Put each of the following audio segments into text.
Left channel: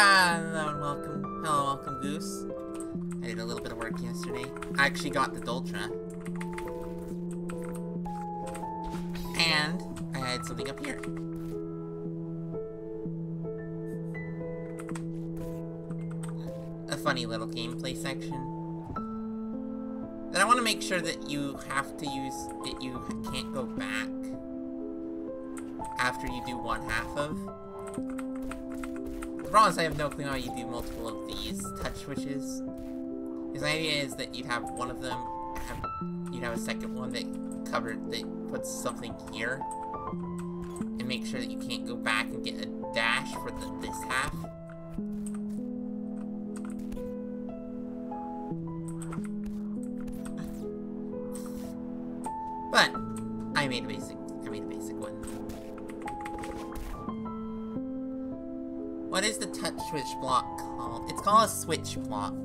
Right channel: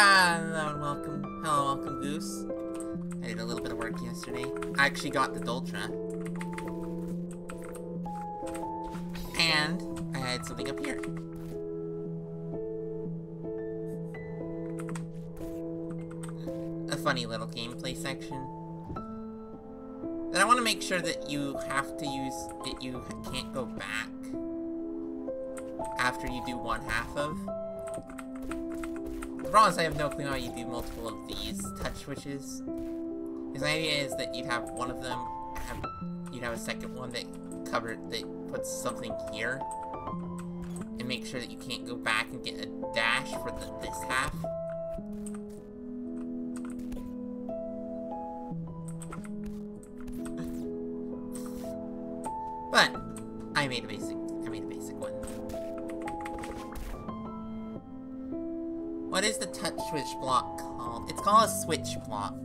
Hello and welcome. Hello, welcome, Goose. I did a little bit of work yesterday. I actually got the Doltra. And I had something up here. A funny little gameplay section. Then I want to make sure that you have to use it, you can't go back after you do one half of. The problem is I have no clue how you do multiple of these touch switches. His idea is that you'd have one of them, you'd have a second one that puts something here, and make sure that you can't go back and get a dash for this half. But I made a basic one. What is the touch switch block called? It's called a switch block.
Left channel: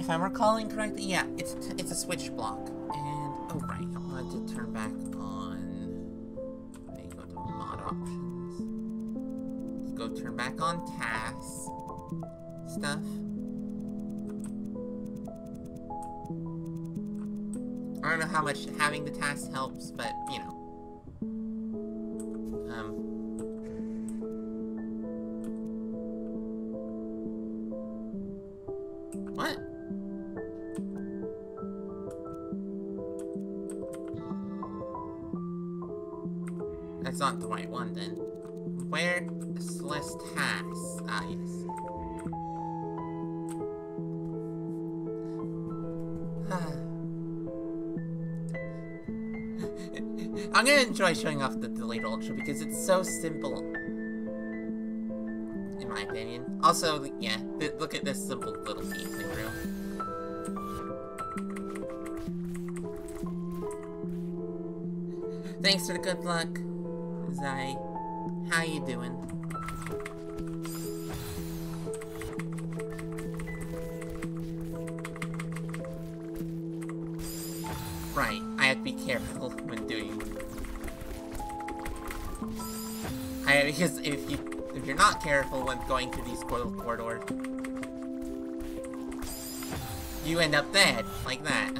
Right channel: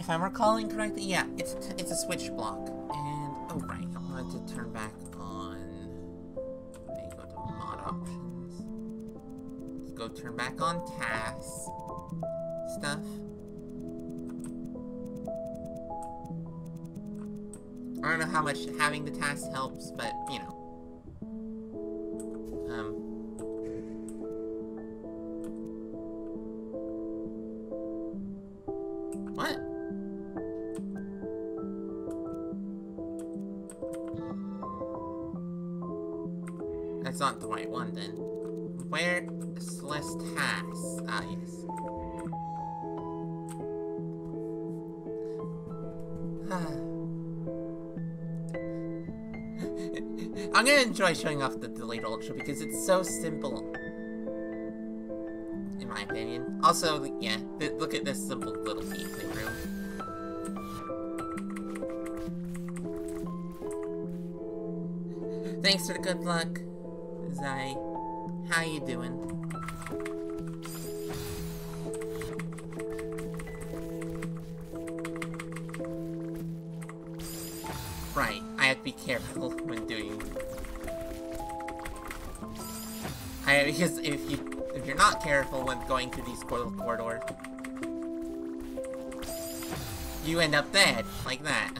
If I'm recalling correctly, yeah, it's a switch block. And, oh right, I wanted to turn back on, let me go to mod options. Let's go turn back on tasks stuff. I don't know how much having the task helps, but, you know. What? That's not the right one, then. Where? Celeste has. Ah, yes. I'm gonna enjoy showing off the delayed ultra because it's so simple, in my opinion. Also, yeah, look at this simple little gameplay room. Thanks for the good luck, Zai. How you doing? Right, I have to be careful when doing... because if you're not careful when going through these corridors, you end up dead, like that.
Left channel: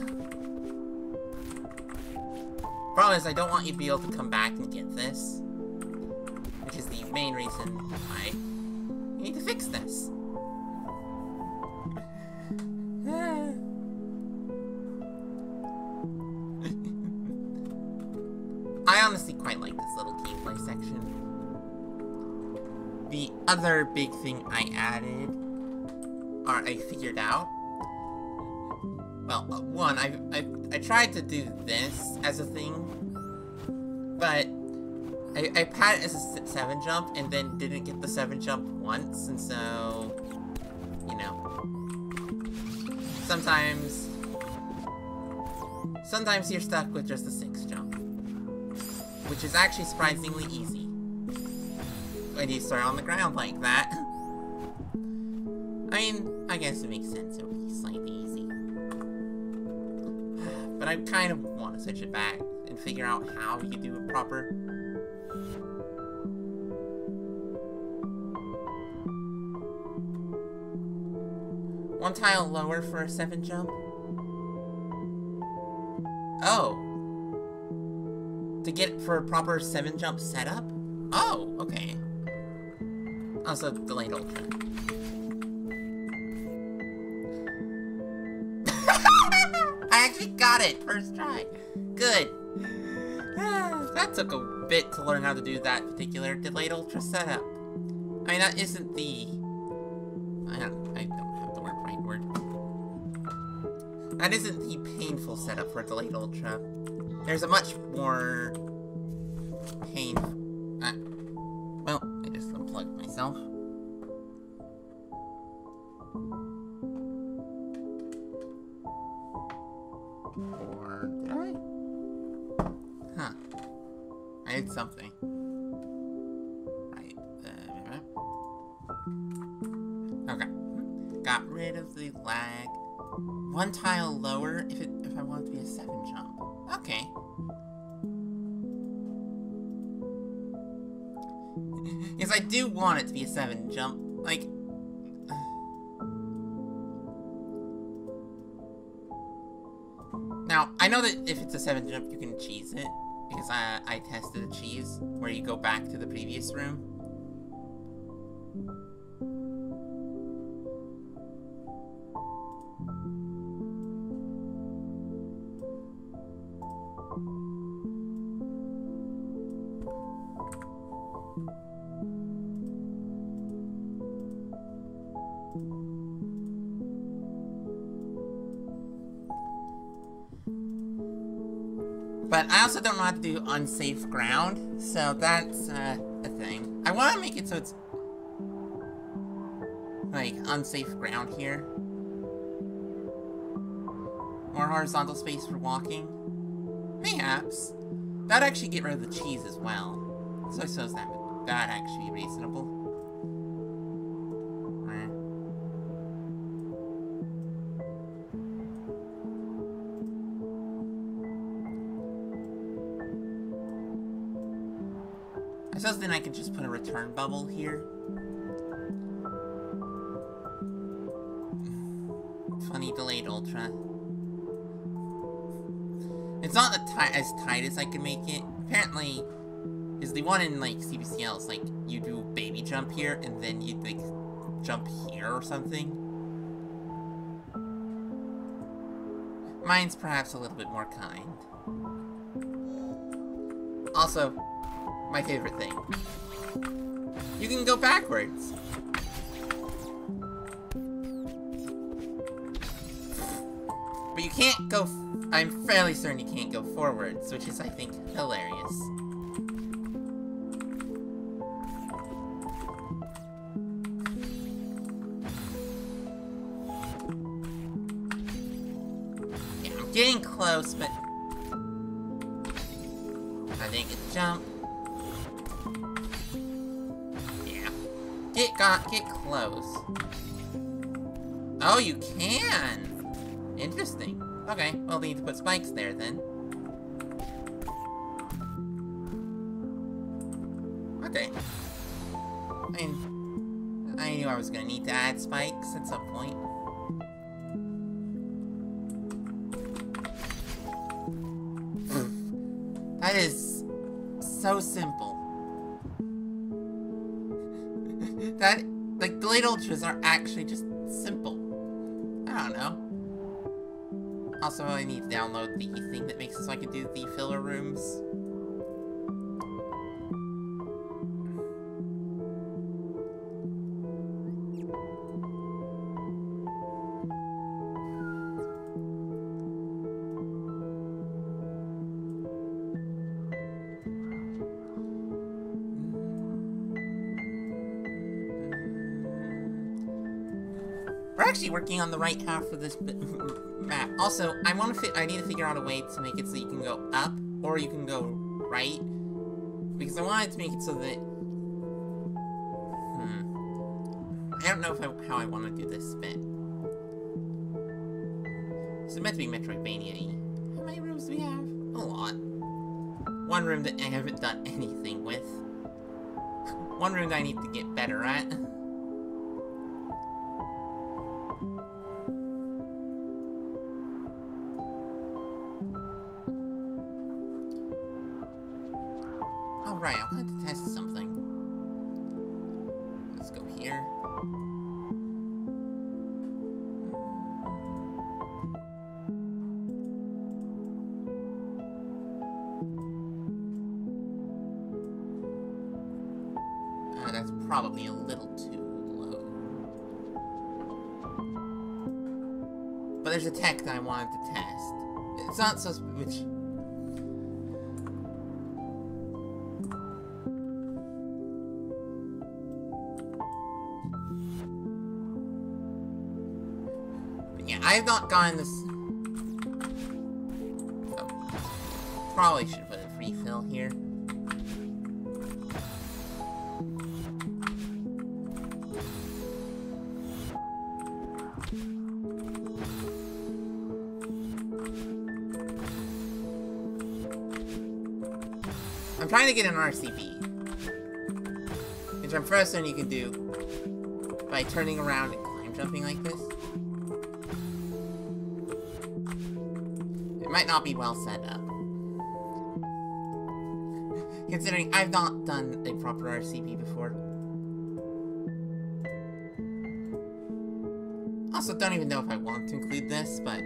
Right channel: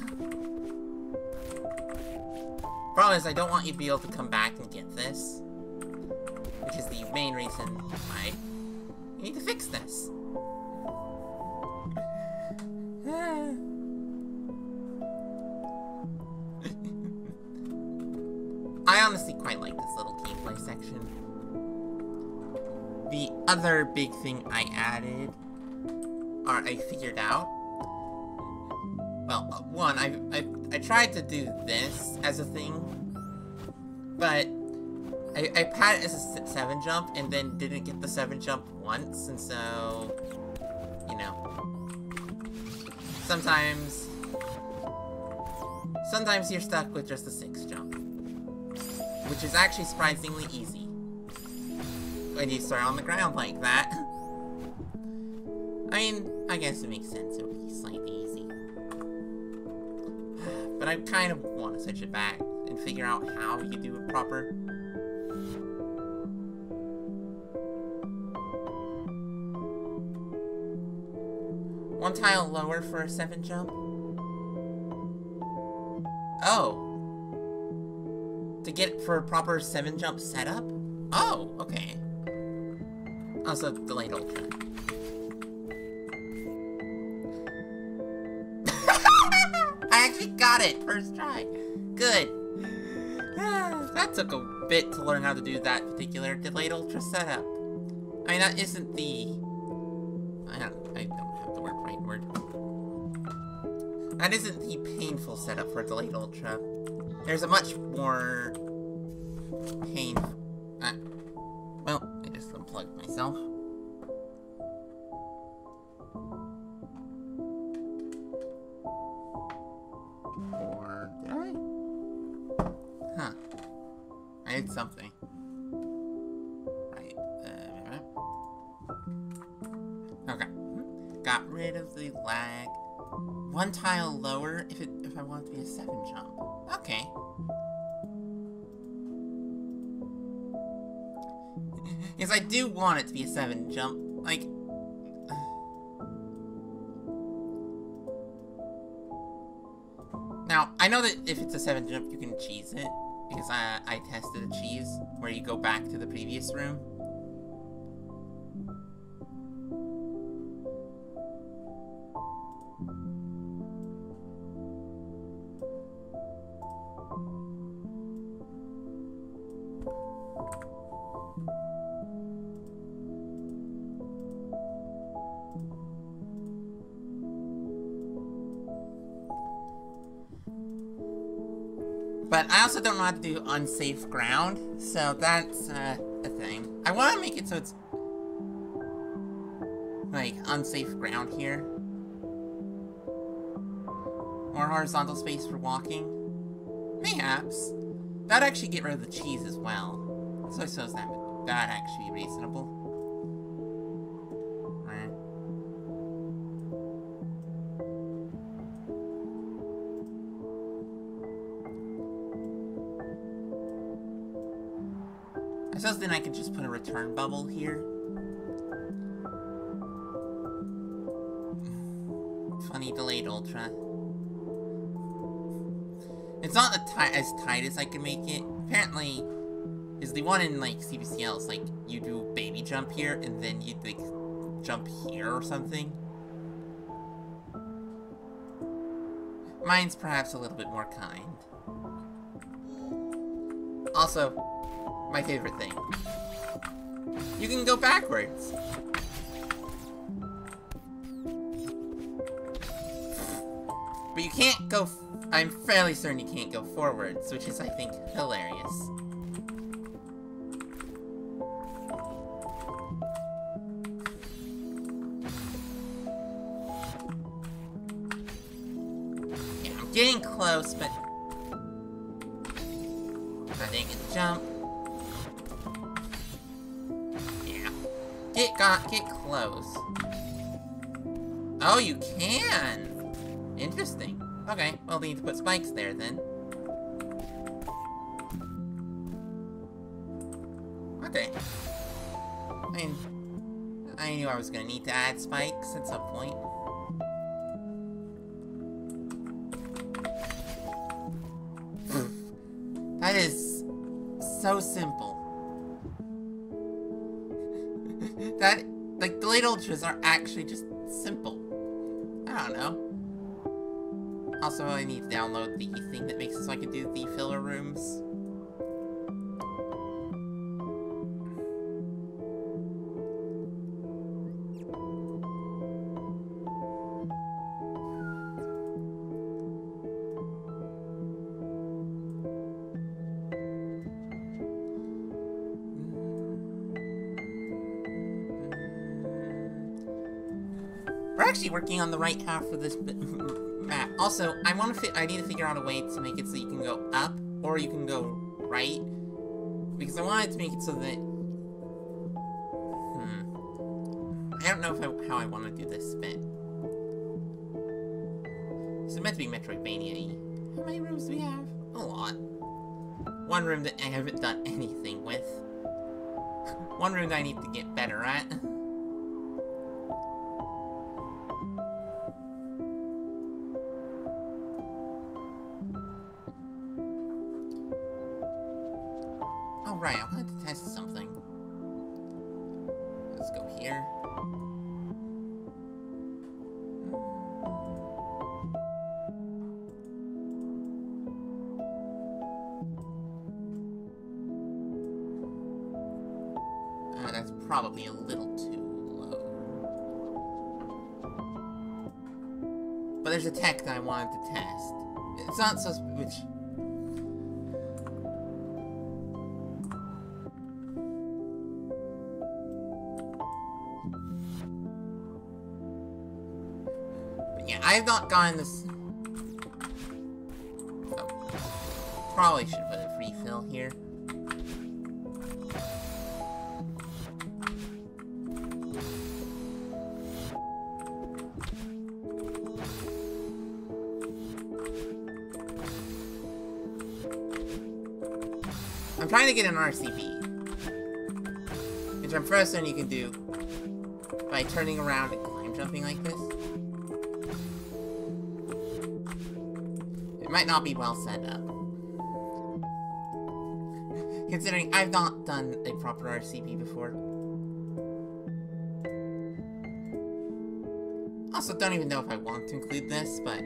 Problem is, I don't want you to be able to come back and get this. Which is the main reason why you need to fix this. I honestly quite like this little gameplay section. The other big thing I added, or I figured out, well, one, I tried to do this as a thing, but I had it as a 7 jump and then didn't get the 7 jump once, and so, you know, sometimes you're stuck with just a 6 jump, which is actually surprisingly easy when you start on the ground like that. I mean, I guess it makes sense, it'll be slightly easy. But I kind of want to switch it back and figure out how you do it proper. One tile lower for a 7 jump? Oh. To get for a proper 7 jump setup? Oh, okay. Also, delayed ultra. I actually got it! First try. Good. That took a bit to learn how to do that particular delayed ultra setup. I mean, that isn't the... I don't have the right word. That isn't the painful setup for a delayed ultra. There's a much more painful... well, I just unplugged myself. Or did I? Huh. I did something. Right. Okay. Got rid of the lag. One tile lower if I want it to be a 7 jump. Okay. Because I do want it to be a 7 jump. Like... Now, I know that if it's a 7 jump, you can cheese it. Because I tested a cheese where you go back to the previous room. But I also don't know how to do unsafe ground, so that's a thing. I want to make it so it's like unsafe ground here. More horizontal space for walking. Mayhaps. That'd actually get rid of the cheese as well. So I suppose that'd actually be reasonable. I suppose then I could just put a return bubble here. Funny delayed ultra. It's not as tight as I can make it. Apparently, is the one in like CBCL is like you do baby jump here and then you like jump here or something. Mine's perhaps a little bit more kind. Also, my favorite thing. You can go backwards. But you can't go... I'm fairly certain you can't go forwards, which is, I think, hilarious. Yeah, I'm getting close, but... I didn't get the jump. Get close. Oh, you can! Interesting. Okay, well, we need to put spikes there, then. Okay. I mean, I knew I was gonna need to add spikes at some point. That is so simple. That, like, the late ultras are actually just simple. I don't know. Also, I need to download the thing that makes it so I can do the filler rooms. We're actually working on the right half of this map. Also, I need to figure out a way to make it so you can go up, or you can go right. Because I wanted to make it so that... I don't know how I want to do this bit. This is meant to be Metroidvania-y. How many rooms do we have? A lot. One room that I haven't done anything with. One room that I need to get better at. Oh, right, I wanted to test something. Let's go here. That's probably a little too low. But there's a tech that I wanted to test. It's not so much... Yeah, I have not gotten this... Oh. Probably should put a free fill here. I'm trying to get an RCB. Which I'm first one you can do by turning around and climb jumping like this. It might not be well set up. Considering I've not done a proper RCB before. Also, don't even know if I want to include this, but...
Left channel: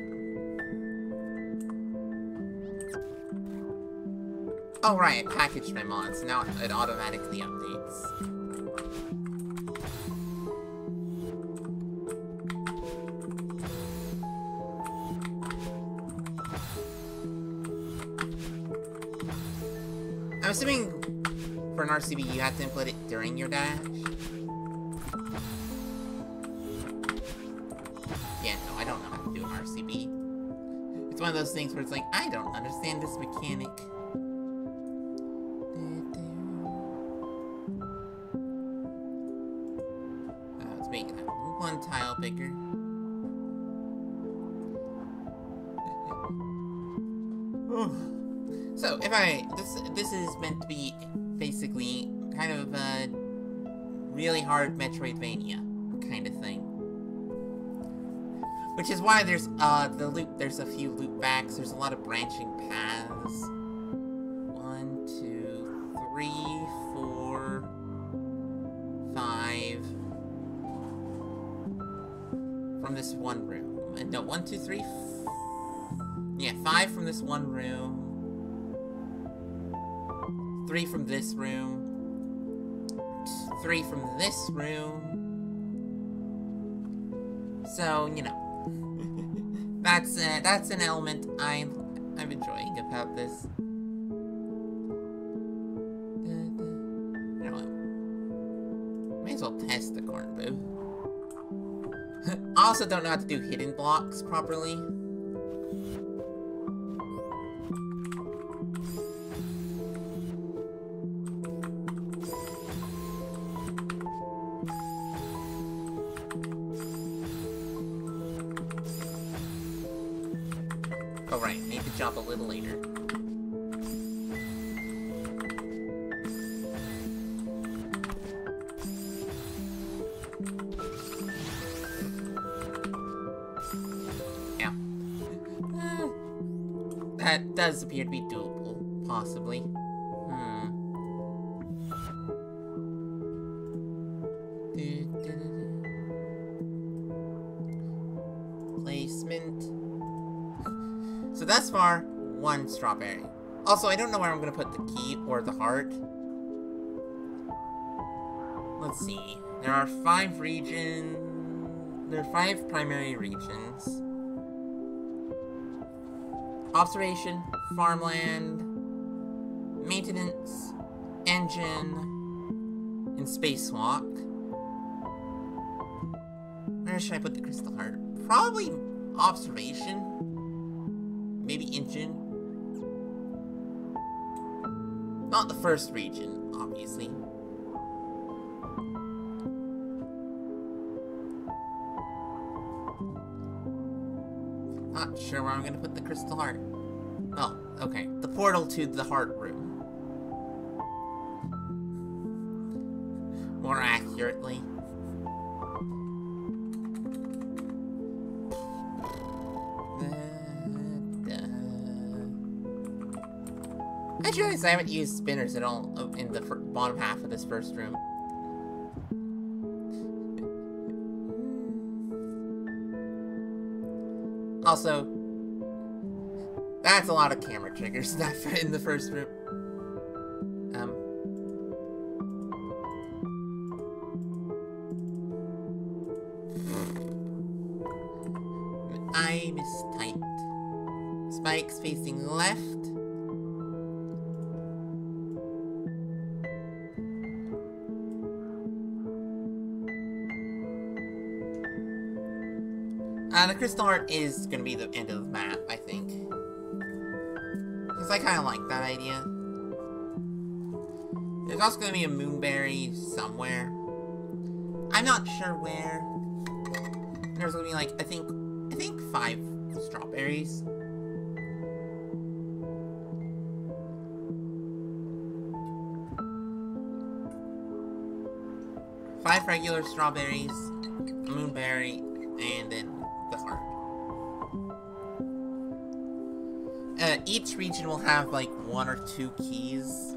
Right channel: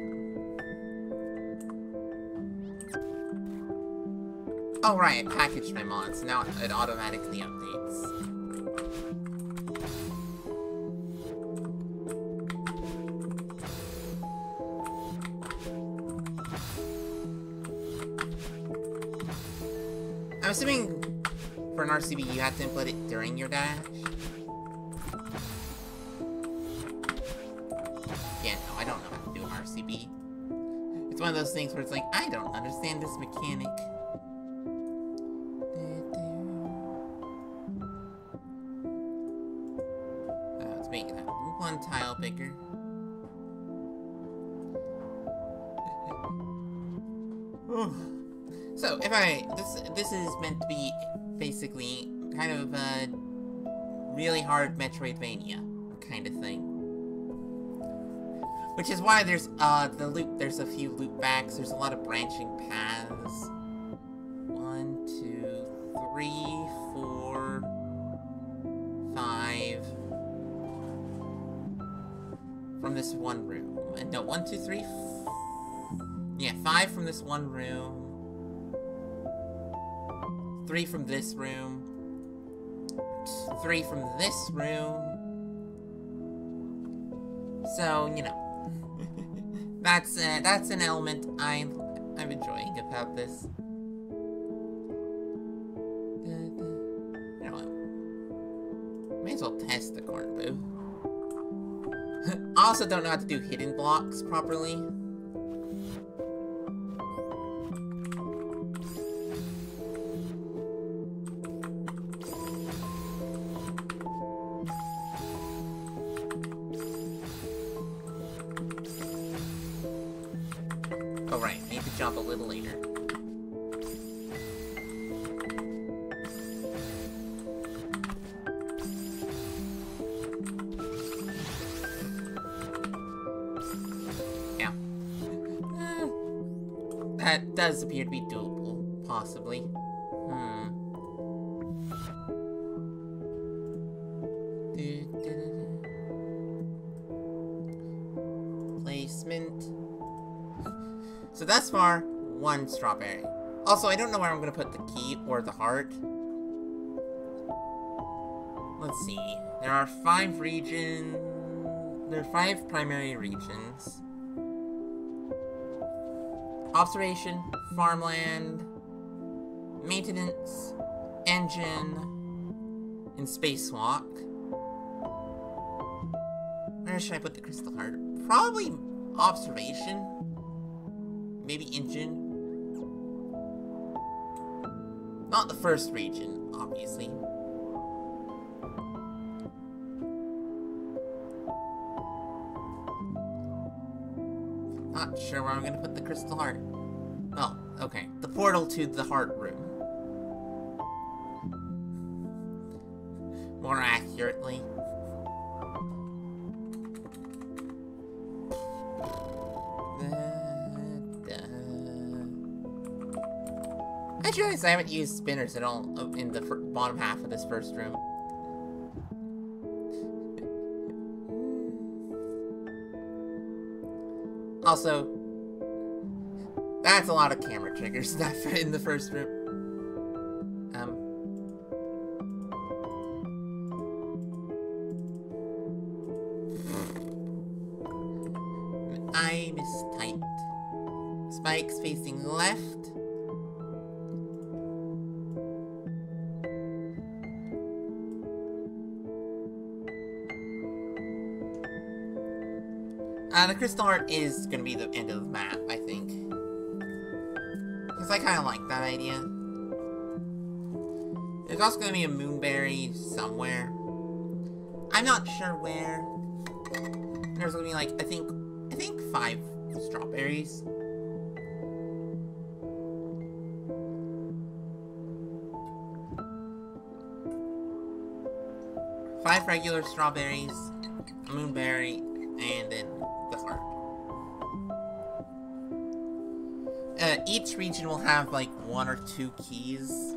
Oh right, I packaged my mods, so now it automatically updates. I'm assuming for an RCB you have to input it during your dash. Yeah, no, I don't know how to do an RCB. It's one of those things where it's like, I don't understand this mechanic. Let's make that one tile bigger. So, this is meant to be basically kind of a really hard Metroidvania kind of thing. Which is why there's there's a few loop backs, there's a lot of branching paths. 1, 2, 3, 4, 5 from this one room. No, 1, 2, 3. Yeah, 5 from this one room. 3 from this room. 3 from this room. So, you know. that's an element I'm enjoying about this. You know what? May as well test the corn boo. I also don't know how to do hidden blocks properly. Oh, right. Need to jump a little later. Yeah. That does appear to be doable, possibly. Placement. So thus far, 1 strawberry. Also, I don't know where I'm gonna put the key or the heart. Let's see. There are 5 regions. There are 5 primary regions. Observation, farmland, maintenance, engine, and spacewalk. Where should I put the crystal heart? Probably observation. Maybe engine. Not the first region, obviously. Not sure where I'm gonna put the crystal heart. Oh, okay. The portal to the heart room. More accurately. I just realized I haven't used spinners at all in the bottom half of this first room. Also, that's a lot of camera triggers in the first room. I mistyped. Spikes facing left. The crystal heart is gonna be the end of the map, I think. Because I kind of like that idea. There's also gonna be a moonberry somewhere. I'm not sure where. There's gonna be like, I think 5 strawberries. Five regular strawberries, a moonberry, and then the heart. Each region will have like 1 or 2 keys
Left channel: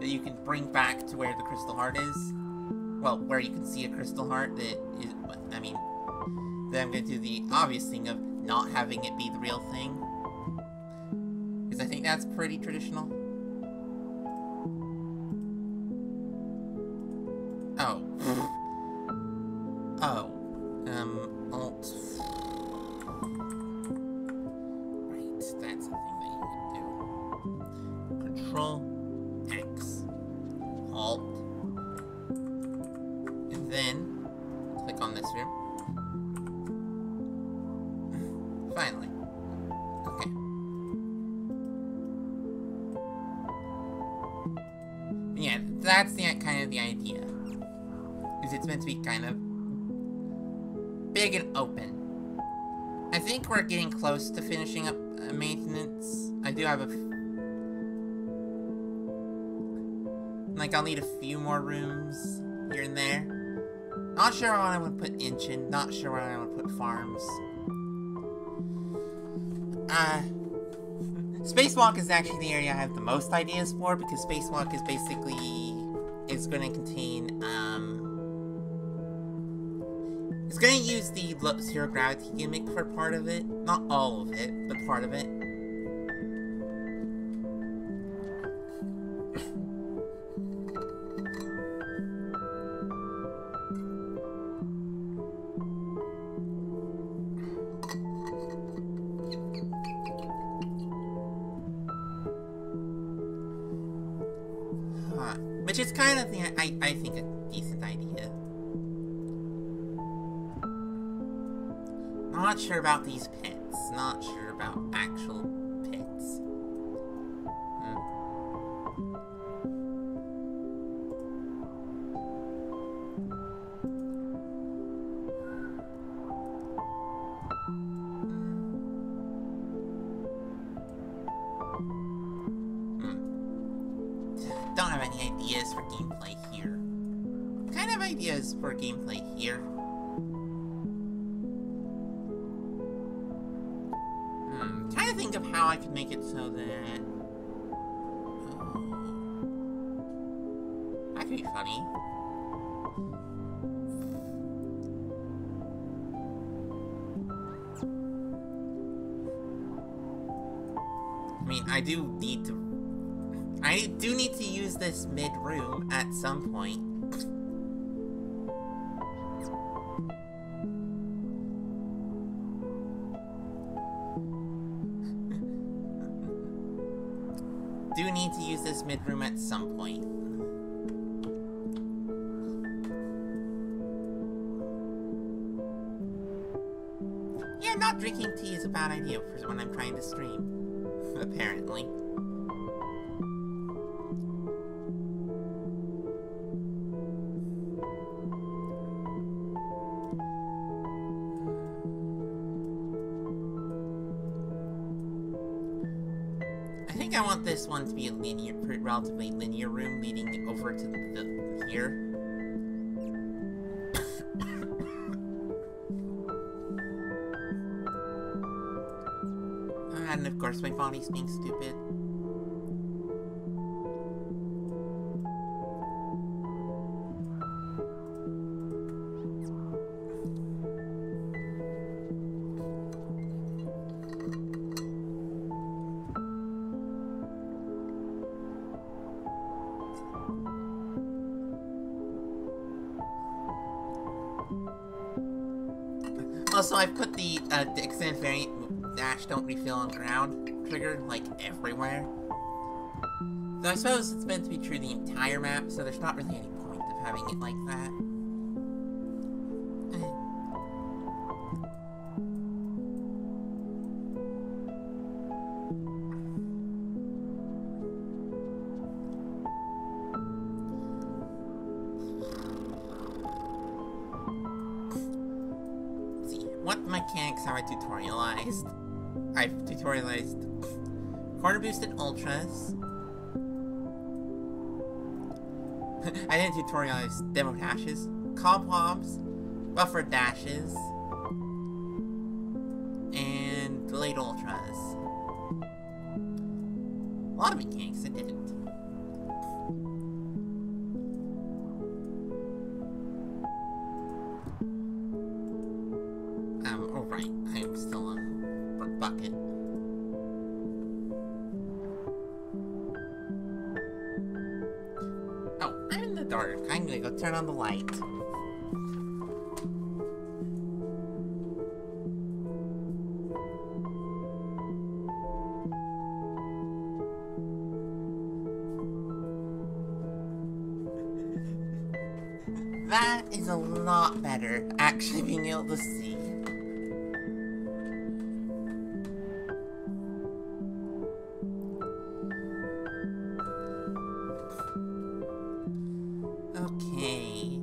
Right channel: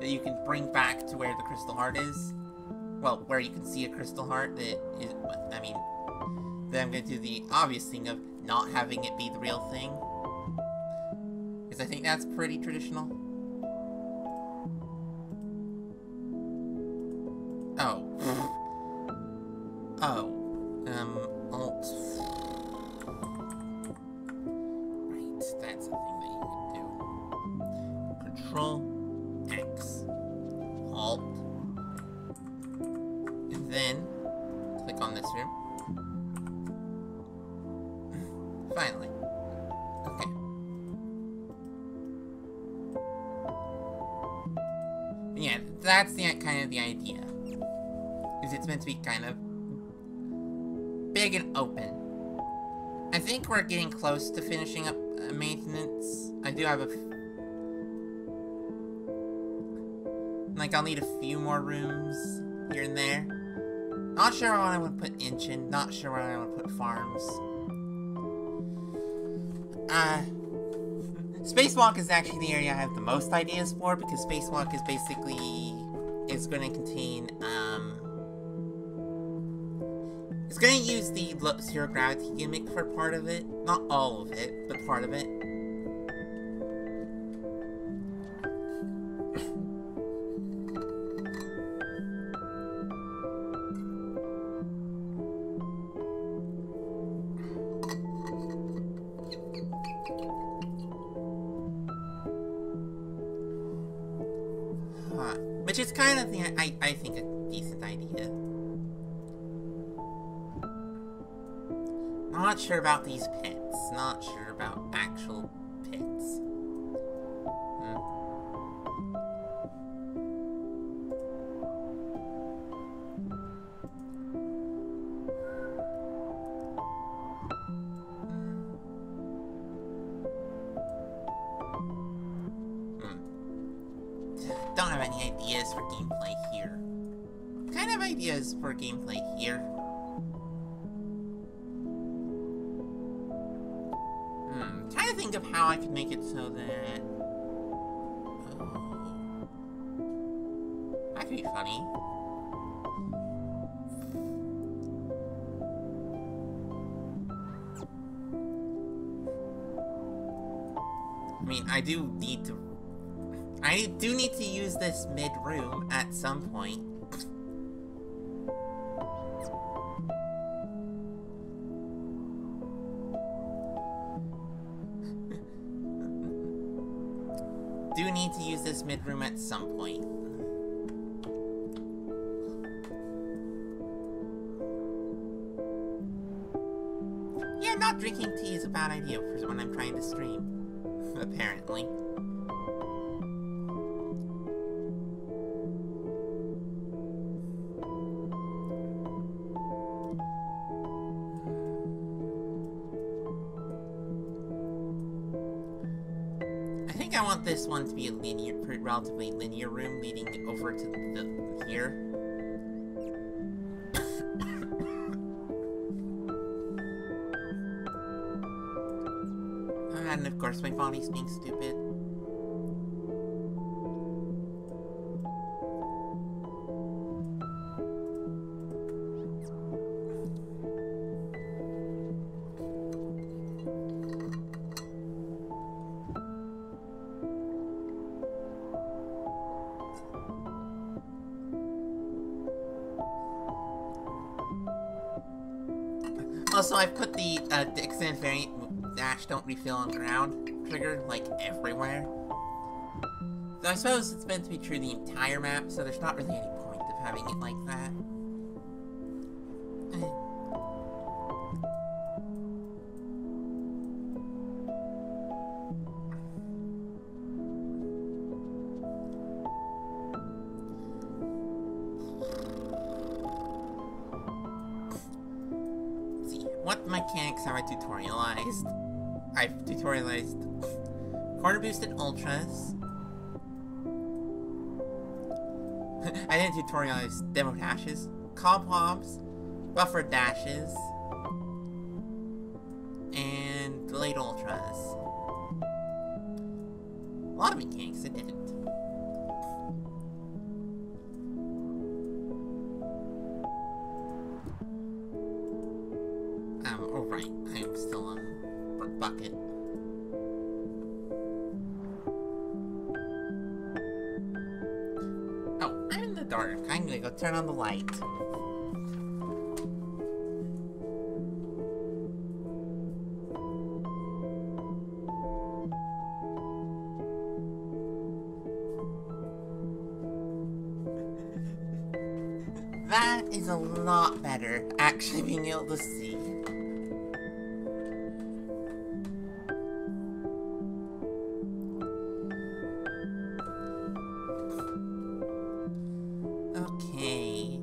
that you can bring back to where the crystal heart is. Well, where you can see a crystal heart that is, I mean, then I'm gonna do the obvious thing of not having it be the real thing. Because I think that's pretty traditional. Oh. Oh. Alt. Right, that's a thing that you can do. Control X. Alt. And then click on this room. Finally. Okay. Yeah, that's the kind of the idea. Is it's meant to be kind of big and open. I think we're getting close to finishing up maintenance. I do have like, I'll need a few more rooms here and there. Not sure where I want to put engine. Not sure where I want to put farms. Spacewalk is actually the area I have the most ideas for, because Spacewalk is basically going to contain, it's going to use the zero gravity gimmick for part of it. Not all of it, but part of it. Which is kind of I think a decent idea. Not sure about these pits. Not sure about actual pits. don't have any ideas for gameplay here. Kind of ideas for gameplay here. Trying to think of how I could make it so that... Oh... That could be funny. I mean, I do need to use this mid-room at some point. Do need to use this mid-room at some point. Yeah, not drinking tea is a bad idea for when I'm trying to stream. Apparently. I think I want this one to be a relatively linear room leading over to here. And of course my body's being stupid. Also, I've put the extended variant dash don't refill on ground trigger, like, everywhere. Though I suppose it's meant to be true the entire map, so there's not really any point of having it like that. What mechanics have I tutorialized? I've tutorialized corner boosted ultras. I didn't tutorialize demo dashes, cobwebs, buffer dashes, and delayed ultras. A lot of mechanics I didn't. Oh right, I'm still on bucket. Oh, I'm in the dark. I'm gonna go turn on the light. That is a lot better, actually being able to see. Okay.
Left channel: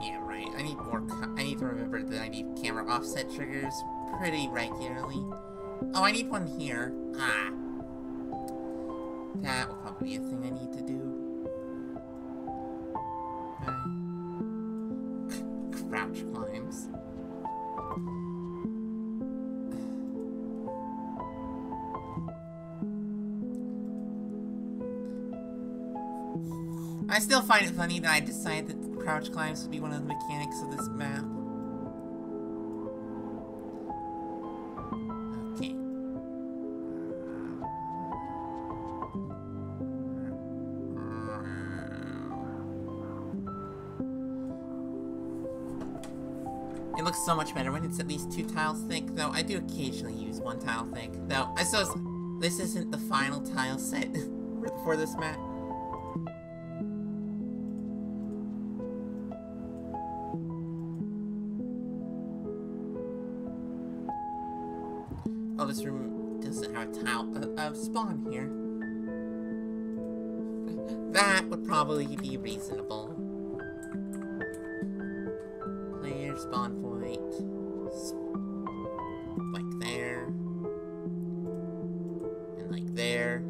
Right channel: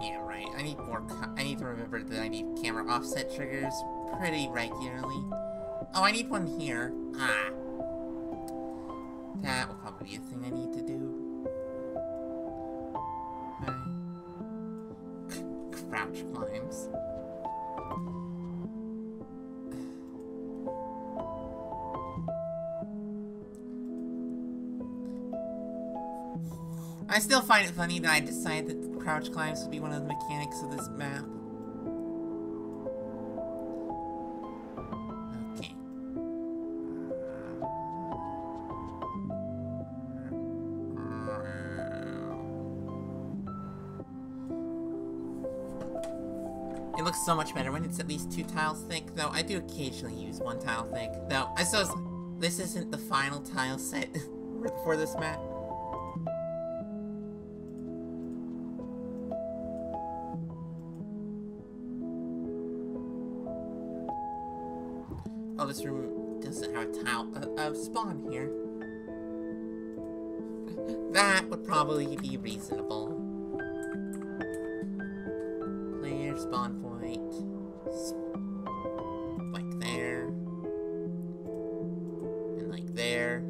Yeah, right. I need to remember that I need camera offset triggers pretty regularly. Oh, I need one here. Ah. That will probably be a thing I need to do. Crouch climbs. I still find it funny that I decided that crouch climbs would be one of the mechanics of this map. Okay. It looks so much better when it's at least 2 tiles thick, though I do occasionally use 1 tile thick. Though, I suppose this isn't the final tile set for this map. Oh, this room doesn't have a tile, spawn here. That would probably be reasonable. Player spawn point. Like there. And like there.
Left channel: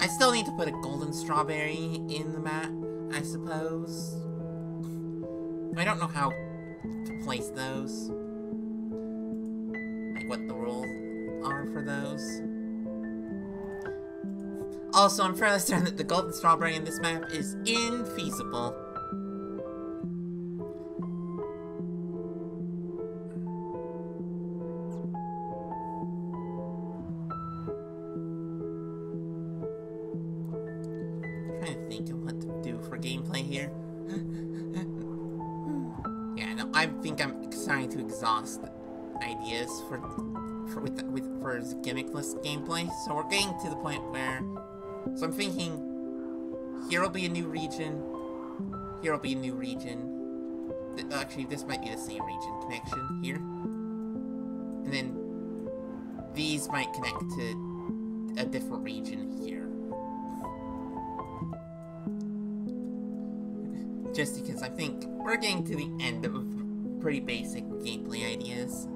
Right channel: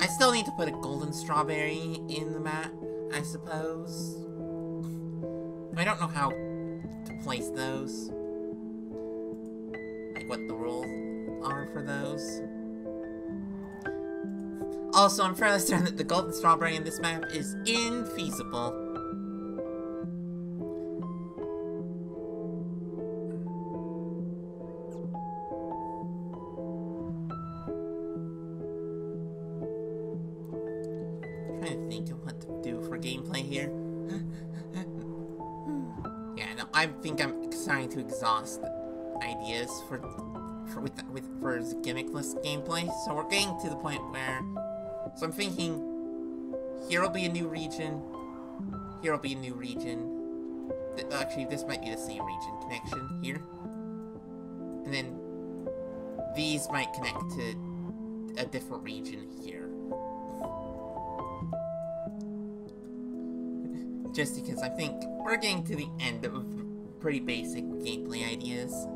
I still need to put a golden strawberry in the map, I suppose. I don't know how to place those. Like what the rules are for those. Also, I'm fairly certain that the golden strawberry in this map is infeasible. I'm trying to think of what to do for gameplay here. Yeah, no, I think I'm starting to exhaust ideas for gimmickless gameplay. So we're getting to the point where, so I'm thinking, here will be a new region, here will be a new region. Actually, this might be the same region connection here, and then these might connect to a different region here. Just because I think we're getting to the end of pretty basic gameplay ideas.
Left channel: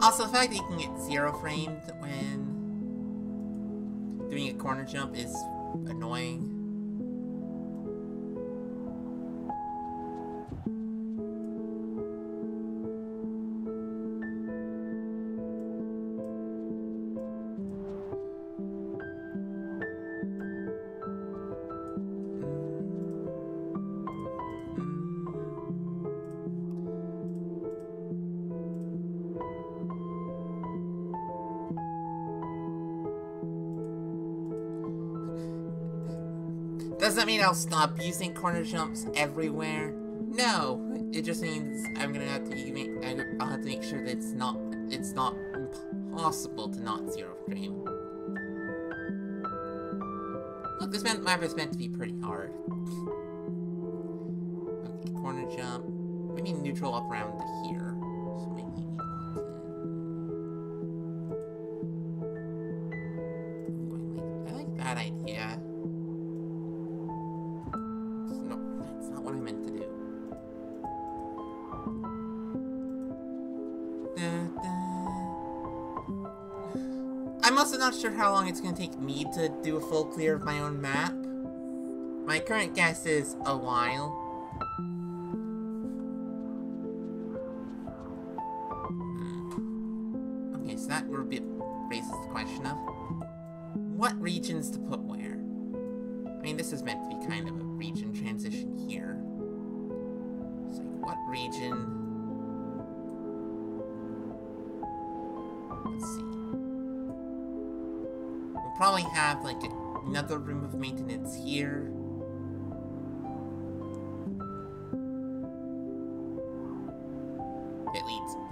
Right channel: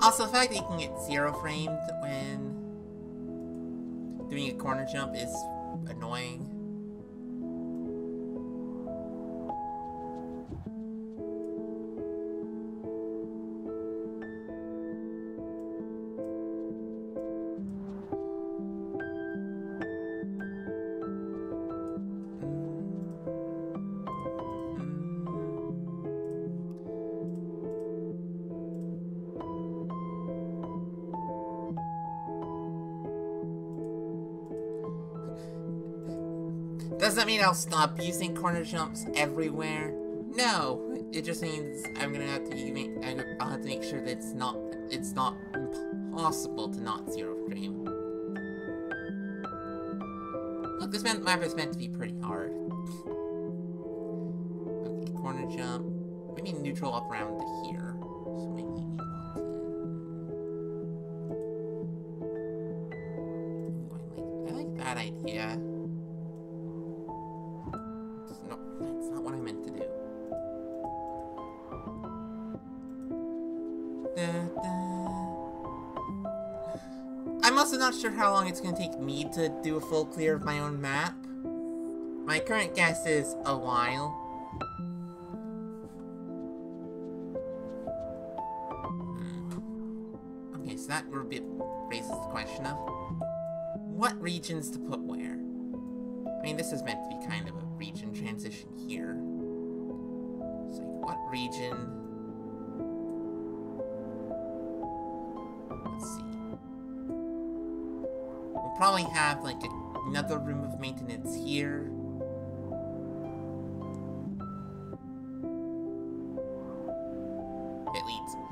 Also, the fact that you can get 0 framed when doing a corner jump is annoying. Does that mean I'll stop using corner jumps everywhere? No, it just means I'm gonna have to I'll have to make sure that it's not impossible to not 0 frame. Look, this map is meant to be pretty hard. Okay, corner jump. Maybe neutral up around to here. So maybe we want to. Ooh, I like that idea. No, that's not what I meant to do. I'm also not sure how long it's going to take me to do a full clear of my own map. My current guess is a while. Okay, so that raises the question of what regions to put where. I mean, this is meant to be kind of a region transition here. It's like, what region? Let's see. We'll probably have, like, another room of maintenance here.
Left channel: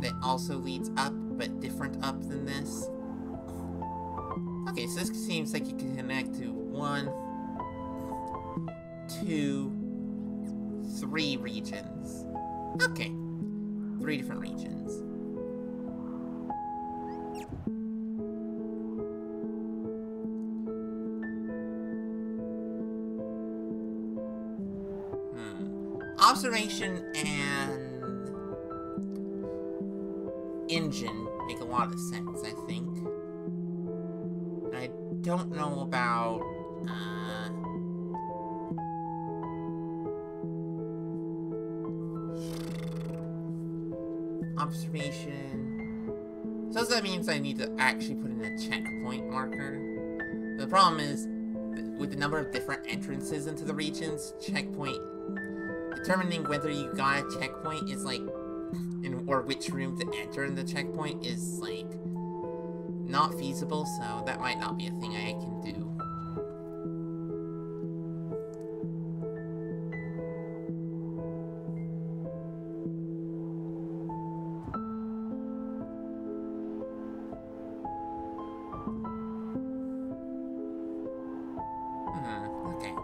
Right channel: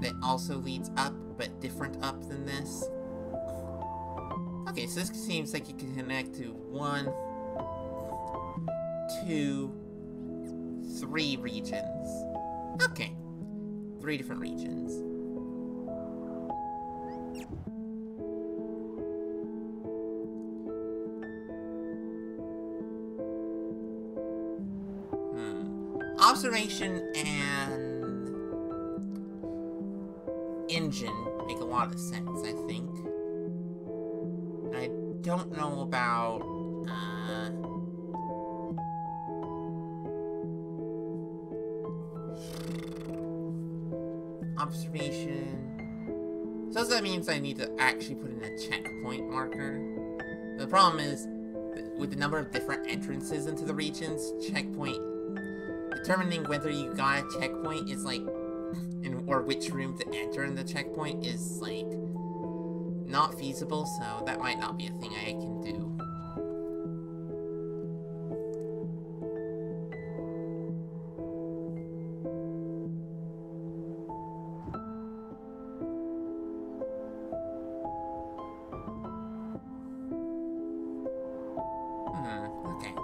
That also leads up, but different up than this. Okay, so this seems like you can connect to 1, 2, 3 regions. Okay. 3 different regions. Observation and engine make a lot of sense, I think. I don't know about observation. So that means I need to actually put in a checkpoint marker. The problem is, with the number of different entrances into the regions, determining whether you got a checkpoint is like, or which room to enter in the checkpoint is like, not feasible, so that might not be a thing I can do. Okay.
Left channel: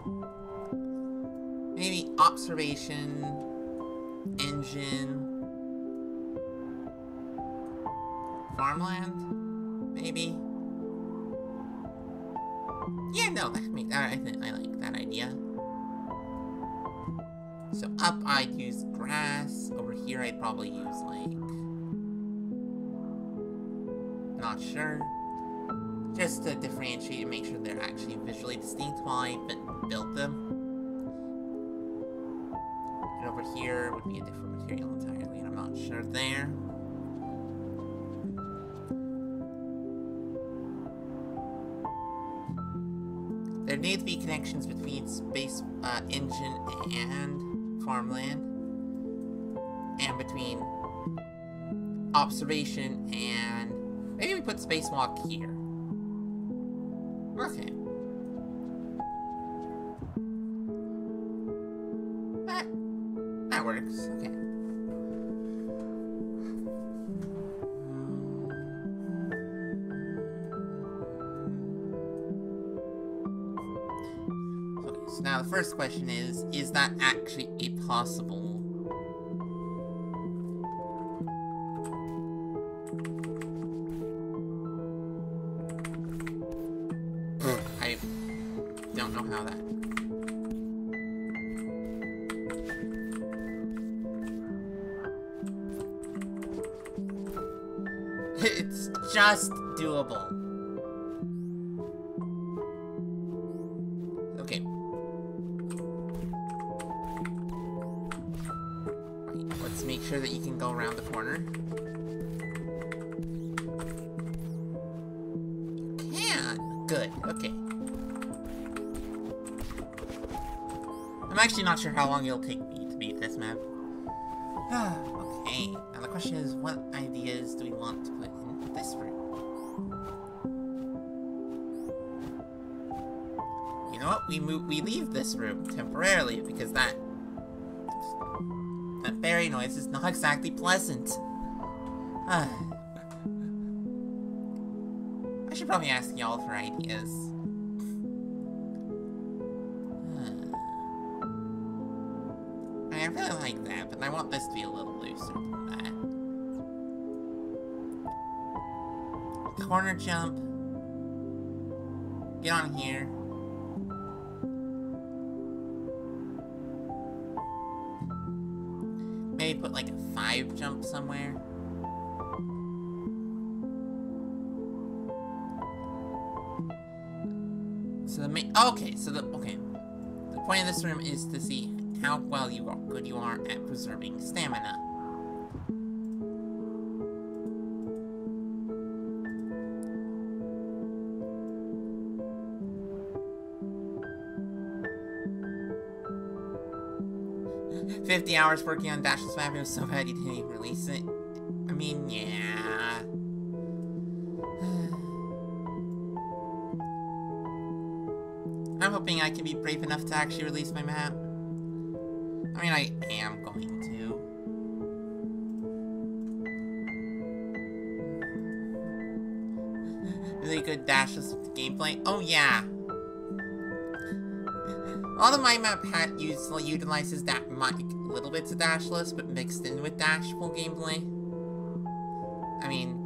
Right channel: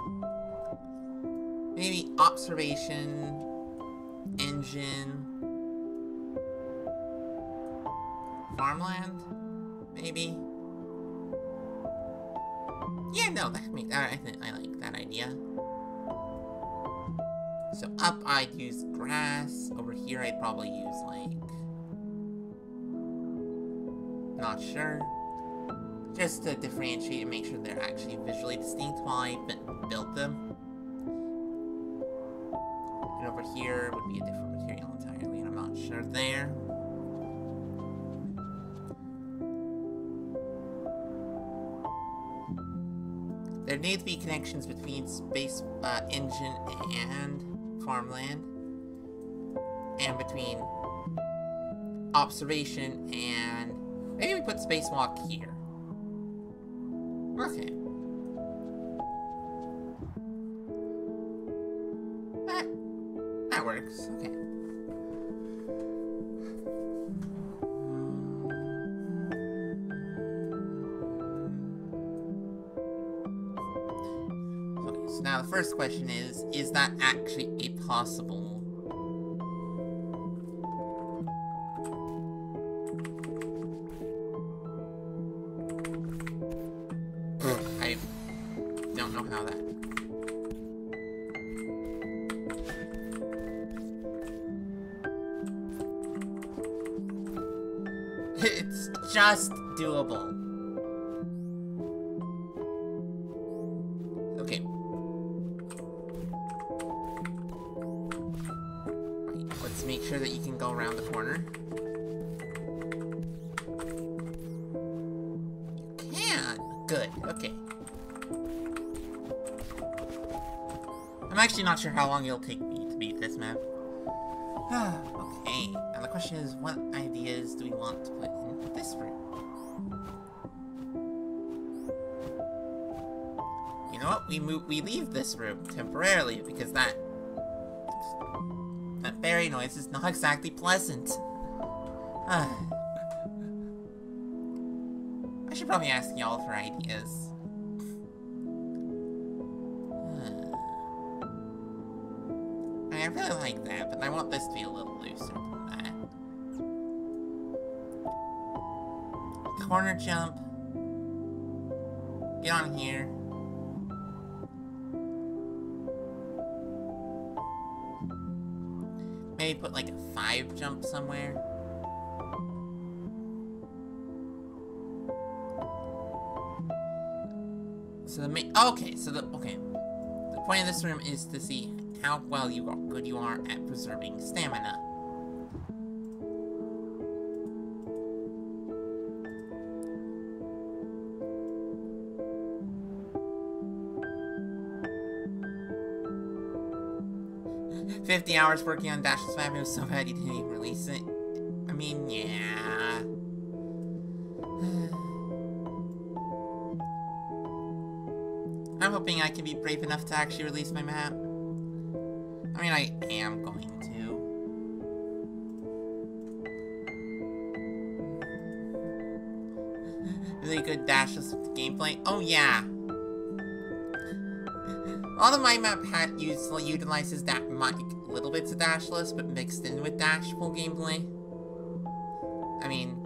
Maybe observation, engine, farmland, maybe? Yeah, no, I think I like that idea. So up, I'd use grass. Over here, I'd probably use, like... Not sure. Just to differentiate and make sure they're actually visually distinct while I built them. And over here would be a different material entirely, and I'm not sure there. There need to be connections between space engine and farmland, and between observation and maybe we put spacewalk here. Okay. That works. Okay. Okay, so now the first question is that actually a possible... I don't know how that... It's just doable. Okay. Right, let's make sure that you can go around the corner. You can! Good, okay. I'm actually not sure how long it'll take me to beat this map. Okay, now the question is, what ideas do we want to put in this room? You know what? We leave this room temporarily because that fairy noise is not exactly pleasant. I should probably ask y'all for ideas. I really like that, but I want this to be a little looser than that. Corner jump. Get on here. Maybe put like a 5 jump somewhere. So the point of this room is to see how good you are at preserving stamina. $50 hours working on Dashless map. It was so bad you didn't even release it. I mean, yeah. I'm hoping I can be brave enough to actually release my map. I mean, I am going to. Really good dashless gameplay. Oh, yeah. A lot of my map utilizes that little bits of dashless, but mixed in with dashful gameplay. I mean,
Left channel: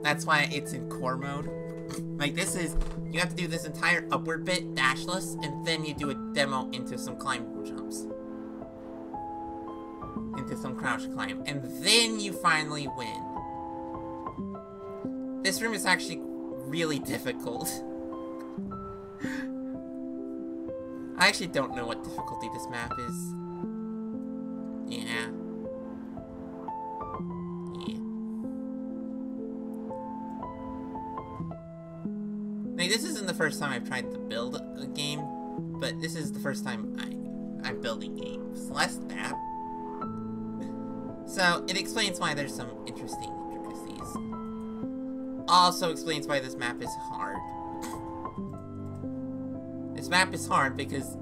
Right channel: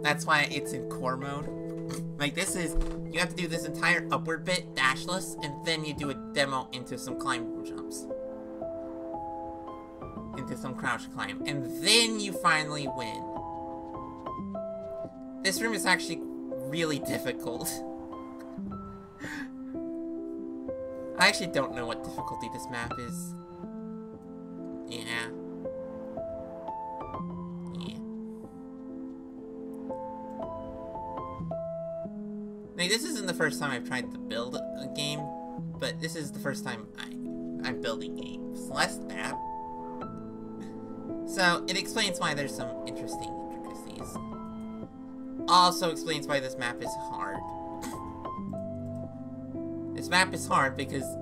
that's why it's in core mode. Like, this is, you have to do this entire upward bit dashless, and then you do a demo into some climb jumps. Into some crouch climb, and then you finally win. This room is actually really difficult. I actually don't know what difficulty this map is. Yeah. Like, this isn't the first time I've tried to build a game, but this is the first time I'm building a Celeste map. So, it explains why there's some interesting intricacies. Also explains why this map is hard. This map is hard because,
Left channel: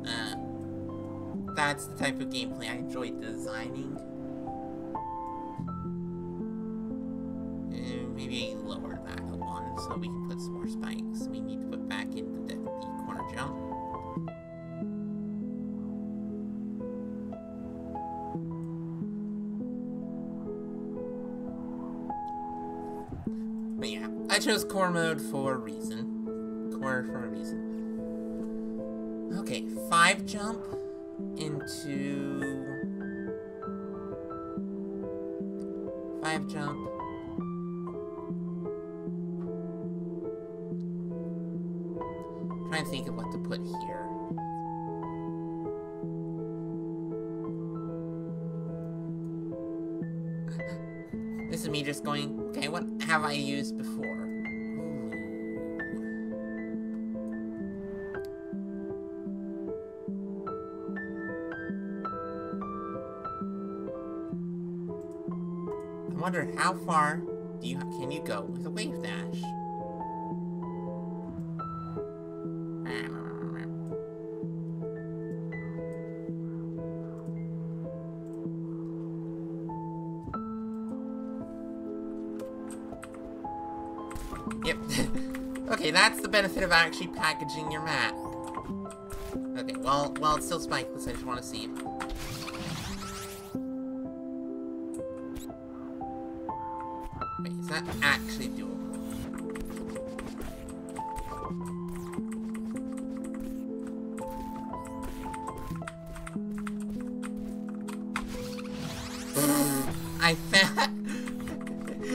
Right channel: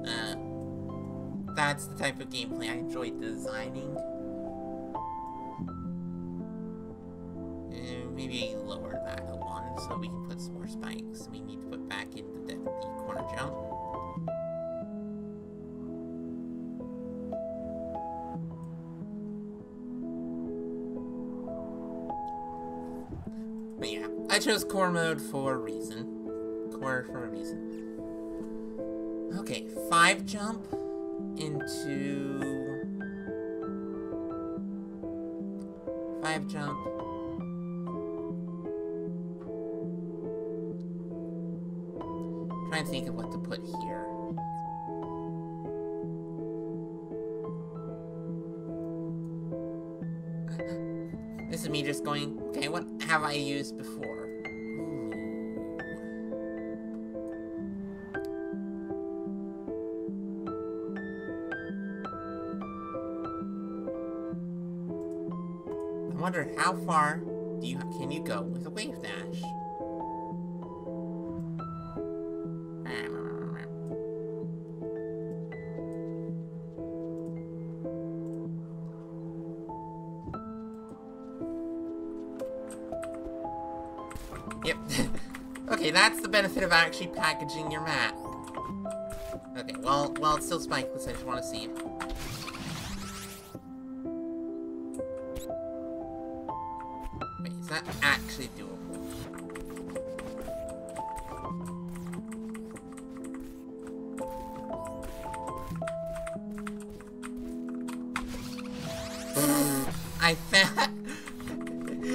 that's the type of gameplay I enjoy designing. maybe lower that one so we can put some more spikes. We need to put back in the corner jump. But yeah, I chose core mode for a reason. Core for a reason. Okay, 5 jump into 5 jump. Trying to think of what to put here. This is me just going, okay, what have I used before? Ooh. I wonder how far can you go with a wave dash? Yep. Okay, that's the benefit of actually packaging your map. Okay, well, it's still spikeless. I just want to see. Wait, is that actually doable?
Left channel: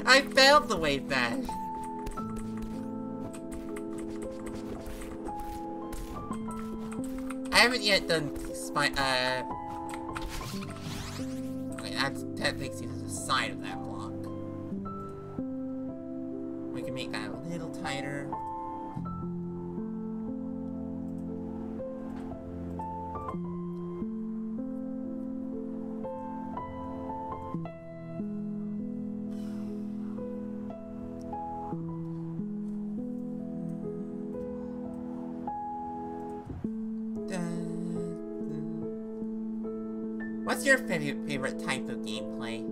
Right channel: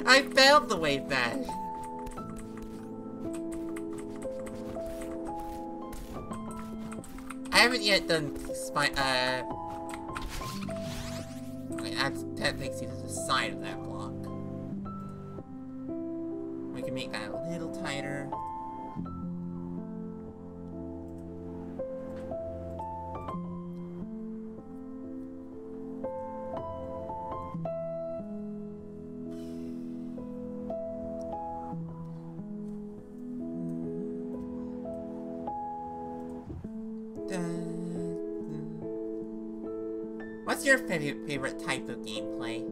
I failed the wave dash. I haven't yet done okay, that takes you to the side of that block. We can make that a little tighter. What's your favorite type of gameplay?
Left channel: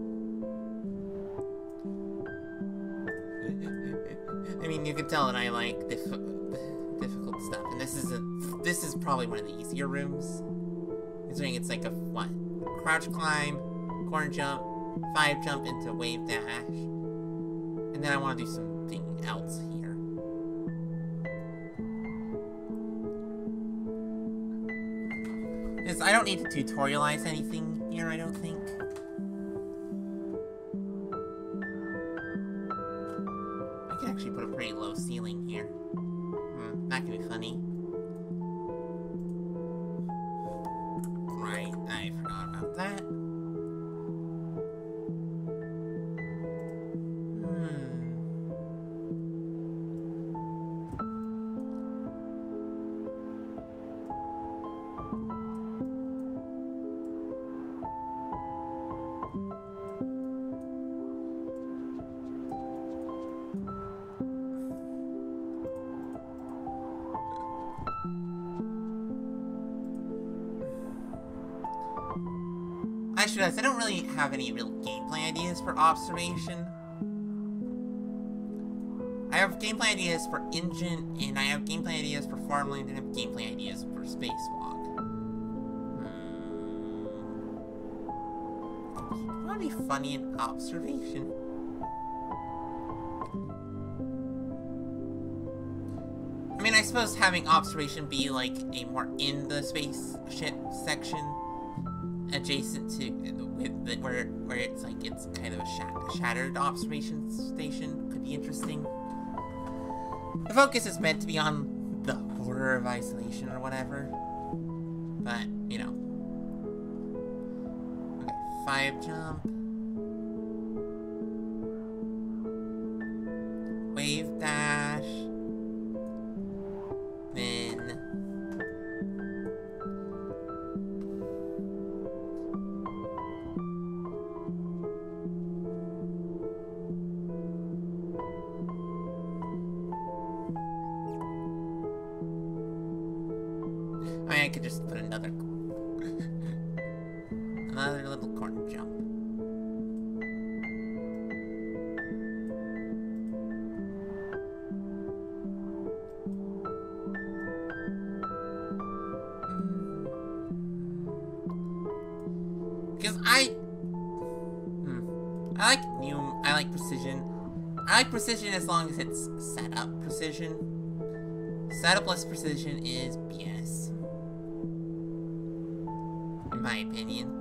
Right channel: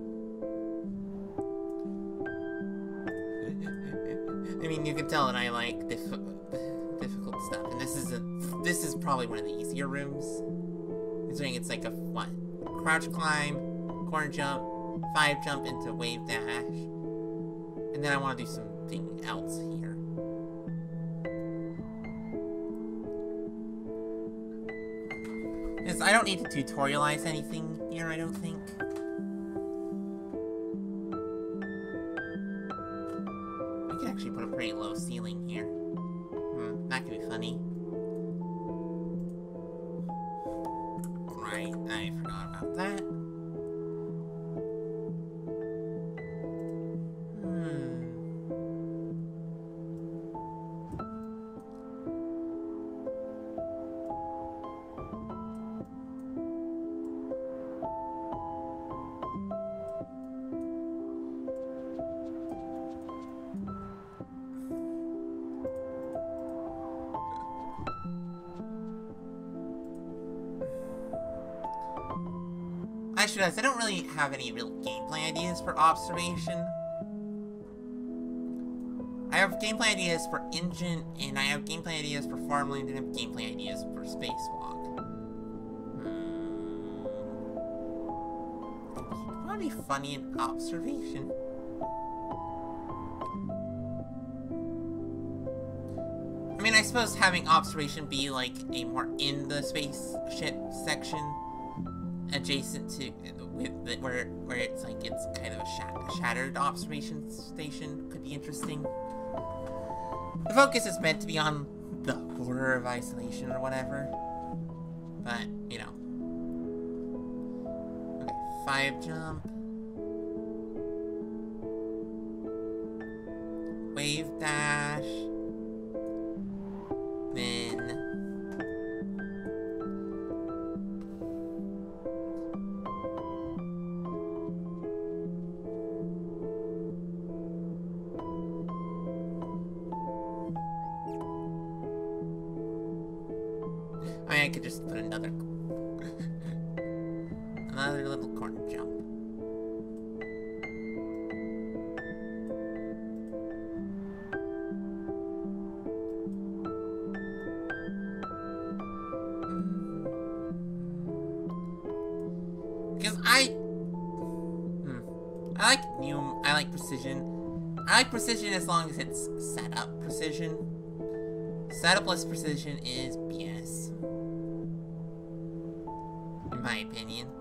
I mean, you can tell that I like difficult stuff, and this is probably one of the easier rooms. Considering it's like a what? Crouch climb, corner jump, 5 jump into wave dash, and then I want to do something else here. Because I don't need to tutorialize anything here, I don't think. I can actually put a pretty low ceiling here. That could be funny. Right, I forgot about that. I don't really have any real gameplay ideas for observation. I have gameplay ideas for engine, and I have gameplay ideas for farmland, and I have gameplay ideas for spacewalk. It'd probably be funny in observation. I mean, I suppose having observation be like a more in the spaceship section, adjacent to where it's like it's kind of a shattered observation station could be interesting. The focus is meant to be on the horror of isolation or whatever, but you know. Okay, 5 jump, wave dash, then I could just put another little corner jump. Because I like precision. I like precision as long as it's setup precision. Setup-less precision is BS. In my opinion.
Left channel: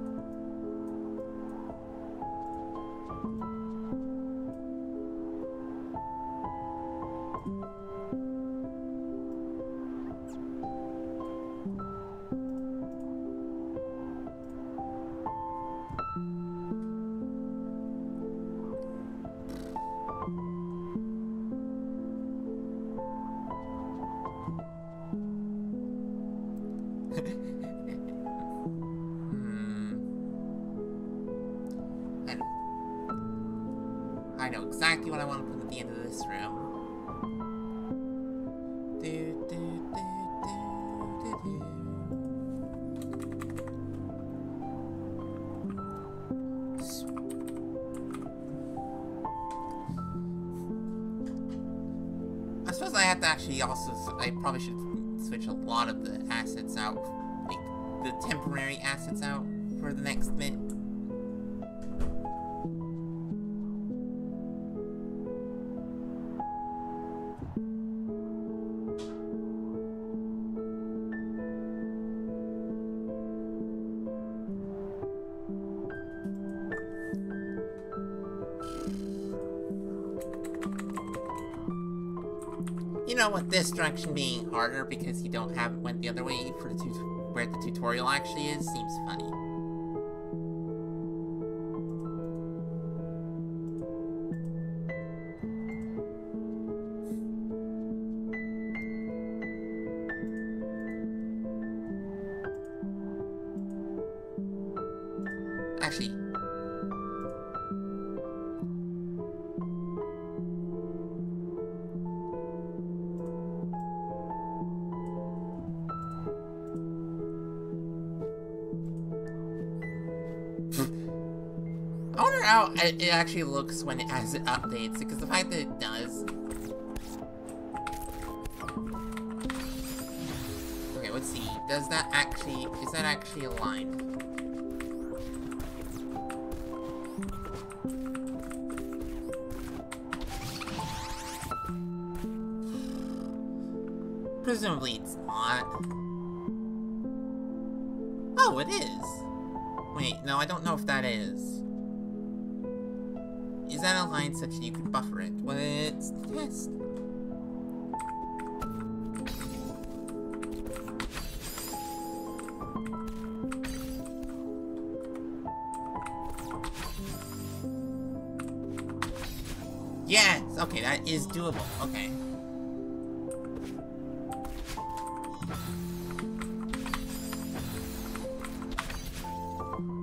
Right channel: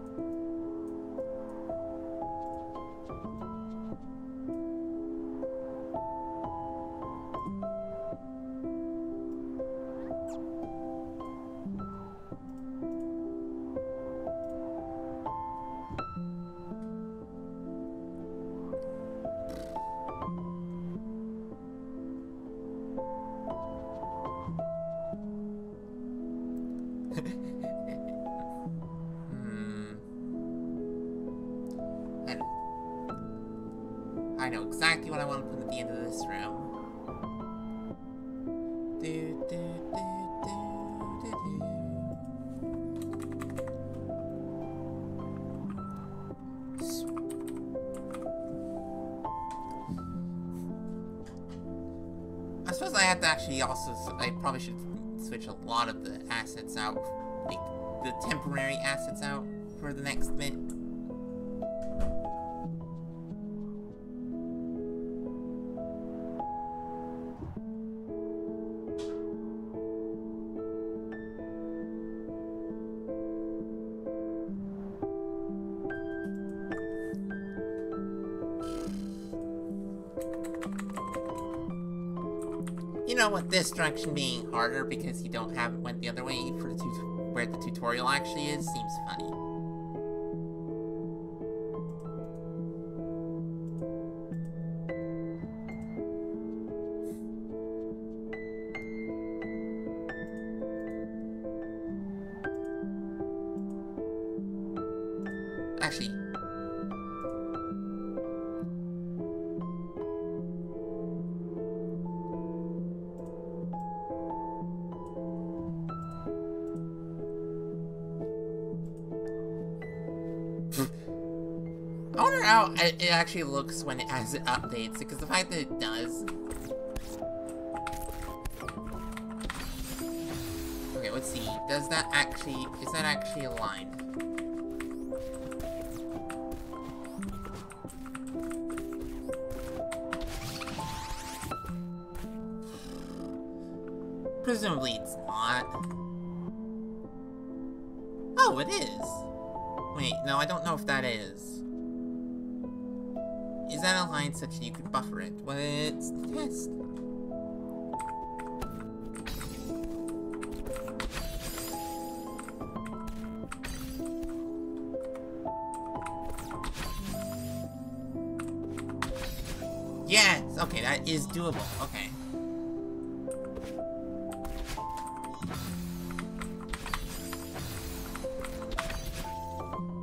I know exactly what I want to put at the end of this room. I suppose I have to actually also, I probably should switch a lot of the assets out, like the temporary assets out for the next bit. You know, with this direction being harder because you don't have it went the other way for the where the tutorial actually is, seems funny. Actually, I wonder how it actually looks when it updates, because the fact that it does. Okay, let's see. Is that actually aligned? Presumably it's not. Oh, it is. Wait, no, I don't know if that is. Is that aligned such that you can buffer it? Well, let's test. Yes! Okay, that is doable. Okay.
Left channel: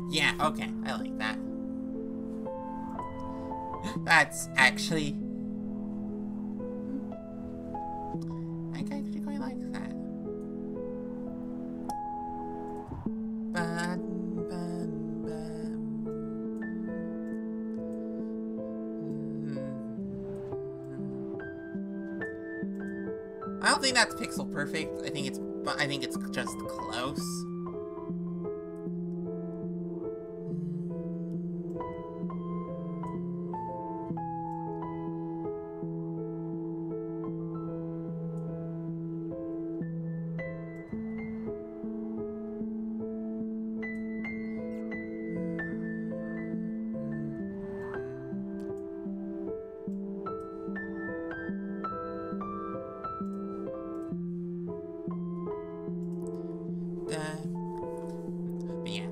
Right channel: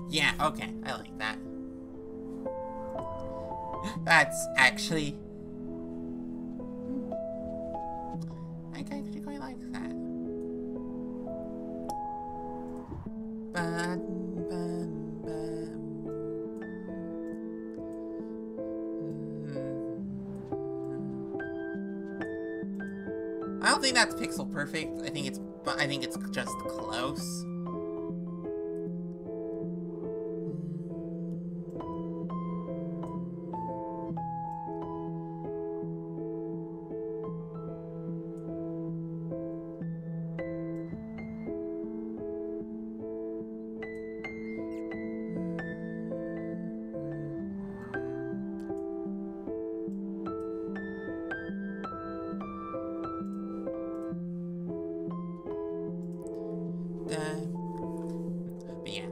Yeah, okay. I like that. That's actually... I actually quite like that. I don't think that's pixel perfect. I think it's just close. But yeah,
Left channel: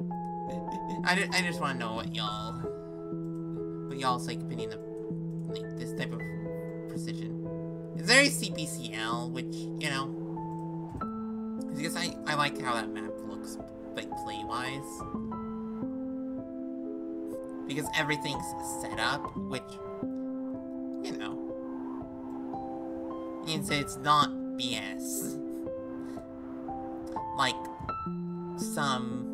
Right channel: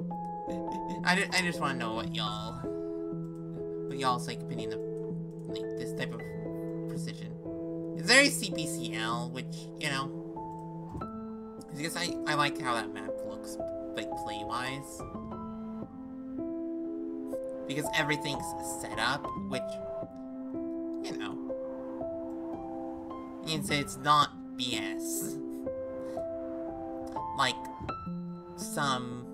I just want to know what y'all's like opinion of like this type of precision. It's very CPCL, which, you know, because I like how that map looks like play wise, because everything's set up, which, you know, means it's not BS. Like some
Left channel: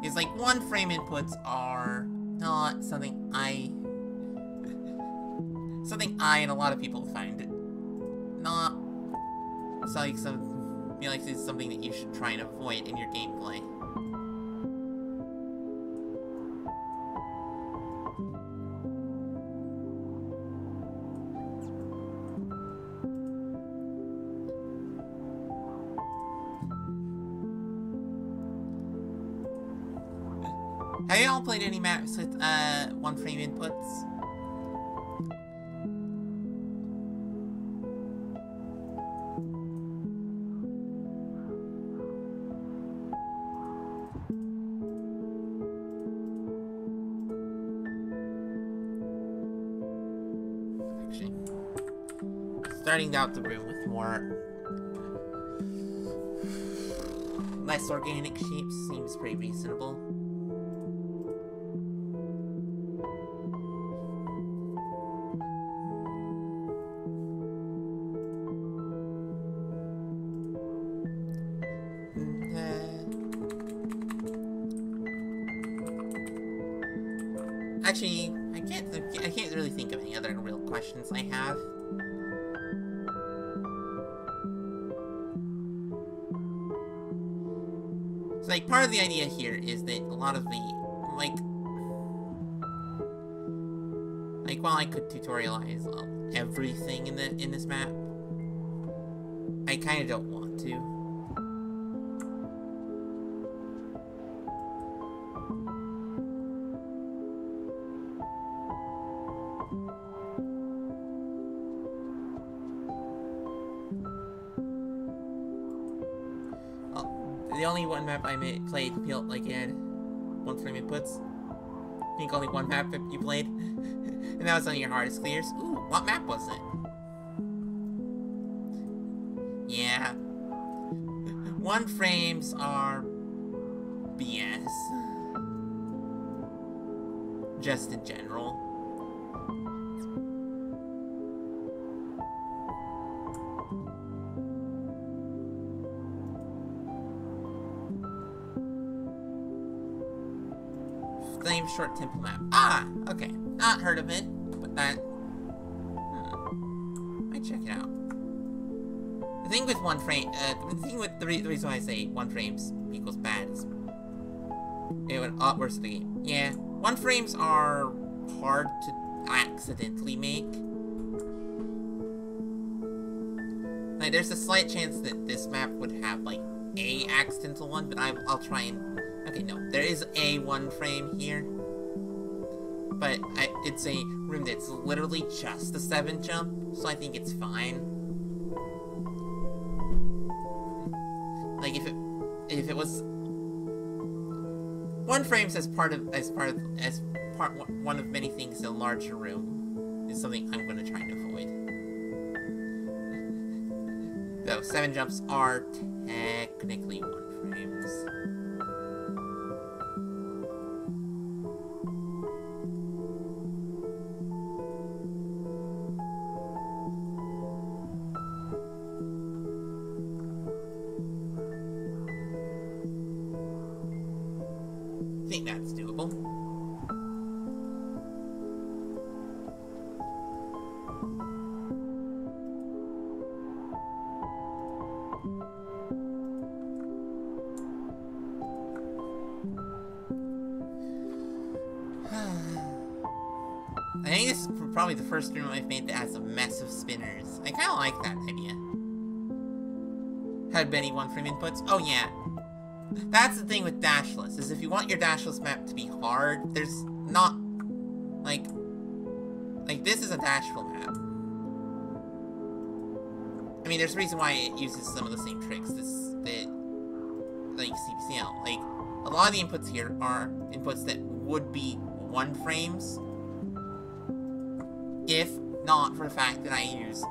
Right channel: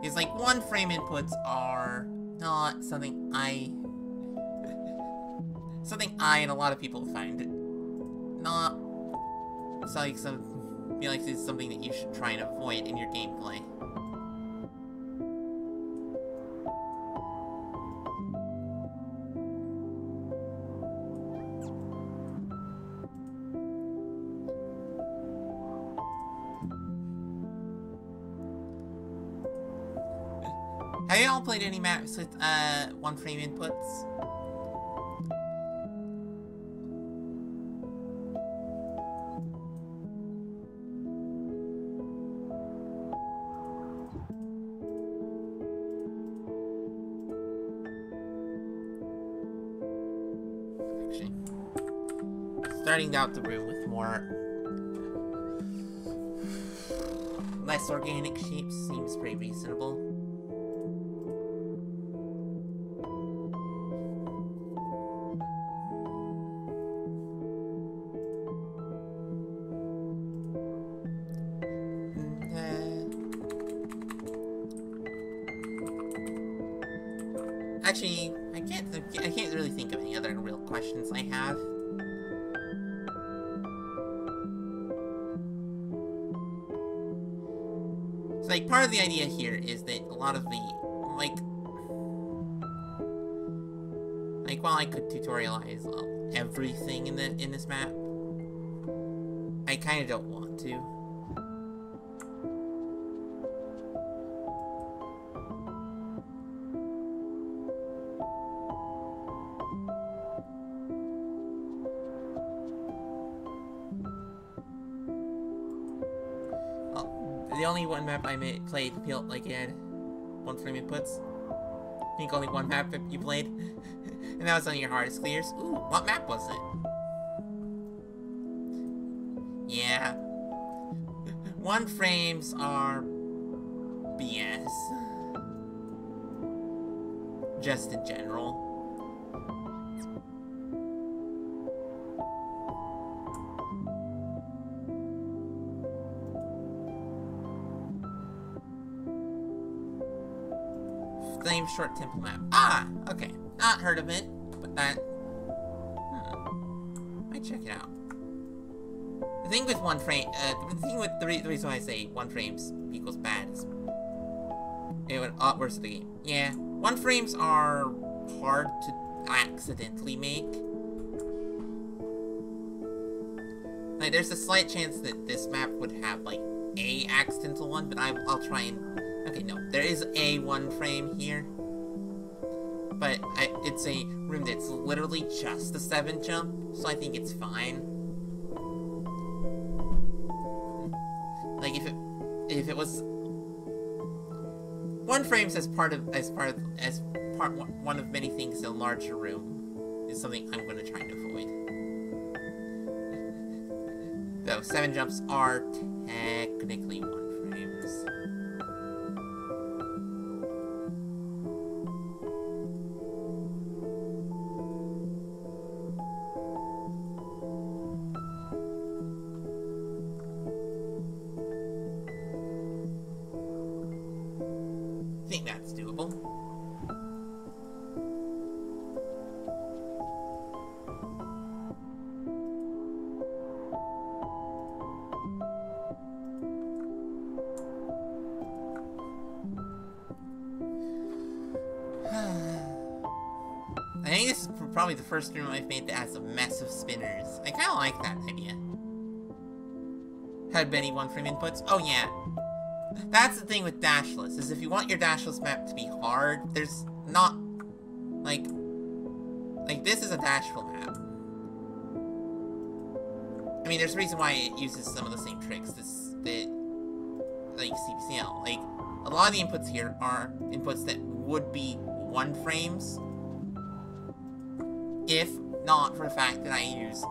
it's like one frame inputs are not something I and a lot of people find it not. It's like some feel like this is something that you should try and avoid in your gameplay. Have you all played any maps with one-frame inputs? Actually, starting out the room with less organic shapes seems pretty reasonable. Actually, I can't really think of any other real questions I have. So, like, part of the idea here is that a lot of the, like, while I could tutorialize everything in this map, I kind of don't want to. The only one map I played felt like it had one-frame inputs. I think only one map you played. And that was on your hardest clears. Ooh, what map was it? Yeah. One-frames are BS. Just in general. Flame Short Temple map. Ah! Okay. Not heard of it, but that... Might check it out. The thing with one frame... the reason why I say one frames equals bad is... it would worse the game. Yeah. One frames are hard to accidentally make. Like, there's a slight chance that this map would have, like, a accidental one, but I'll try and... Okay, no. There is a one frame here. But it's a room that's literally just a 7 jump, so I think it's fine. Like, if it was... One frames as one of many things in a larger room is something I'm going to try and avoid. Though 7 jumps are technically one frames. I think that's doable. I think this is probably the first room I've made that has a mess of spinners. I kind of like that idea. Had many one-frame inputs? Oh yeah. That's the thing with dashless, is if you want your dashless map to be hard, there's not, like this is a dashful map. I mean, there's a reason why it uses some of the same tricks that like CPCL. Like, a lot of the inputs here are inputs that would be one frames, if not for the fact that I use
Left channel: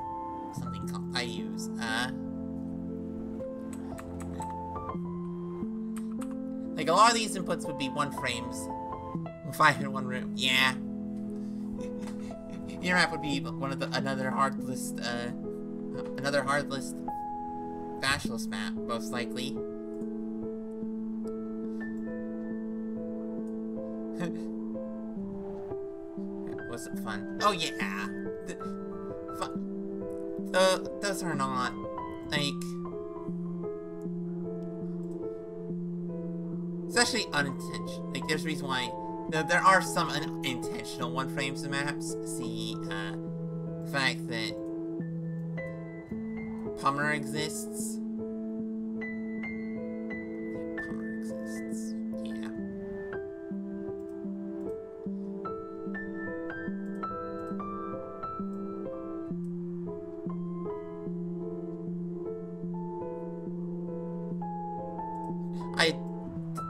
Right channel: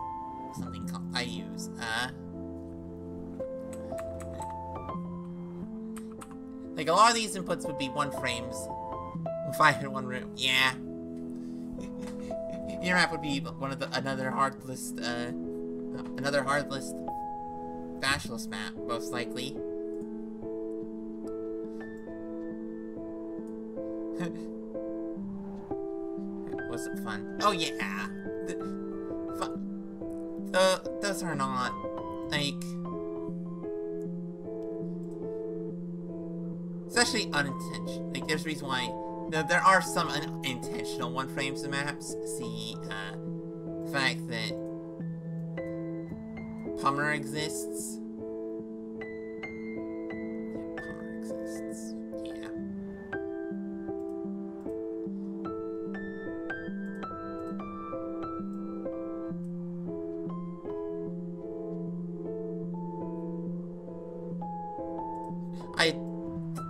something called, like, a lot of these inputs would be one frames, 5 in one room. Yeah. Your map would be another hard list dashless map, most likely. Was it fun? Oh yeah. Those are not, like... Especially unintentional. Like, there's a reason why there are some unintentional one-frames in maps. See, the fact that Pummer exists. Pummer exists. Yeah. I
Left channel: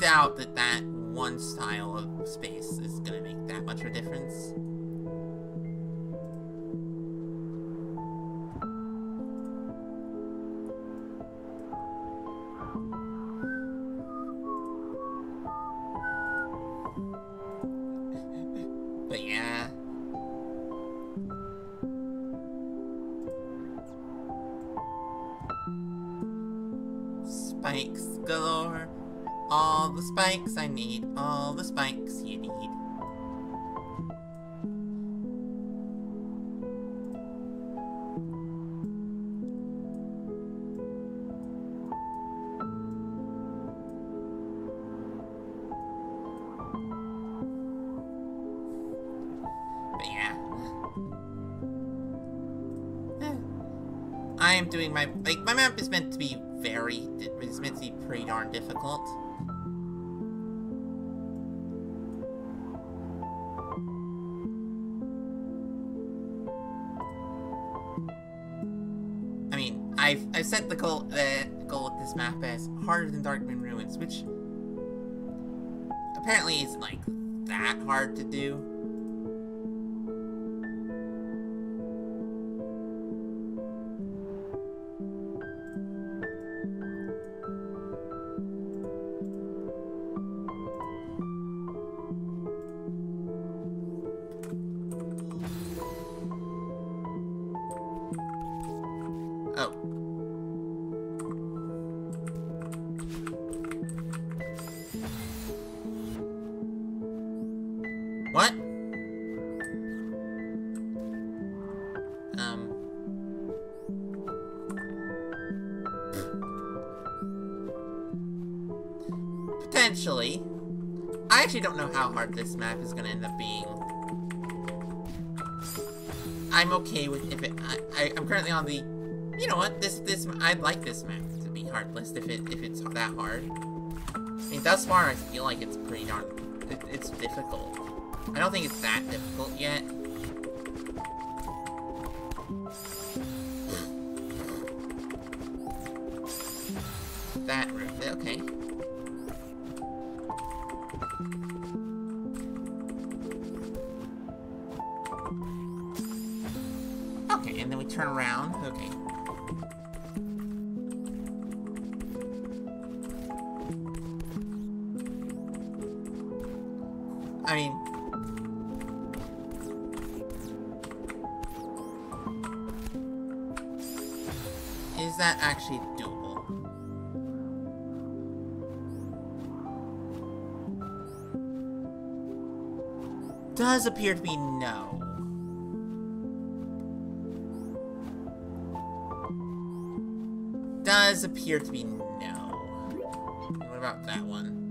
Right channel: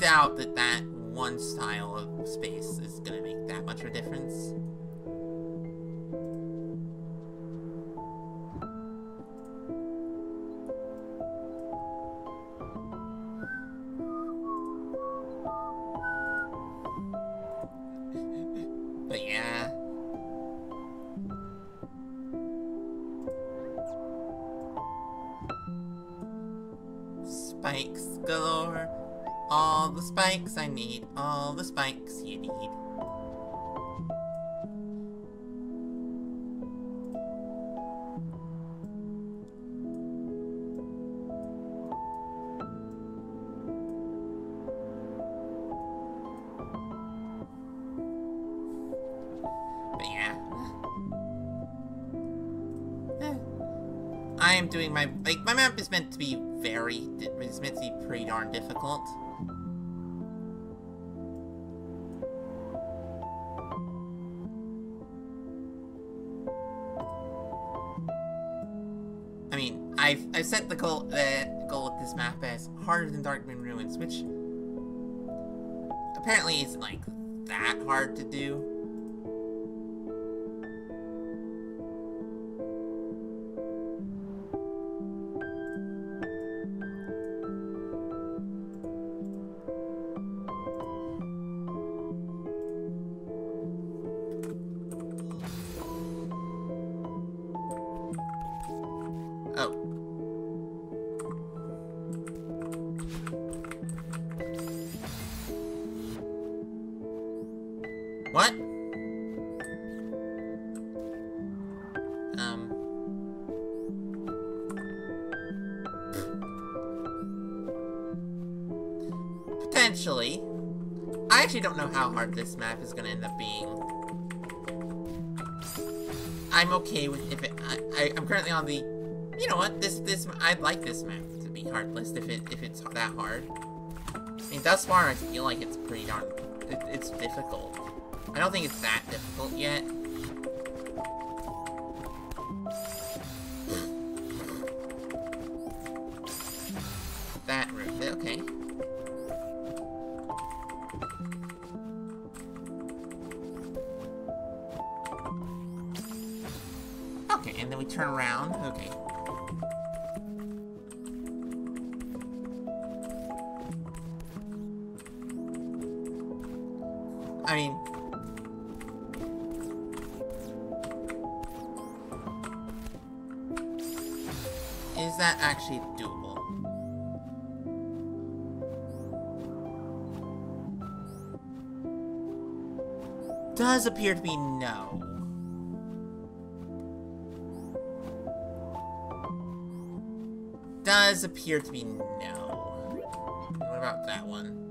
doubt that one style of space is gonna make that much of a difference. But yeah. Spikes galore. All the spikes I need. All the spikes you need. But yeah. I am doing my map is meant to be it's meant to be pretty darn difficult. I mean, I've set the goal with this map as harder than Darkmoon Ruins, which apparently isn't like that hard to do. Oh. What? Potentially. I actually don't know how hard this map is gonna end up being. I'm okay with if it. I'm currently on the. You know what? I'd like this map to be hardless if it's that hard. I mean, thus far I feel like it's pretty darn. It's difficult. I don't think it's that difficult yet. That route, okay. Okay, and then we turn around. Okay. I mean, is that actually doable? Does appear to be no. Does appear to be no. What about that one?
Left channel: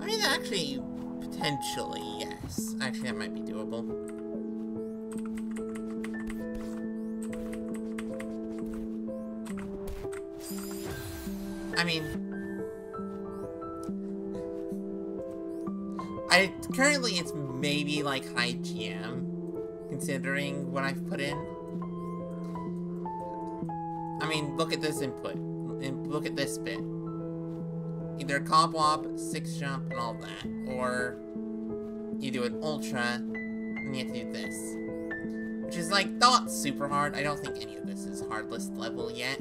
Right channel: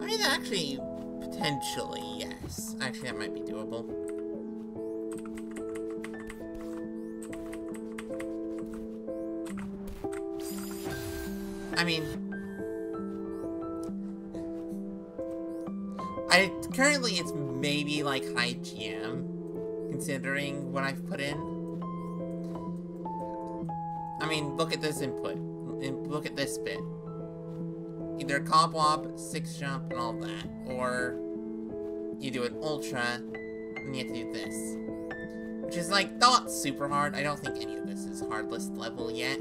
I mean, actually, potentially, yes. Actually, that might be doable. I mean, currently it's maybe like high GM, considering what I've put in. I mean, look at this input, and look at this bit. Either a comp wop, 6 jump, and all that, or you do an ultra, and you have to do this. Which is like, not super hard. I don't think any of this is hardless level yet.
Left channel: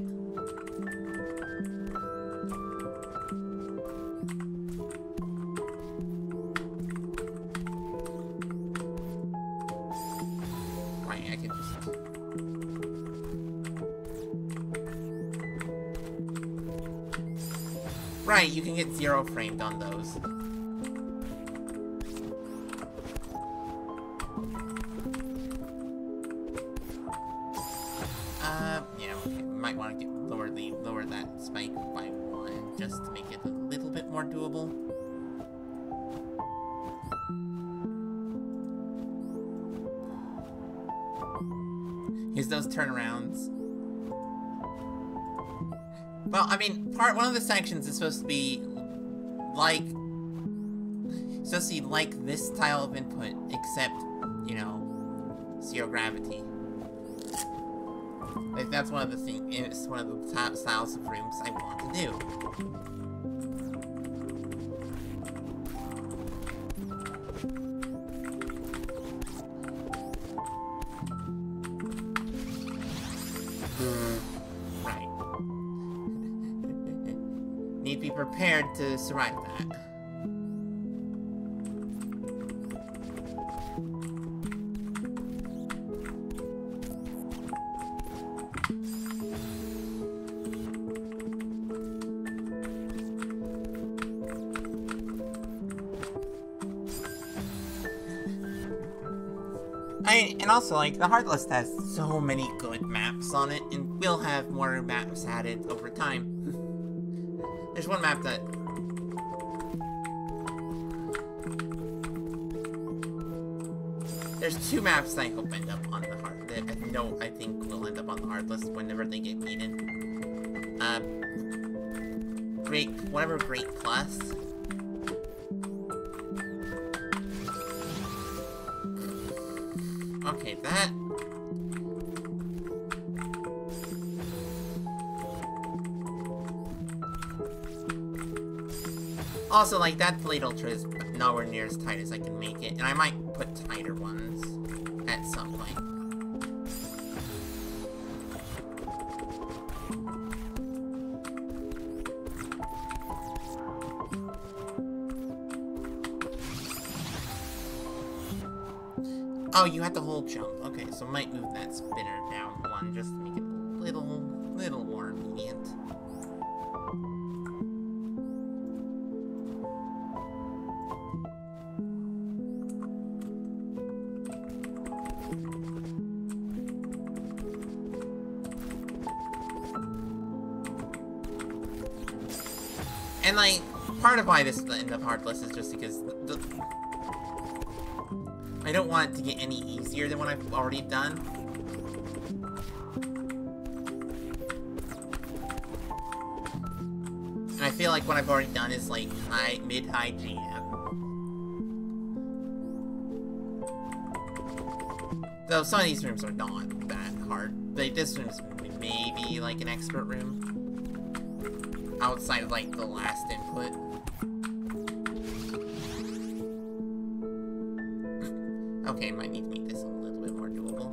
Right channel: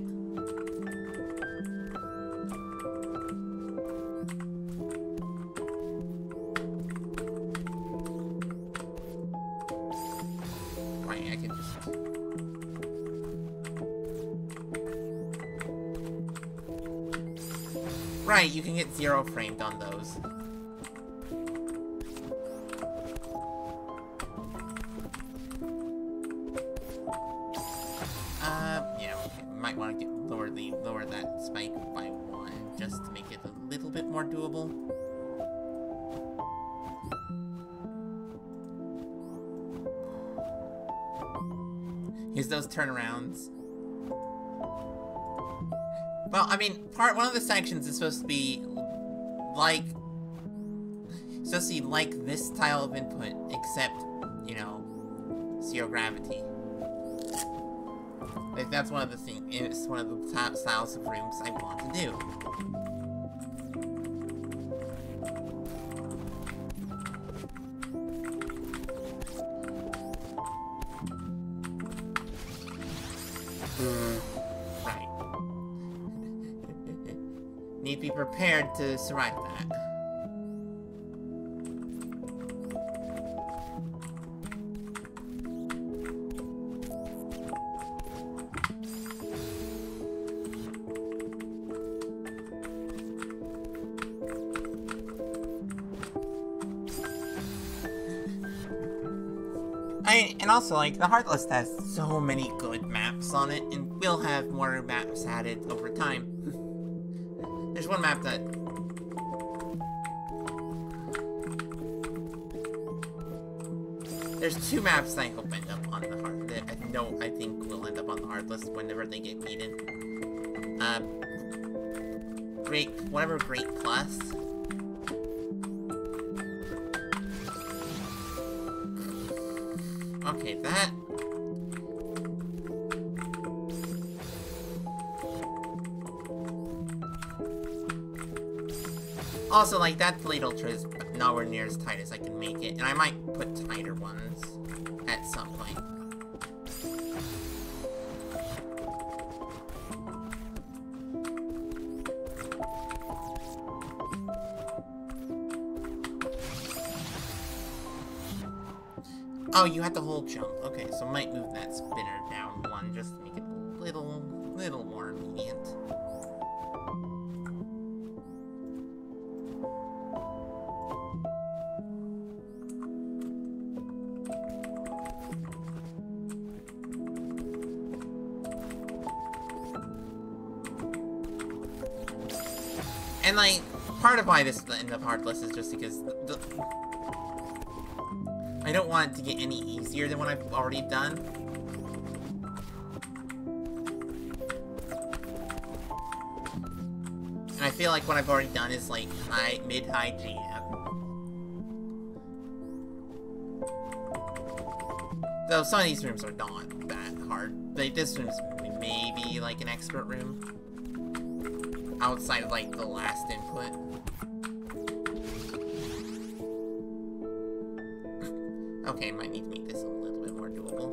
Right, I can just... Right, you can get 0 framed on those. Yeah, okay. Might want to get a lower that spike by 1, just to make it a little bit more doable. Here's those turnarounds. Well, I mean, one of the sections is supposed to be like this style of input, except, you know, 0 gravity. Like, that's one of the things, it's one of the top styles of rooms I want to do. Right. Need to be prepared to survive that. And also, like, the hard list has so many good maps on it, and we'll have more maps added over time. There's one map that... There's 2 maps that I hope end up on the hard... that I think will end up on the hard list whenever they get beaten. Great Plus. Okay, that... Also, like, that Blade Ultra is nowhere near as tight as I can make it, and I might put tighter ones at some point. Oh, you had the whole jump. Okay, so I might move that spinner down 1 just to make it a little more lenient. And, like, part of why this is the end of hard list is just because I don't want it to get any easier than what I've already done. And I feel like what I've already done is like mid-high GM. Though some of these rooms are not that hard. Like, this room's maybe like an expert room. Outside of like the last input. Okay, might need to make this a little bit more doable.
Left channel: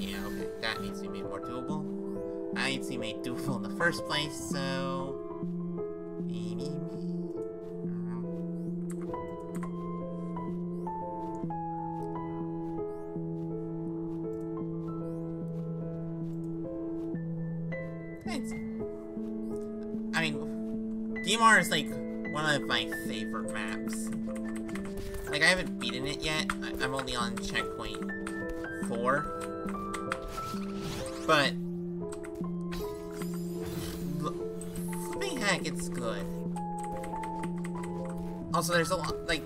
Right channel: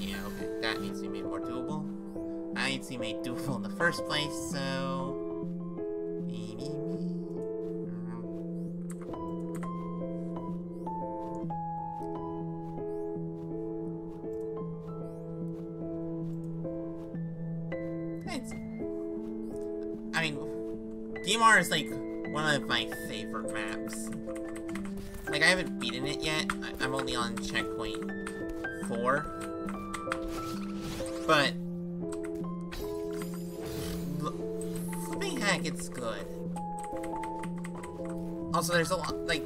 Yeah, okay, that needs to be made more doable. That needs to be made doable in the first place, so... I mean, DMR is like one of my favorite maps. Like, I haven't beaten it yet. I'm only on checkpoint 4. But... flipping heck, it's good. Also, there's a lot, like,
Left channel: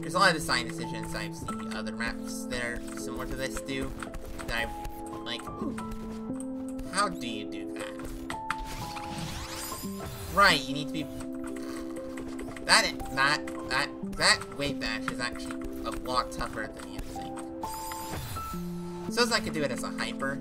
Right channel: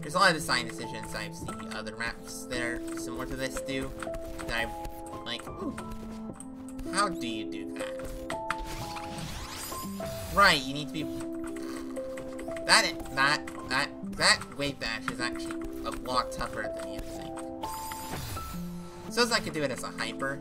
there's a lot of design decisions I've seen other maps that are similar to this do. That I've, like, ooh, how do you do that? Right, you need to be... That wave dash is actually a lot tougher than you think. Suppose I could do it as a hyper.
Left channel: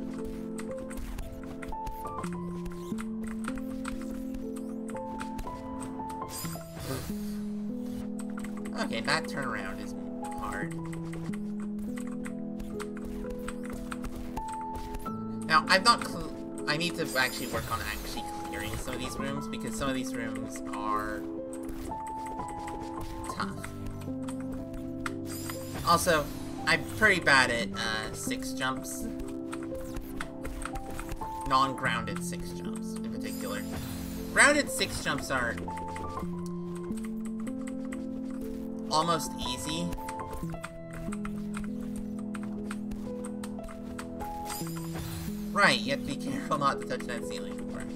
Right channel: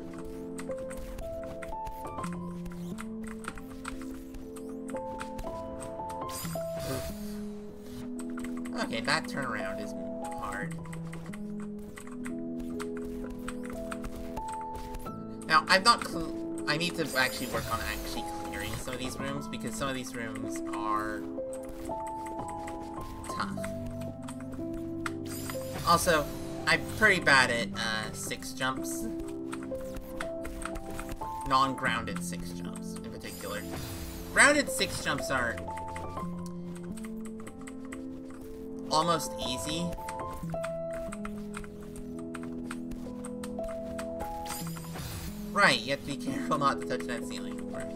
Okay, that turnaround is hard. Now, I need to actually work on actually clearing some of these rooms, because some of these rooms are tough. Also, I'm pretty bad at 6 jumps. Non-grounded 6 jumps, in particular. Grounded 6 jumps are almost easy, Right, you have to be careful not to touch that ceiling. Right.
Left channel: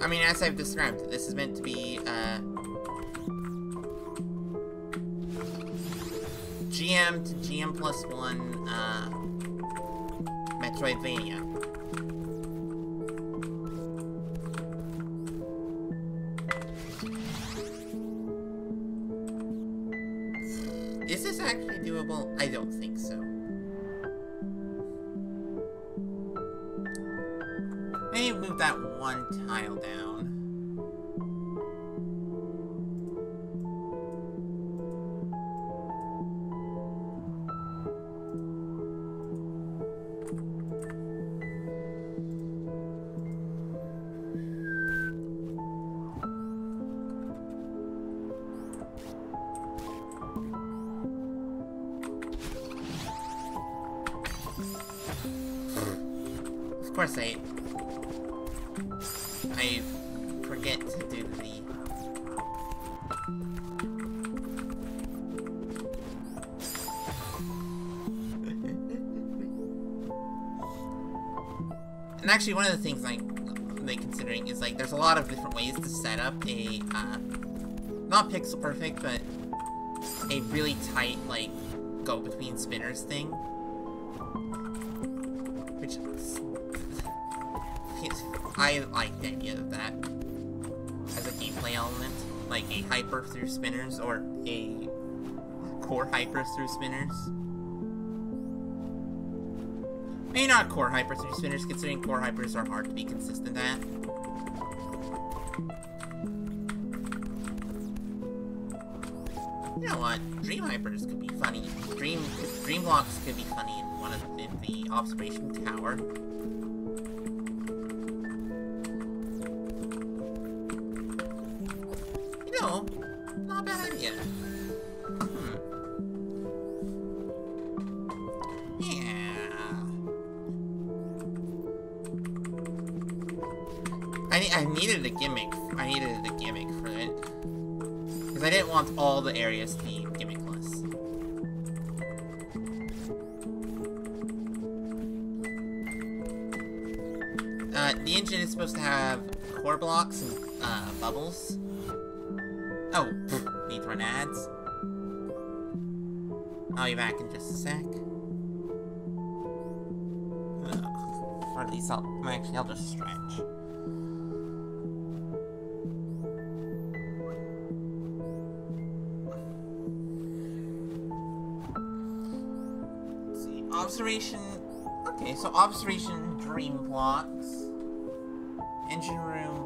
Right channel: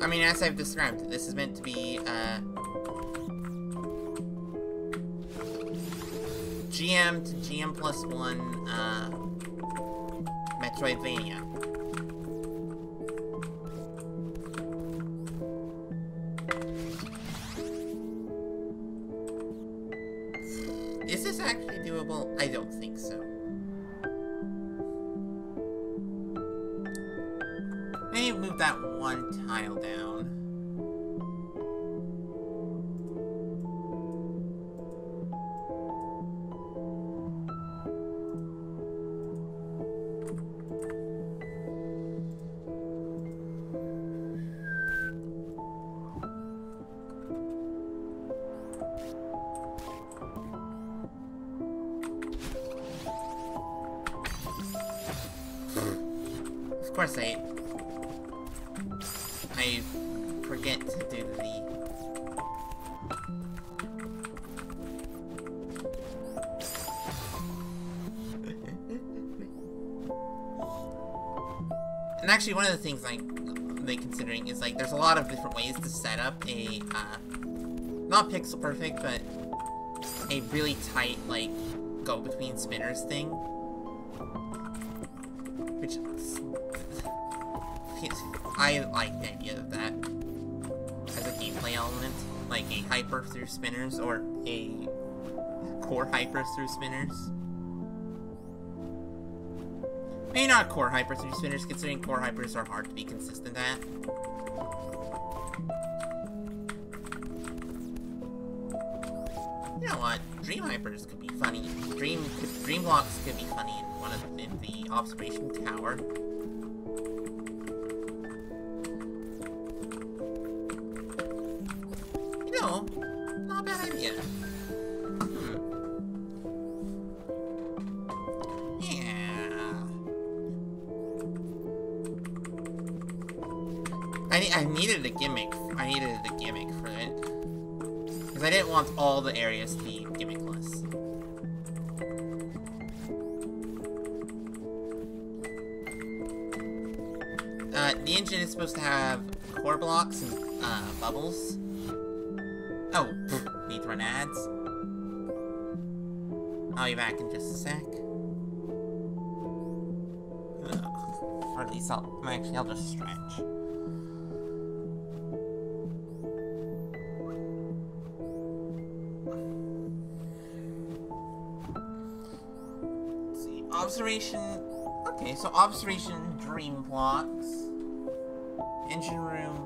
I mean, as I've described, this is meant to be, GM to GM plus 1, Metroidvania. Is this actually doable? I don't think so. Maybe move that one tile down. Of course I forget to do the... And actually, one of the things I'm considering is, like, there's a lot of different ways to set up a, not pixel perfect, but a really tight, like, go-between spinners thing. Which... I like the idea of that as a gameplay element, like a hyper through spinners or a core hyper through spinners. Maybe not core hyper through spinners, considering core hypers are hard to be consistent at. You know what? Dream hypers could be funny. Dream blocks could be funny in the observation tower. No, not a bad idea. Yeah. I needed a gimmick. I needed a gimmick for it. Because I didn't want all the areas to be gimmickless. The engine is supposed to have core blocks and, bubbles. Oh, need to run ads. I'll be back in just a sec. Ugh. Or at least I'll just stretch. Let's see, observation. Okay, so observation, dream blocks, engine room,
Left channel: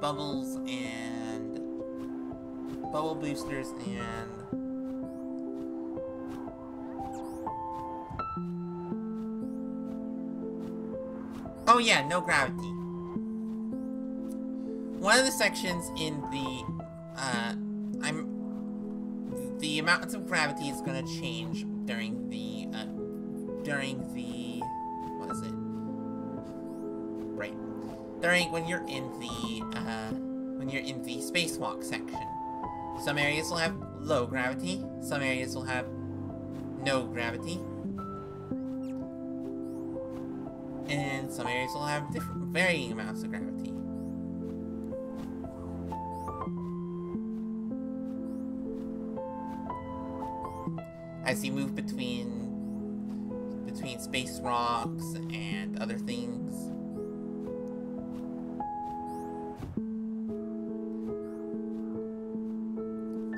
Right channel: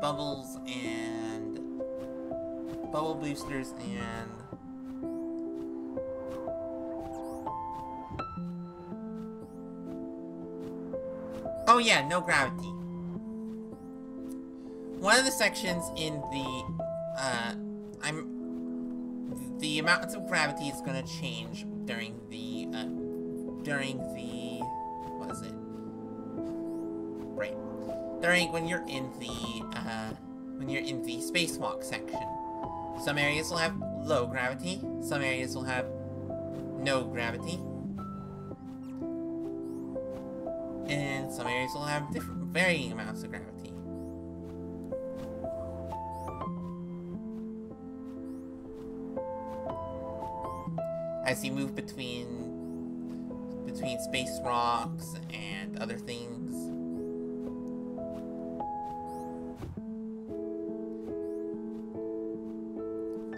bubbles, and bubble boosters, and oh yeah, no gravity. One of the sections in the the amount of gravity is gonna change during the what is it? Right. When you're in the spacewalk section. Some areas will have low gravity, some areas will have no gravity, and some areas will have varying amounts of gravity. As you move between space rocks and other things.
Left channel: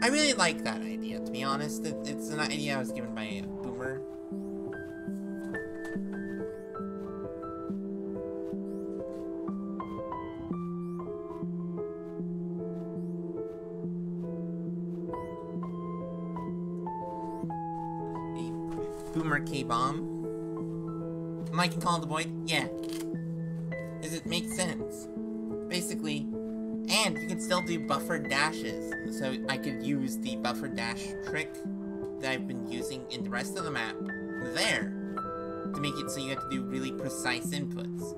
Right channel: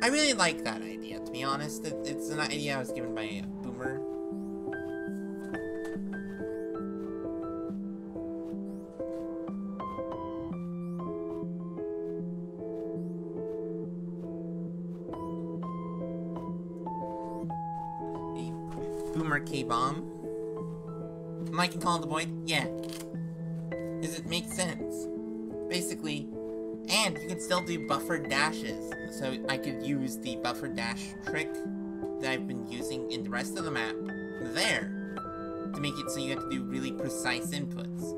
I really like that idea, to be honest. It's an idea I was given by a boomer. A boomer K-bomb. Am I can call it the void? Yeah. Does it make sense? Basically, and you can still do buffered dashes. So I could use the buffered dash trick that I've been using in the rest of the map there to make it so you have to do really precise inputs.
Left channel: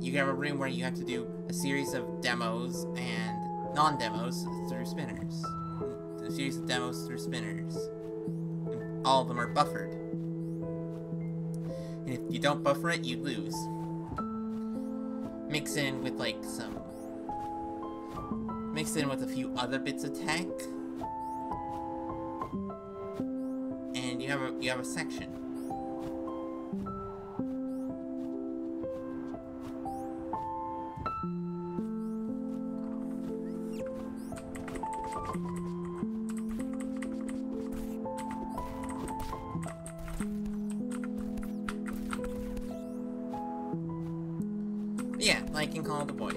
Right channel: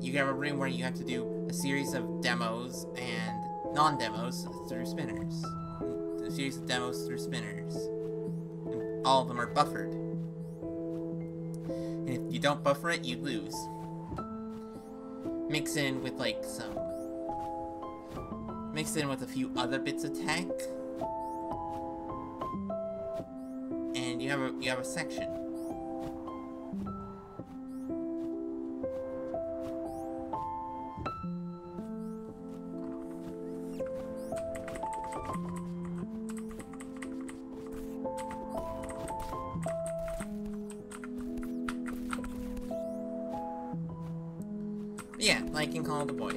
You have a room where you have to do a series of demos and non-demos through spinners. A series of demos through spinners. And all of them are buffered. And if you don't buffer it, you lose. Mix in with like some... Mix in with a few other bits of tech. And you have a section. Yeah, like in Call of the Void.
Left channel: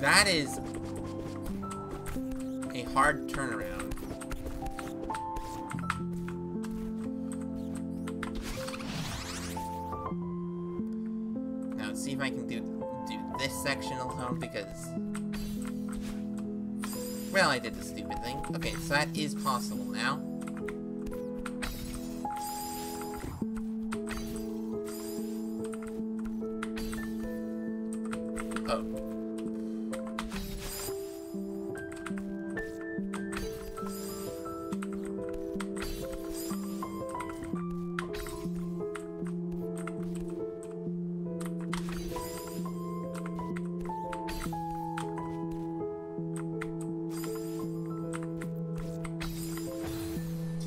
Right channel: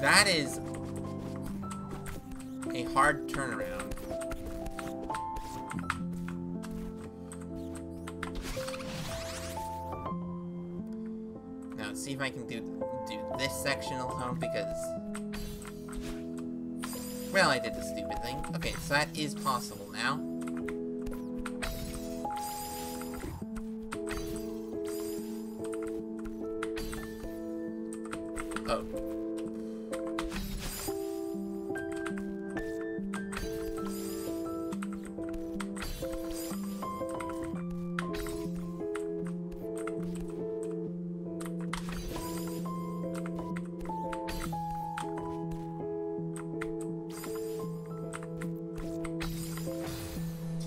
That is a hard turnaround. Now, let's see if I can do this section alone, because... Well, I did the stupid thing. Okay, so that is possible now. Oh.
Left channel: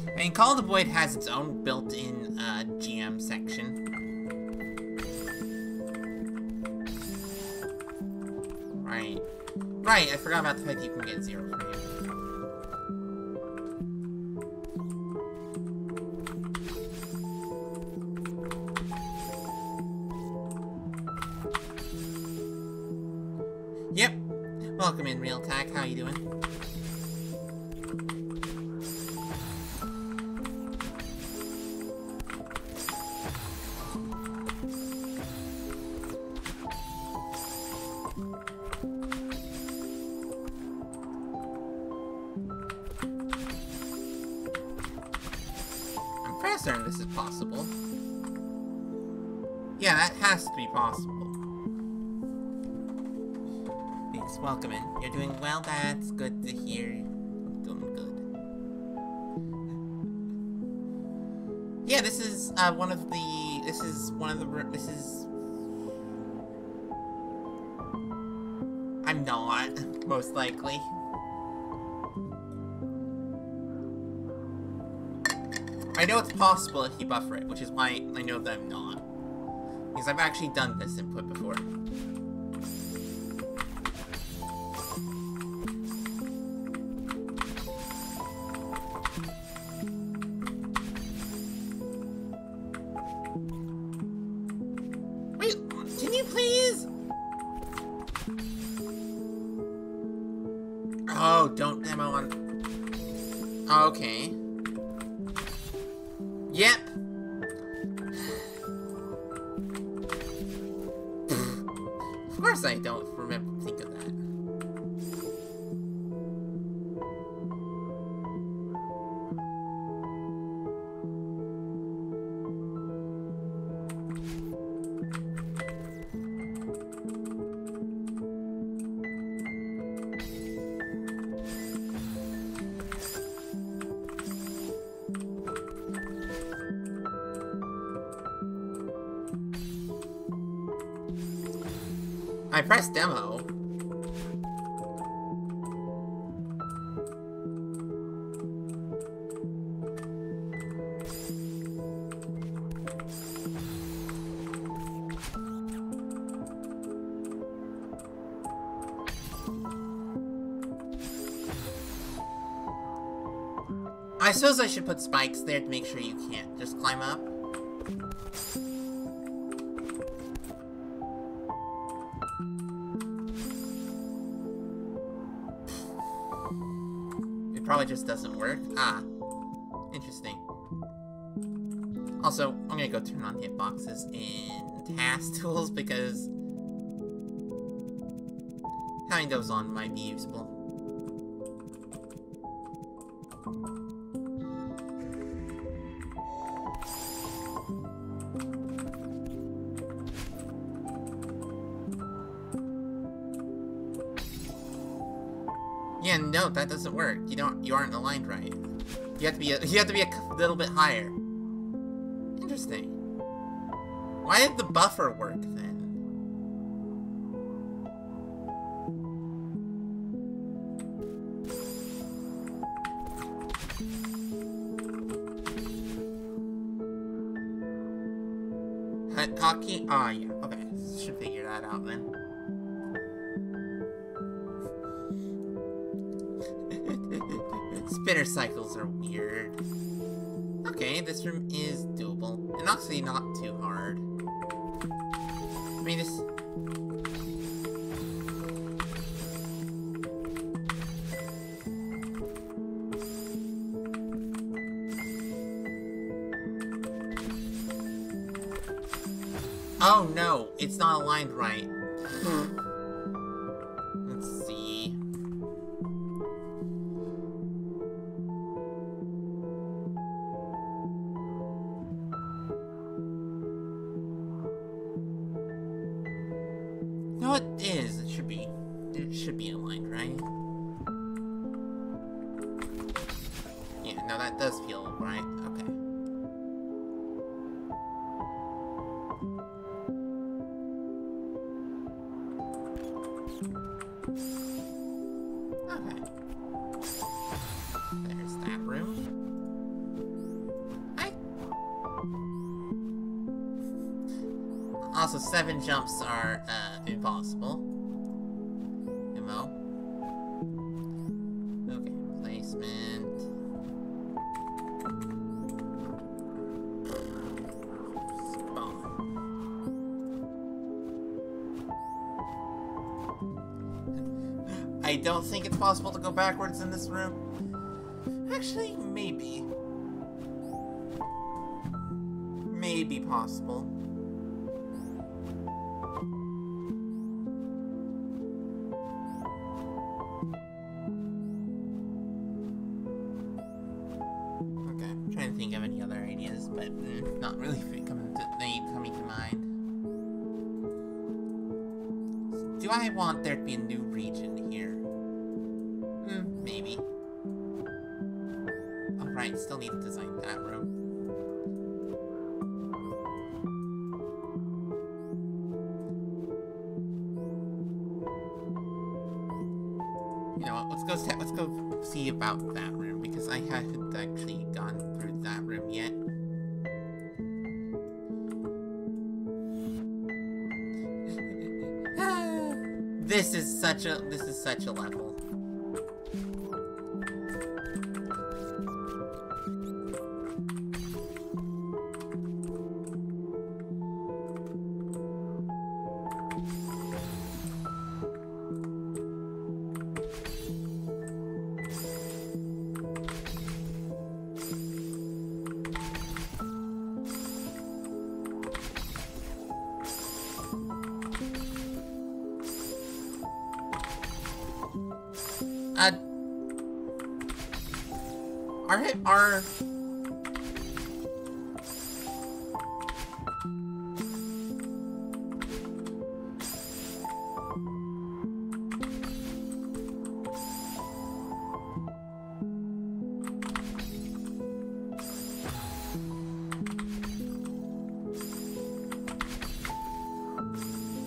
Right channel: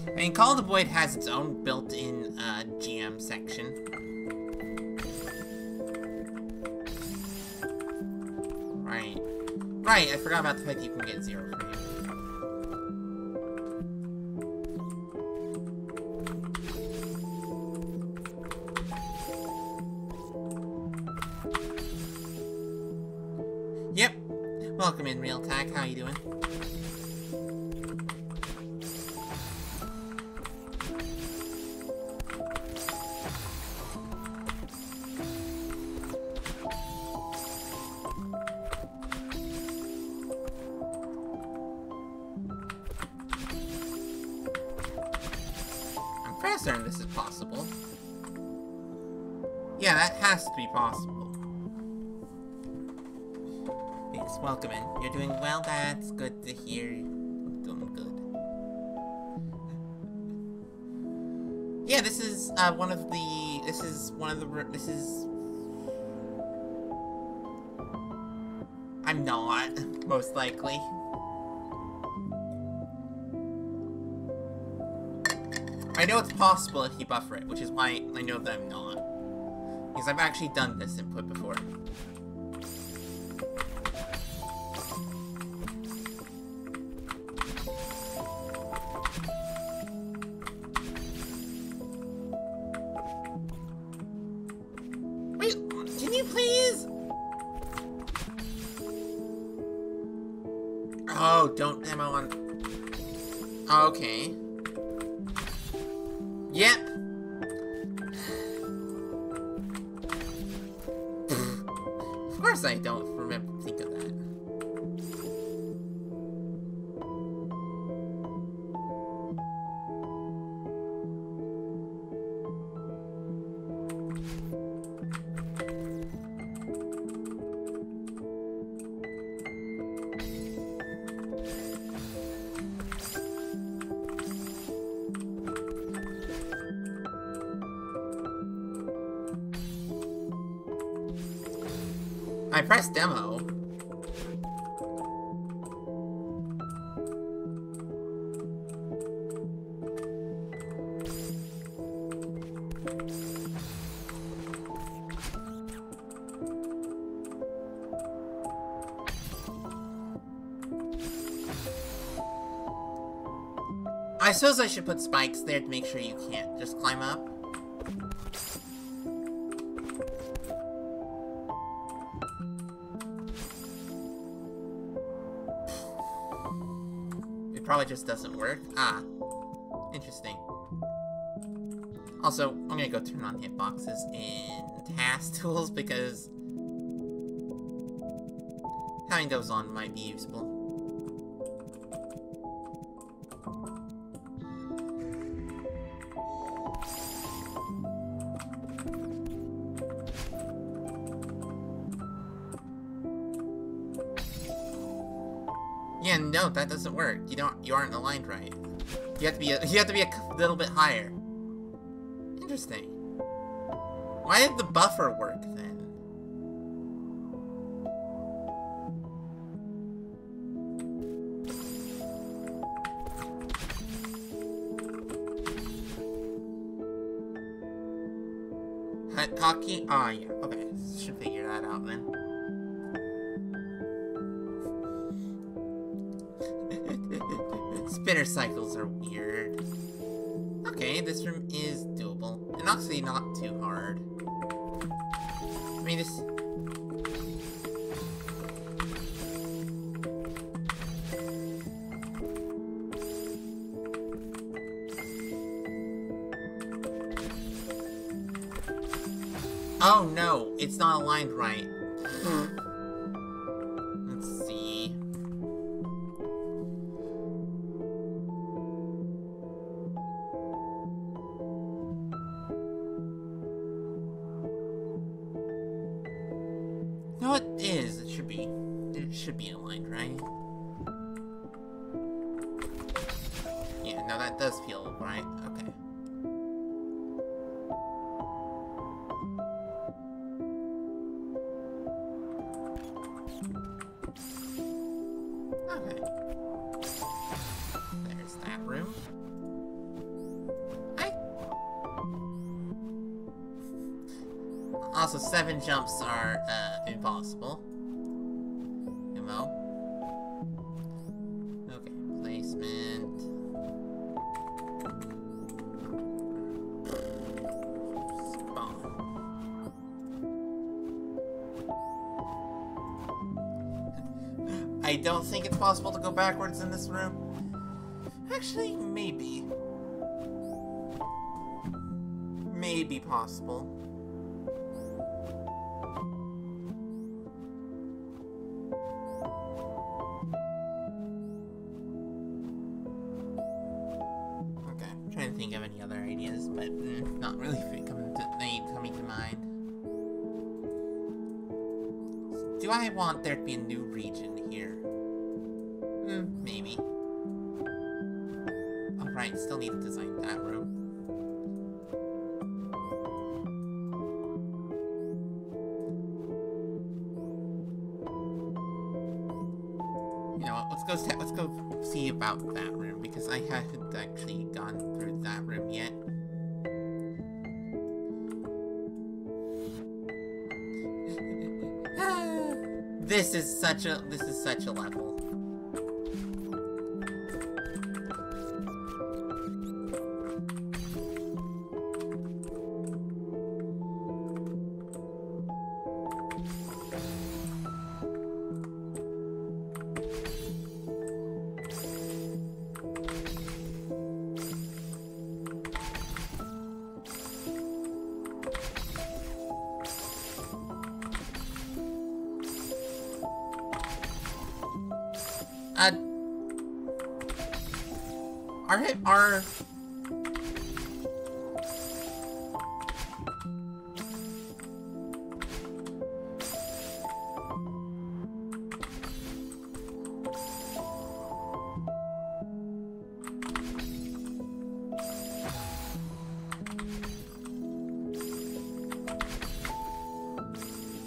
I mean, Call of the Void has its own built-in GM section. Right. Right, I forgot about the fact that you can get 0 frame. Yep. Welcome in, Real Tack. How you doing? I'm pretty certain this is possible. Yeah, that has to be possible. Yes, welcome in. You're doing well, that's good to hear. I'm doing good. Yeah, this is one of the... I'm not, most likely. I know it's possible if you buffer it, which is why I know that I'm not. Because I've actually done this input before. Wait, can you please? Oh, don't demo on... Okay. Yep. Of course I don't think of that. I pressed demo. I suppose I should put spikes there to make sure you can't just climb up. It probably just doesn't work. Ah, interesting. Also, I'm gonna go turn on hitboxes in task tools because having those on might be useful. Yeah, no, that doesn't work. You aren't aligned right. You have to be a little bit higher. Interesting. Why did the buffer work then? Hockey? Oh, yeah. Okay. Should figure that out then. Spinner cycles are weird. Okay, this room is doable. And actually not too hard. I mean, it's... Oh no, it's not aligned right. Let's see. No, it is. It should be. It should be aligned, right? Yeah, no, that does feel right. Okay. Okay. There's that room. Also, 7 jumps are, impossible. Ammo. Okay, placement. Spawn. I don't think it's possible to go backwards in this room. Actually, maybe. Maybe possible. Okay, I'm trying to think of any other ideas, but not really coming to mind. Do I want there to be a new region here? Maybe. Alright, still need to design that room. You know what, let's go see about that room, because I haven't actually gone through that room yet. This is such a level. Are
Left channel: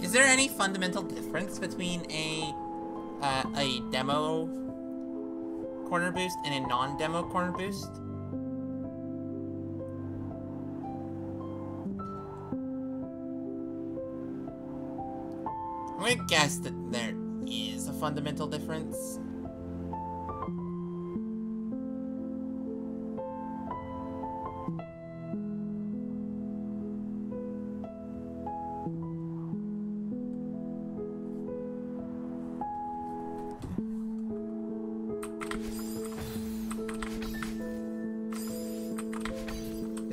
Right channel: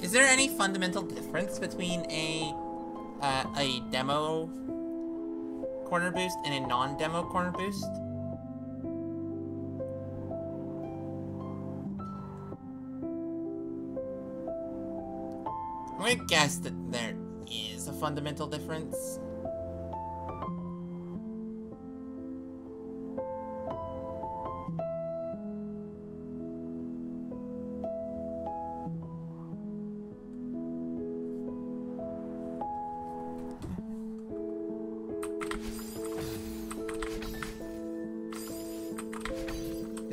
Is there any fundamental difference between a demo corner boost and a non-demo corner boost? I'm gonna guess that there is a fundamental difference.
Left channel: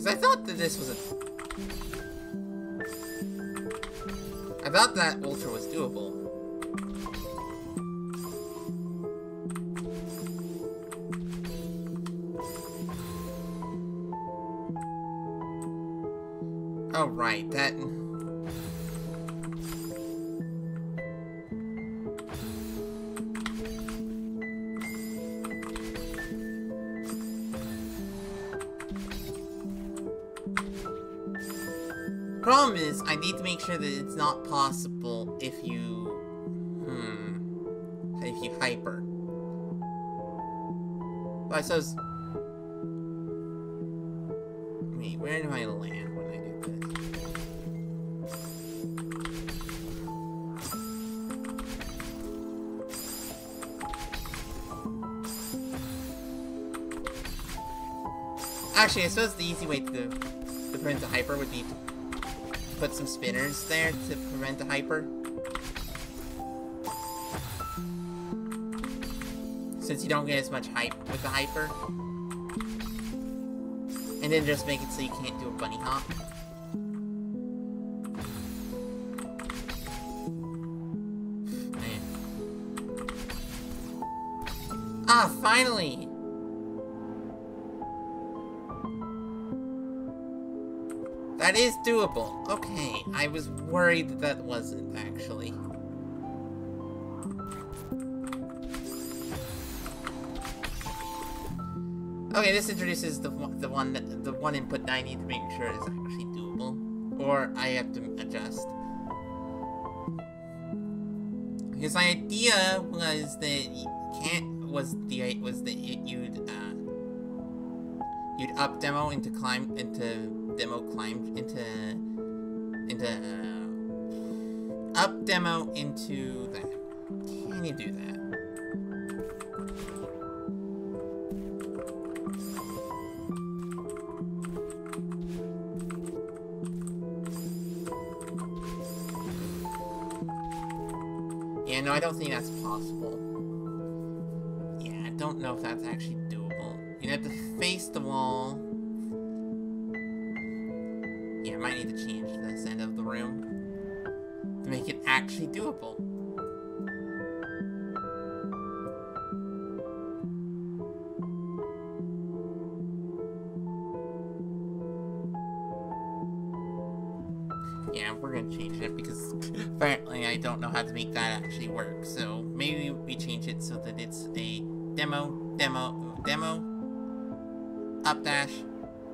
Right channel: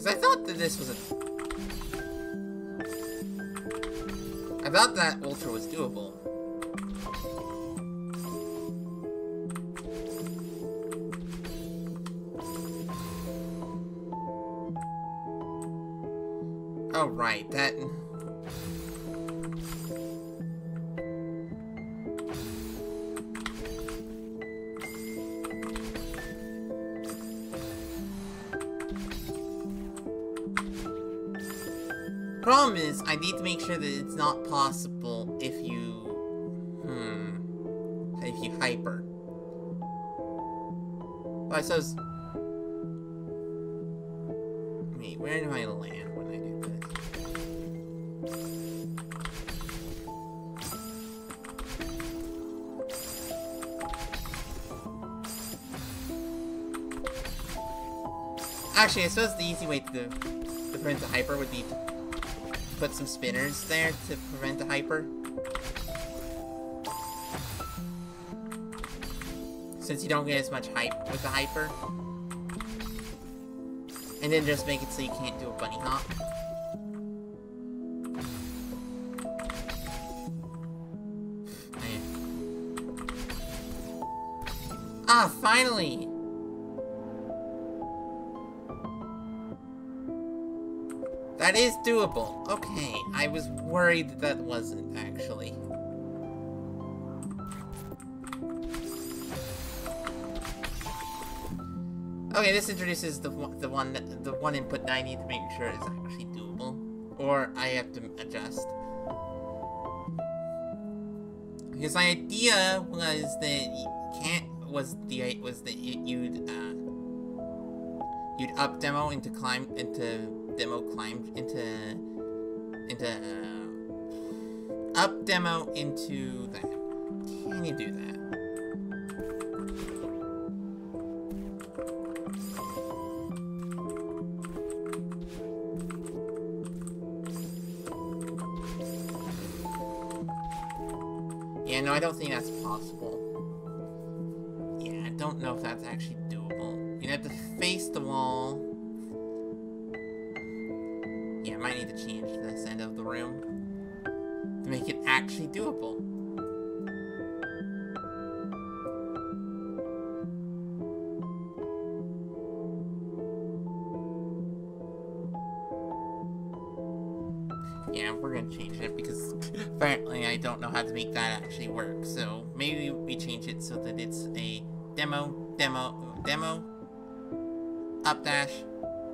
I thought that this was I thought that Ultra was doable. Oh, right, that... Problem is, I need to make sure that it's not possible if you... if you hyper. Well, I suppose... Wait, where do I land when I do this? Actually, I suppose the easy way to prevent the hyper would be to put some spinners there to prevent the hyper. Since you don't get as much hype with the hyper. And then just make it so you can't do a bunny hop. Ah, finally! That is doable. Okay, I was worried that that wasn't, actually. Okay, this introduces the one input that I need to make sure is actually doable, or I have to adjust. Because my idea was that you'd up demo into up demo into that. Can you do that? Yeah, no, I don't think that's possible. Yeah, I don't know if that's actually doable. You have to face the wall. Yeah, I might need to change this end of the room to make it actually doable. Yeah, we're gonna change it because apparently I don't know how to make that actually work. So maybe we change it so that it's a demo, up dash,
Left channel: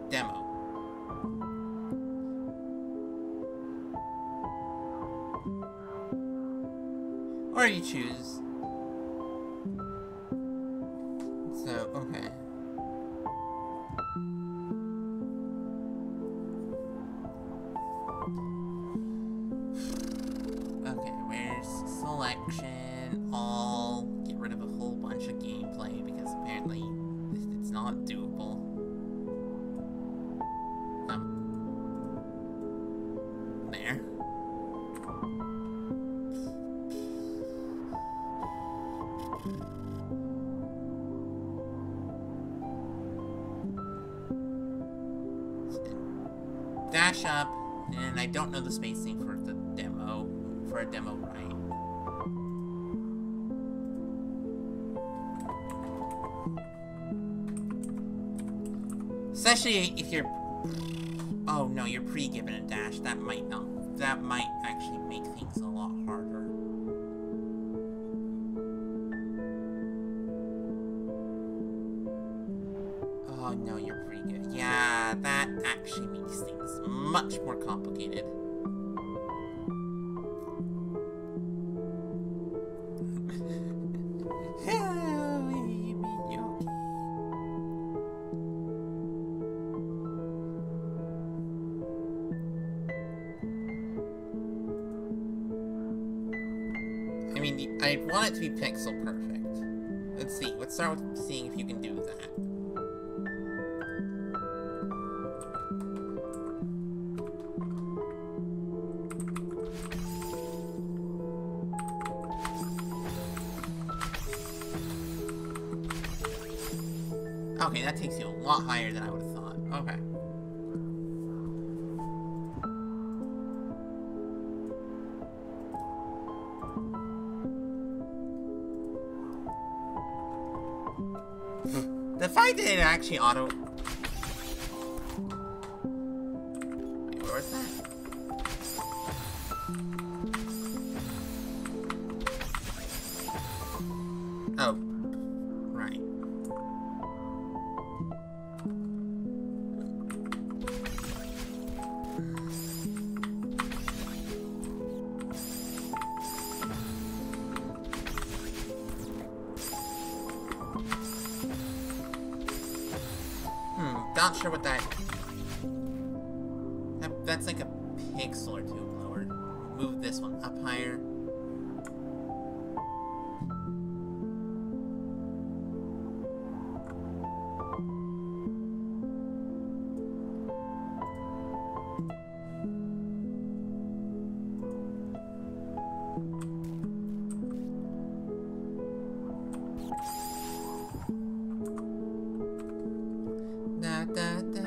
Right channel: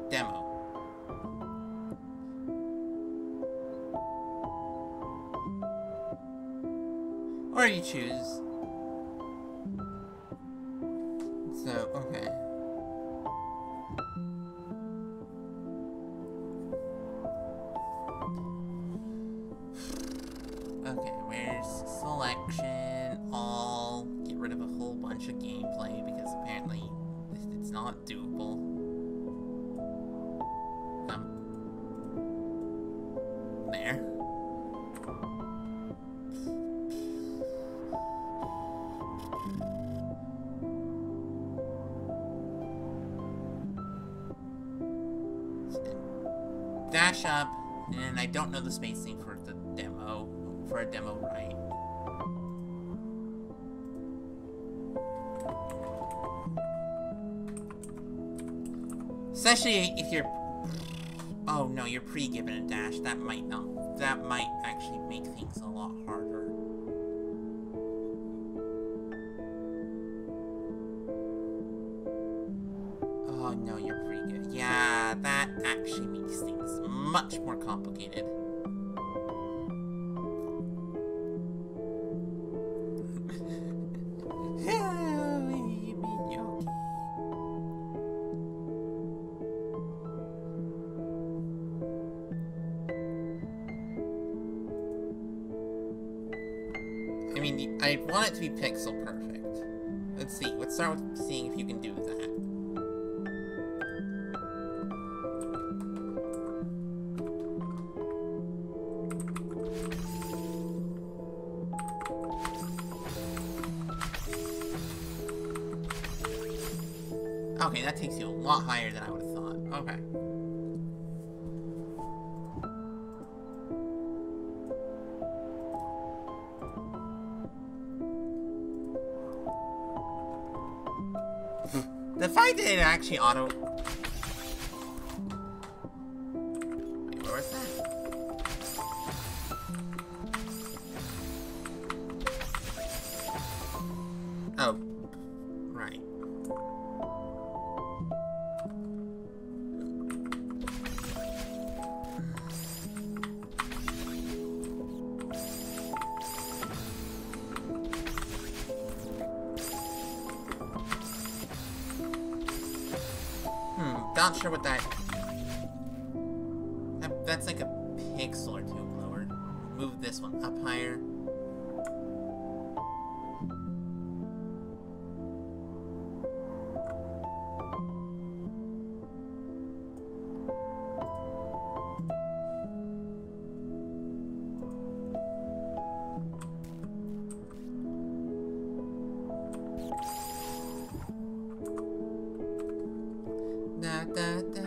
demo. Or you choose. So, okay. Okay, where's selection? All. Get rid of a whole bunch of gameplay because apparently it's not doable. There. Dash up, and I don't know the spacing for the demo, for a demo right. Especially if you're, oh no, you're pre-given a dash, that might actually make things a lot harder. Oh no, you're pretty good. Yeah, that actually makes things much more complicated. I mean, I want it to be pixel perfect. Let's see, let's start with seeing if you can do that. Okay, that takes you a lot higher than I would have thought. Okay. The fact that it actually auto... Wait, where was that? Oh. Right. not sure what that... That's like a pixel or two lower. Move this one up higher. Da, da, da.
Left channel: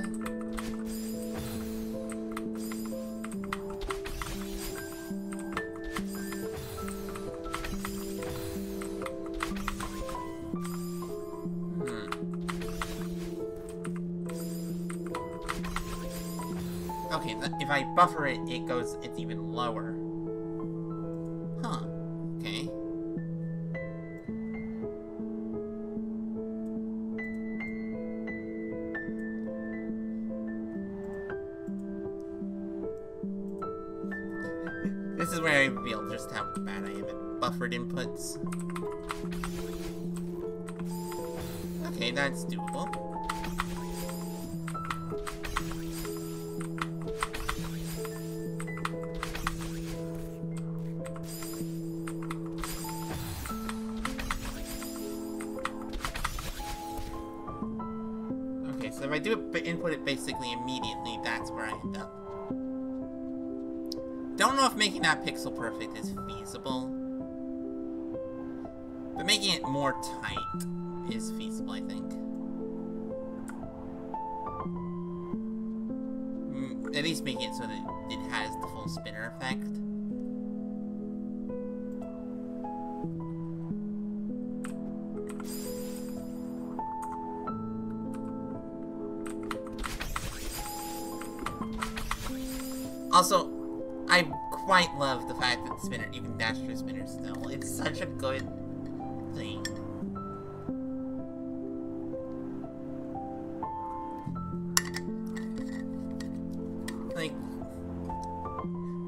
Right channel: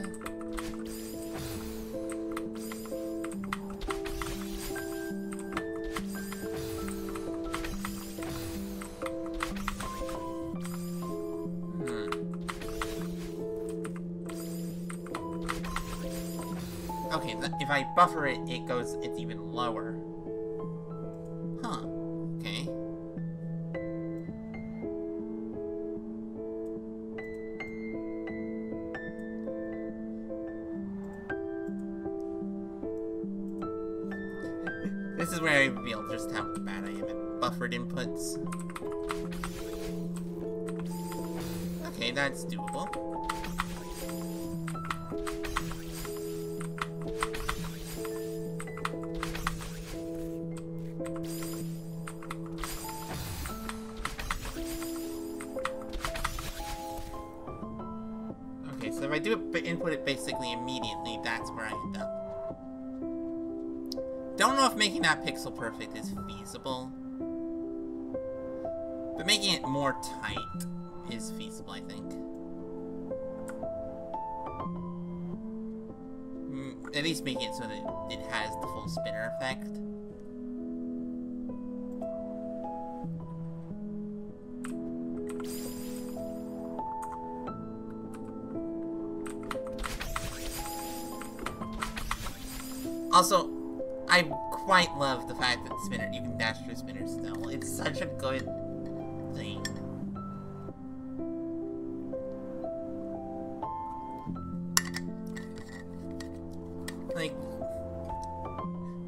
Okay, if I buffer it, it's even lower. Huh. Okay. This is where I reveal just how bad I am at buffered inputs. Okay, that's doable. Okay, so if I do it, input it basically immediately, that's where I end up. Don't know if making that pixel perfect is feasible, but making it more tight is feasible, I think. At least making it so that it has the full spinner effect. Also, I quite love the fact that the spinner, you can dash through spinners still. It's such a good thing. Like,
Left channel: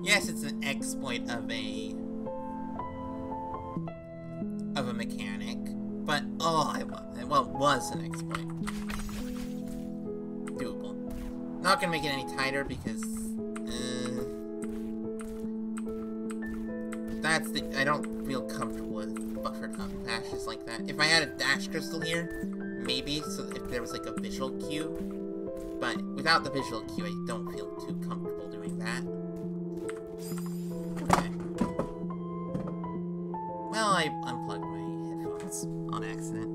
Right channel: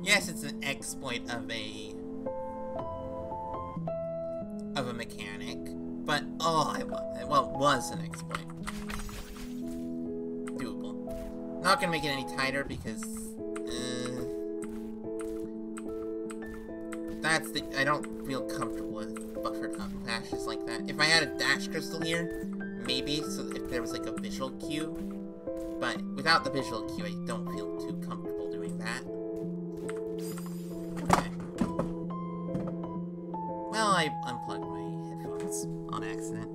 yes, it's an exploit of a mechanic, but oh, I love it. Well, it was an exploit. Doable. Not gonna make it any tighter because I don't feel comfortable with buffered up dashes like that. If I had a dash crystal here, maybe, so if there was like a visual cue, but without the visual cue, I don't feel too comfortable doing that. Okay. Well, I unplugged my headphones on accident.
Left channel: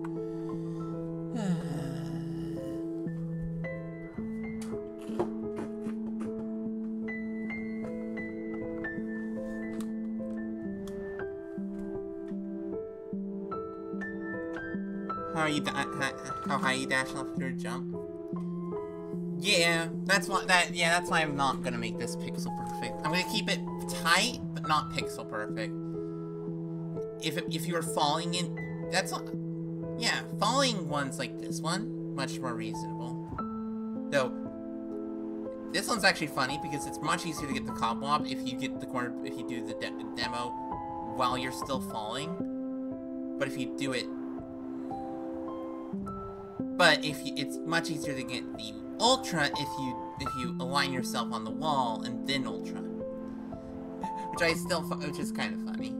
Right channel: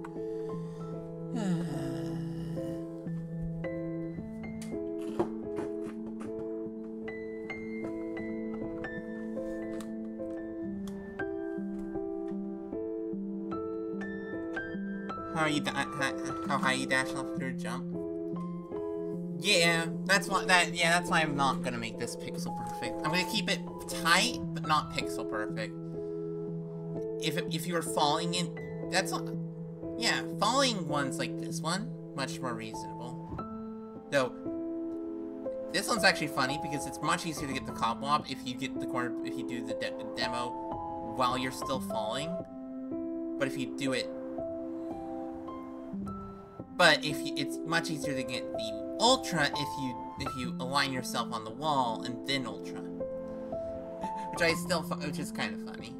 How high you dash off your jump? Yeah, that's why I'm not gonna make this pixel perfect. I'm gonna keep it tight, but not pixel perfect. If you were falling in, that's not, yeah, falling ones like this one, much more reasonable. Though, this one's actually funny because it's much easier to get the cobweb if you get the corner, if you do the demo while you're still falling. But if you do it, it's much easier to get the ultra if you align yourself on the wall and then ultra, which is kind of funny.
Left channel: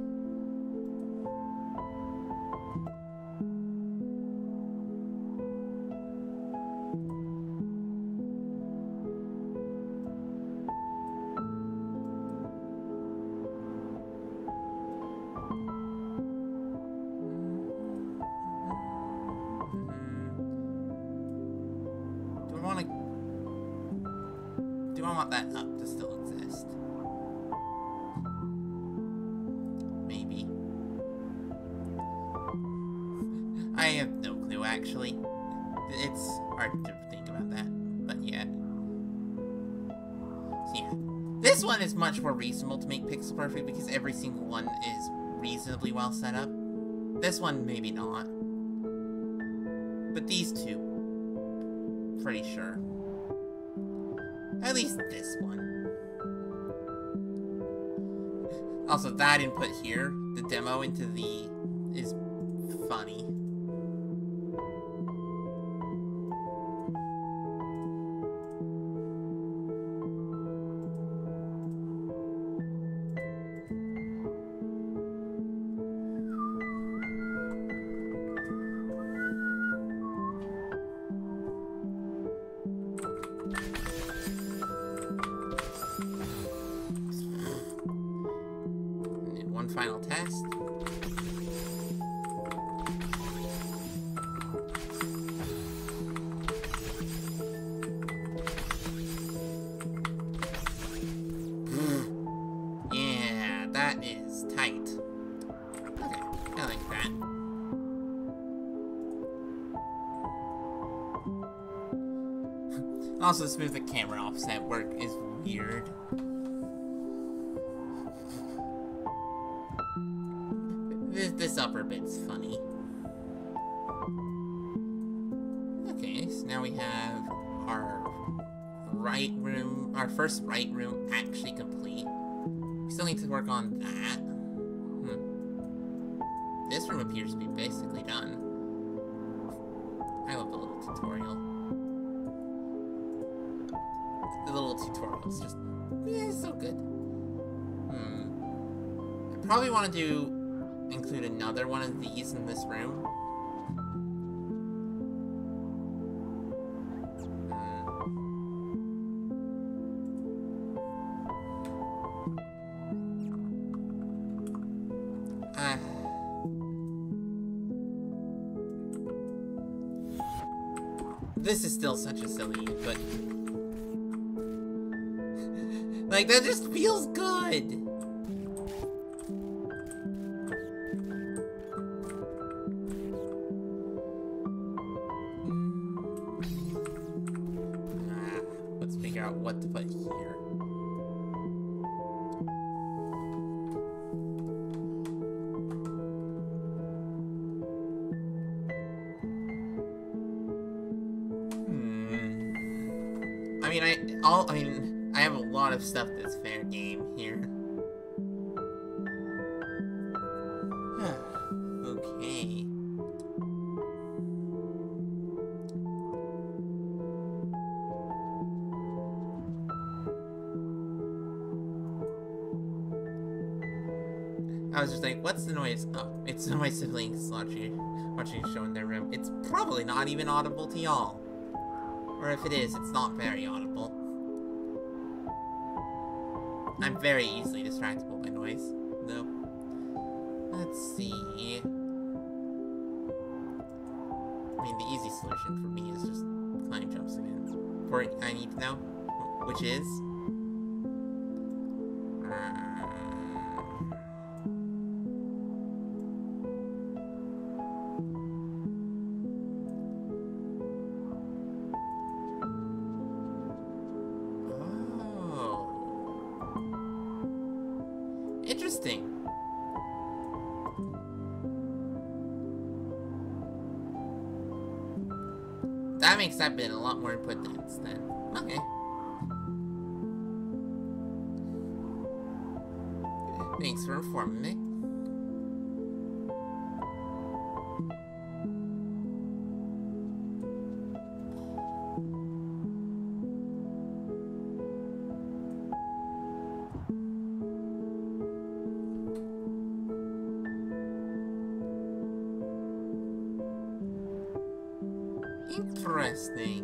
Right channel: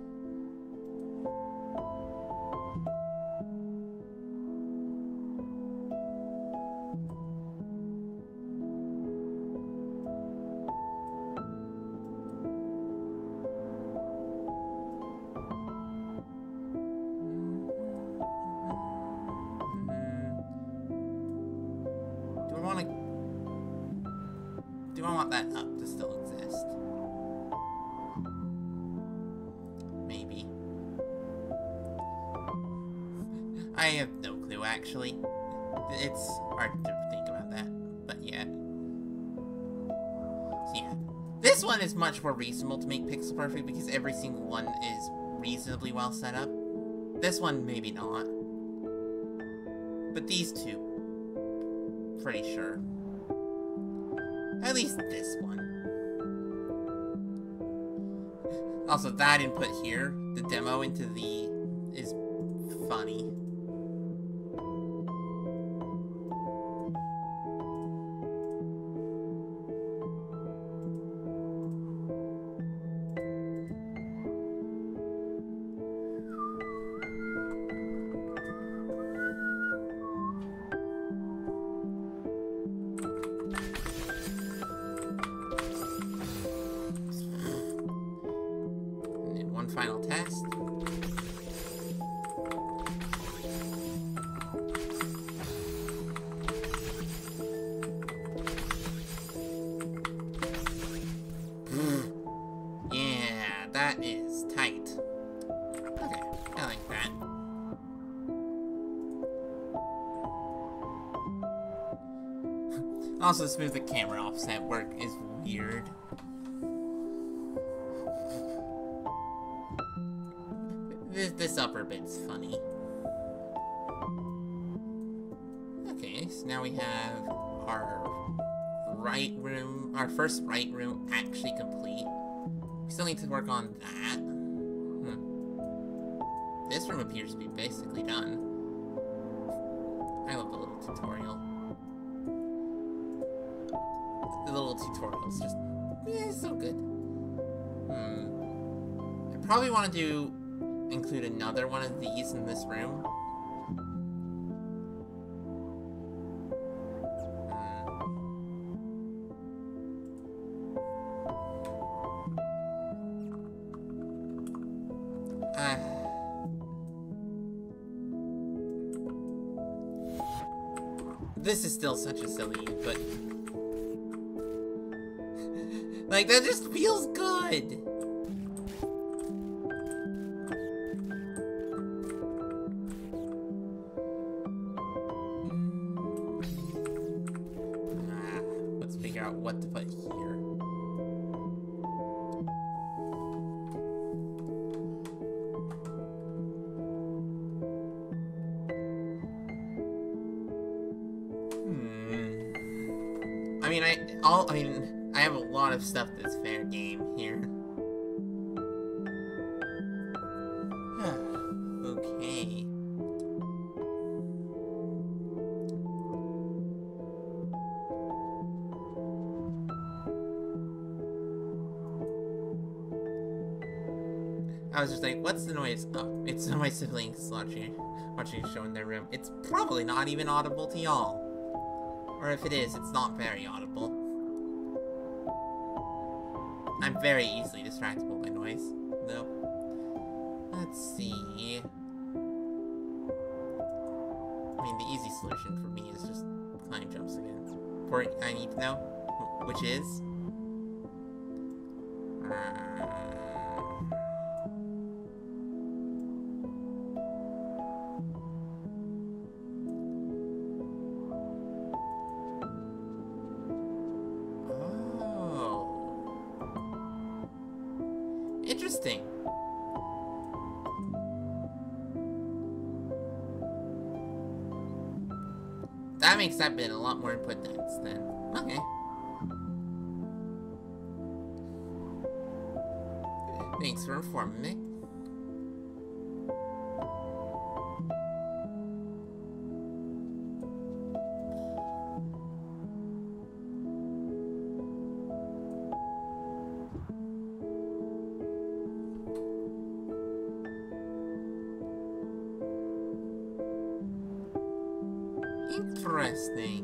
Do I want that up to still exist? Maybe. I have no clue, actually. It's hard to think about that, but yeah. So yeah. This one is much more reasonable to make pixel perfect because every single one is reasonably well set up. This one, maybe not. But these two, pretty sure. At least this one. Also, that input here, the demo into the, is funny. one final test. Yeah, that is tight. Okay, I like that. Also, smooth the camera offset work is weird. This upper bit's funny. Okay, so now we have our right room, our first right room actually complete. We still need to work on that. This room appears to be basically done. I love the little tutorial. The little tutorial's just, yeah, so good. I probably want to include another one of these in this room. This is still such a silly, but like, that just feels good. Let's figure out what to put here. I have a lot of stuff that's fair game here. Okay. I was just like, what's the noise? Oh, it's my siblings watching a show in their room. It's probably not even audible to y'all. Or if it is, it's not very audible. I'm very easily distractible by noise, though. Let's see. I mean, the easy solution for me is just climb jumps again. For I need to know, which is... Interesting. That makes that bit a lot more input dense then. Okay. Thanks for informing me. Interesting.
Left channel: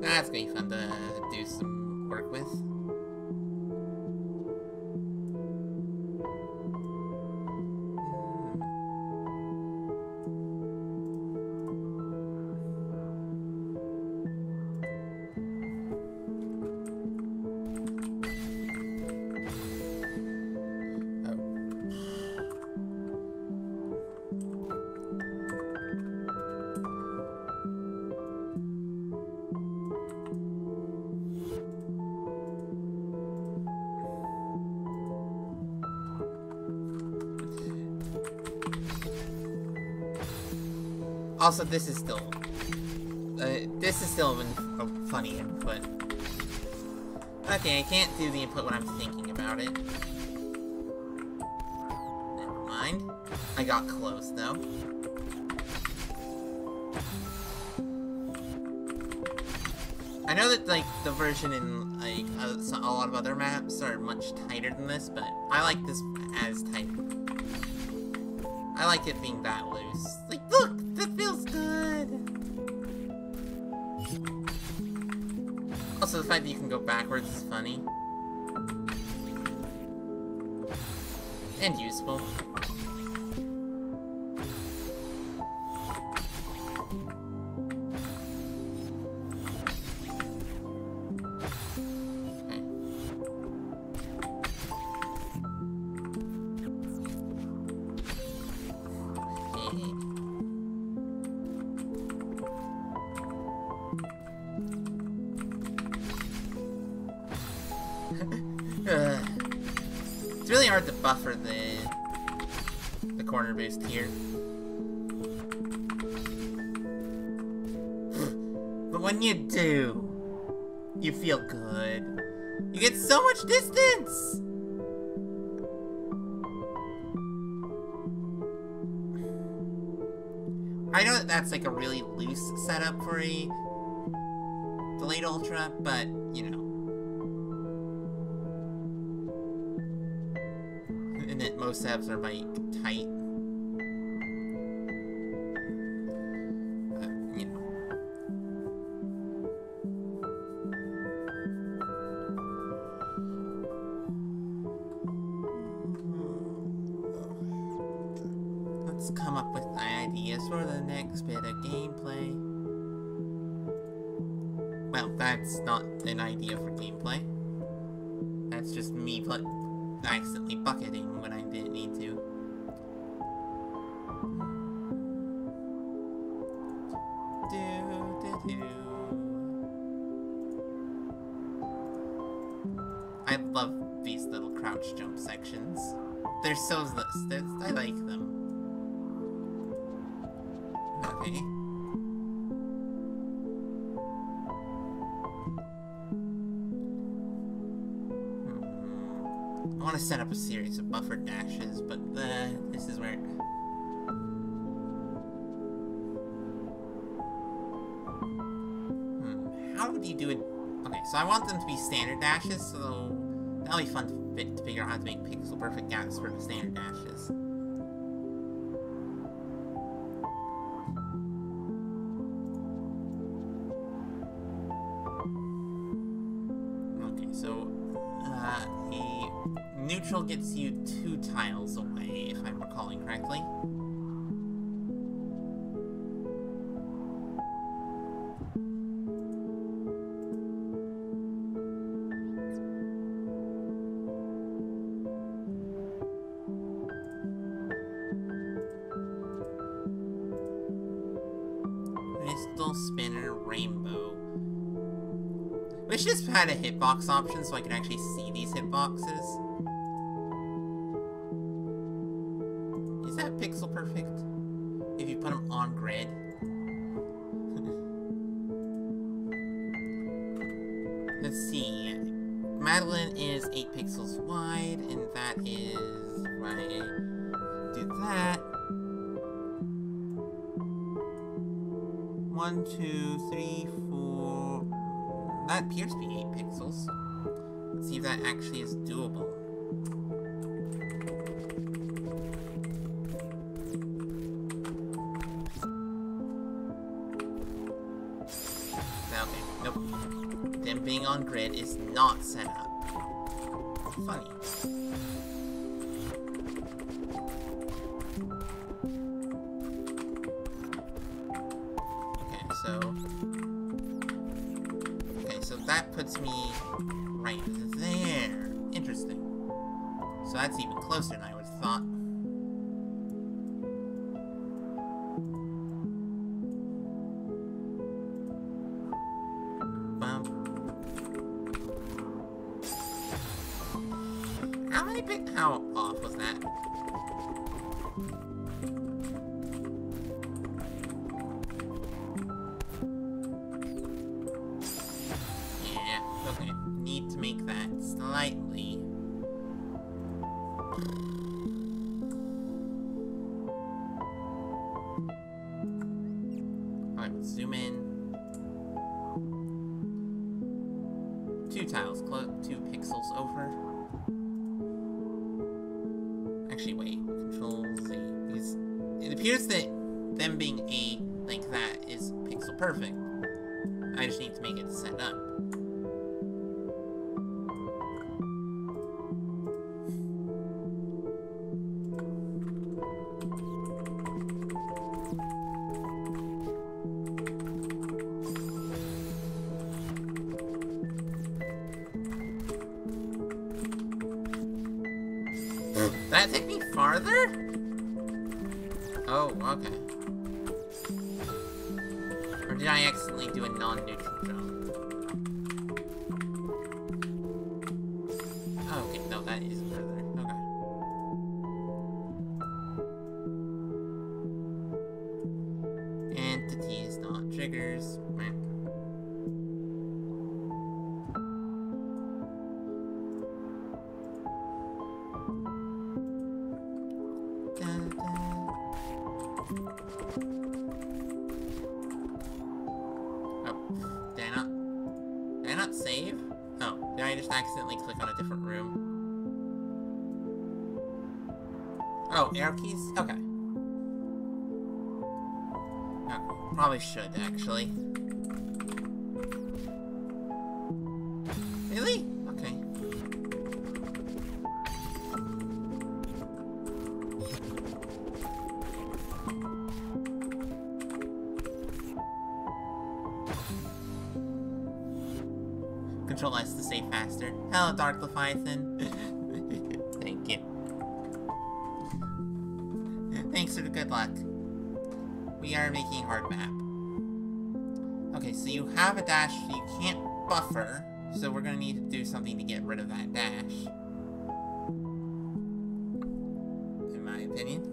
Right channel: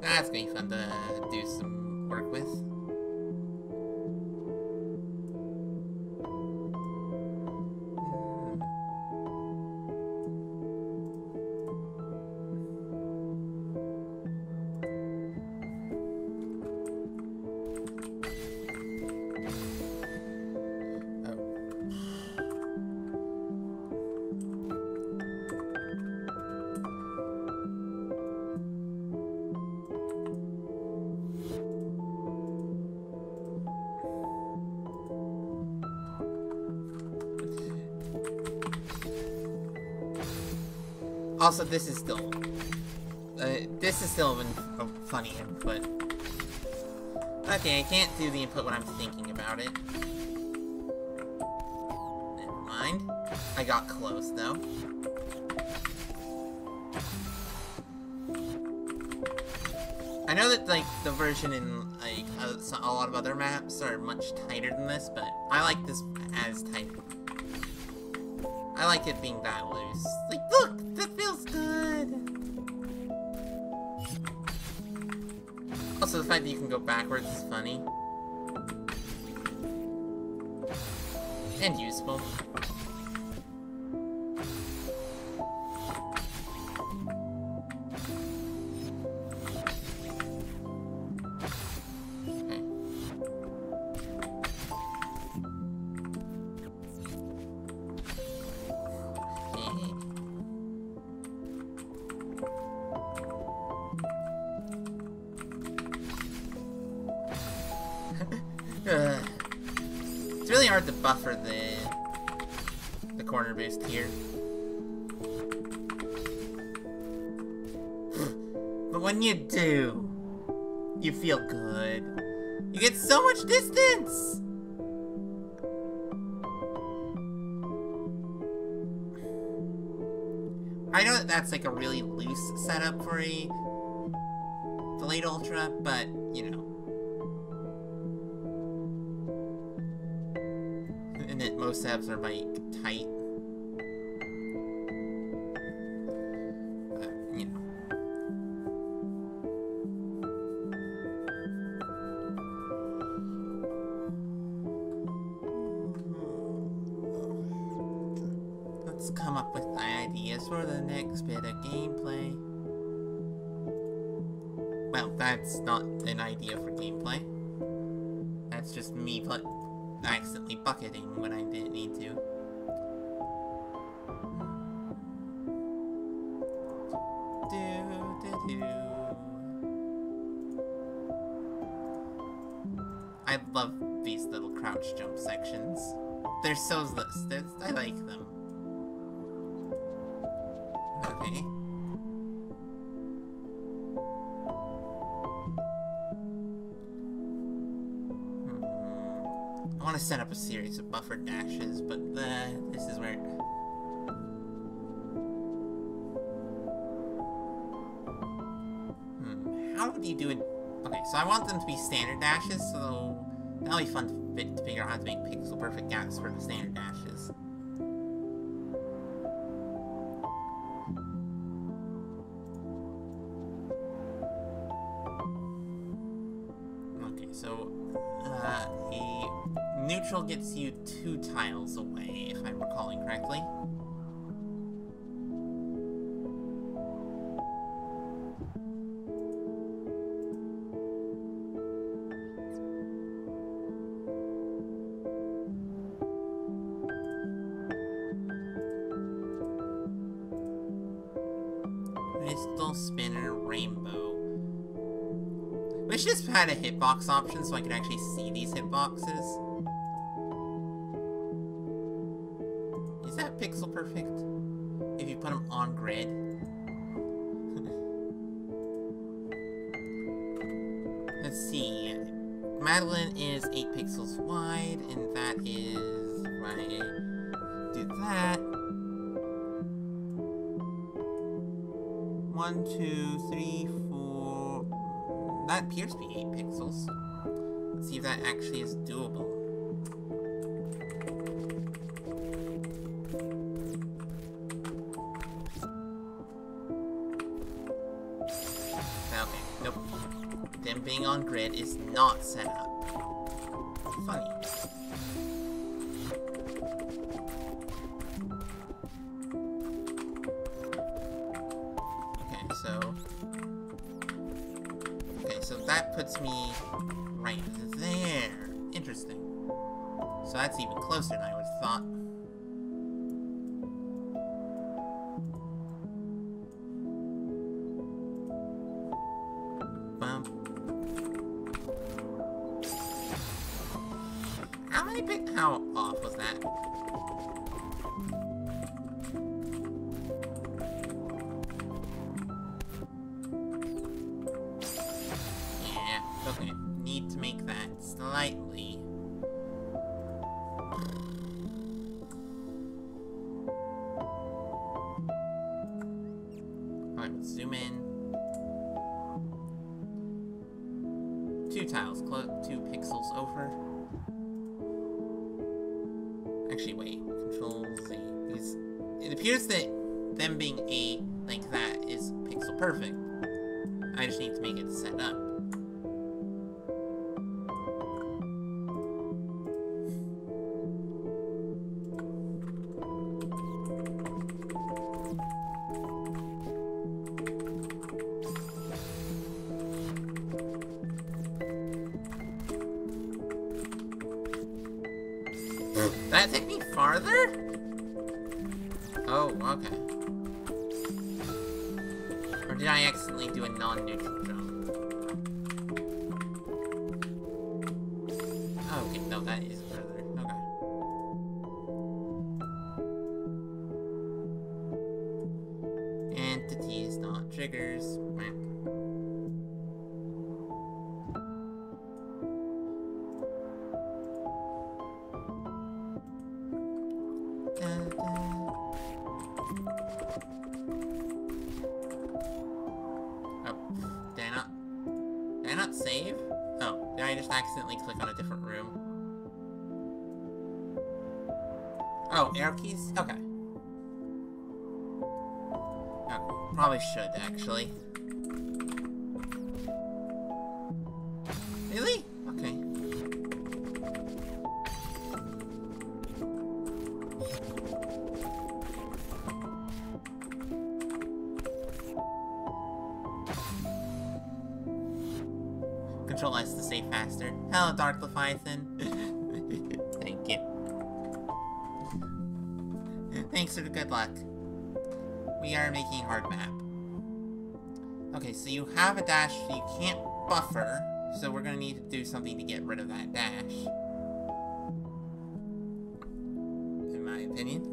That's gonna be fun to do some work with. Also, this is still a funny input. Okay, I can't do the input when I'm thinking about it. Never mind. I got close, though. I know that, like, the version in, like, a lot of other maps are much tighter than this, but I like this as tight. I like it being that loose. Like, look! That feels good! Also, the fact that you can go backwards is funny. And useful. It's really hard to buffer the corner boost here. But when you do, you feel good. You get so much distance! I know that that's like a really loose setup for a delayed ultra, but, you know. And that most setups are, like, tight. But, you know. Let's come up with ideas for the next bit of gameplay. Well, that's not an idea for gameplay. That's just me accidentally bucketing when I didn't need to. I love these little crouch jump sections. They're so I like them. Okay. I want to set up a series of buffered dashes, but this is where... How would you do it? Okay, so I want them to be standard dashes, so that'll be fun to figure out how to make pixel perfect gaps for the standard dashes. Okay, so a neutral gets you 2 tiles away, if I'm recalling correctly. Crystal Spinner Rainbow. Wish this had a hitbox option so I could actually see these hitboxes. Is that pixel perfect? If you put them on grid? Let's see. Madeline is 8 pixels wide, and that is... Right. Do that. 1, 2, 3, 4... That appears to be 8 pixels. Let's see if that actually is doable. Okay, nope. Them being on grid is not set up. Funny. So that puts me right there. Interesting. So that's even closer than I would have thought. How off was that? Okay, need to make that slightly. Alright, let's zoom in. 2 tiles, 2 pixels over. Actually, wait, Control Z. Because it appears that them being A like that is pixel perfect. I just need to make it set up. farther? Oh, okay. Or did I accidentally do a non-neutral jump? Okay, no, that is further. Okay. Entities, not triggers. Meh. Oh, did I not save? Oh, did I just accidentally click on a different room? Oh, arrow keys? Okay. Okay, probably should, actually. Really? Okay. Control S to save faster. Hello, Dark Leviathan. Thank you. Thanks for the good luck. We are making a hard map. Okay, so you have a dash, so you can't buffer, so we're gonna need to do something to get rid of that dash. In my opinion.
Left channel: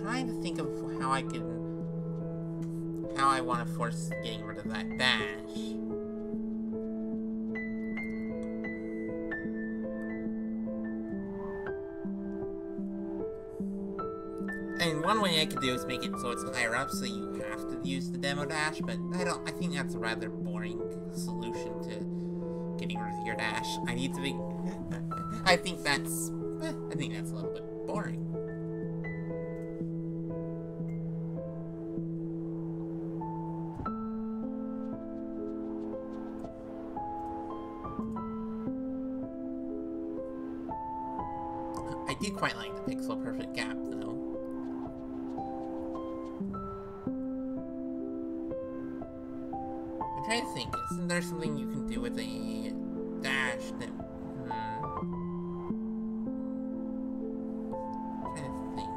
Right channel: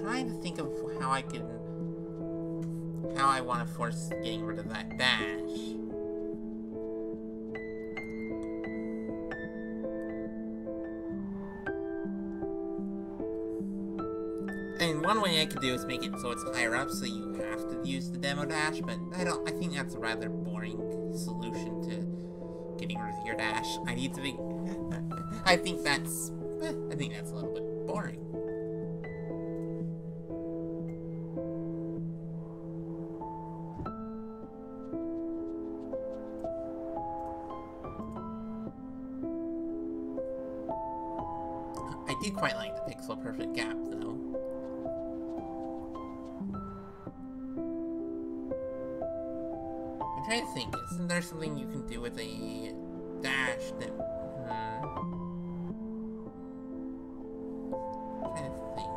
Trying to think of how I want to force getting rid of that dash. And one way I could do is make it so it's higher up, so you have to use the demo dash, but I think that's a rather boring solution to getting rid of your dash. I need to be, I think that's a little bit boring. I do quite like the pixel perfect gap, though. I'm trying to think, isn't there something you can do with a dash that... I'm trying to think.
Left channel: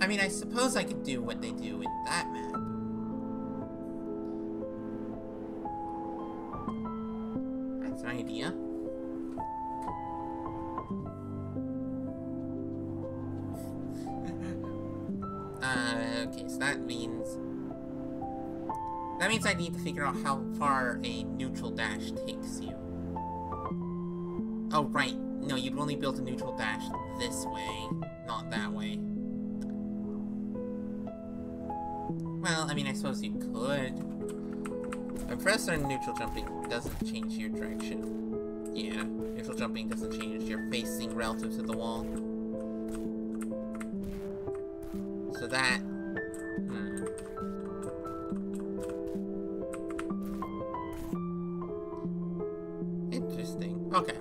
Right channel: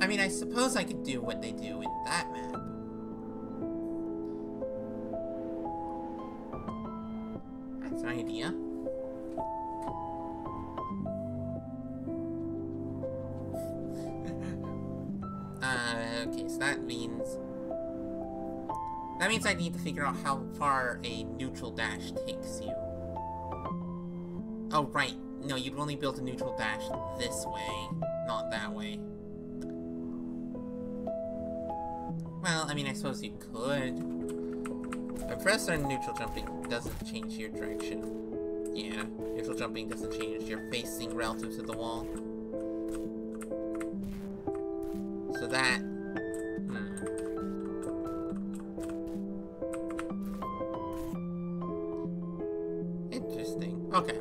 I mean, I suppose I could do what they do in that map. That's an idea. Okay, so that means I need to figure out how far a neutral dash takes you. Oh, right. No, you'd only build a neutral dash this way, not that way. Well, I mean, I suppose you could. But first, neutral jumping doesn't change your direction. Yeah, neutral jumping doesn't change your facing relative to the wall. So that... Interesting. Okay.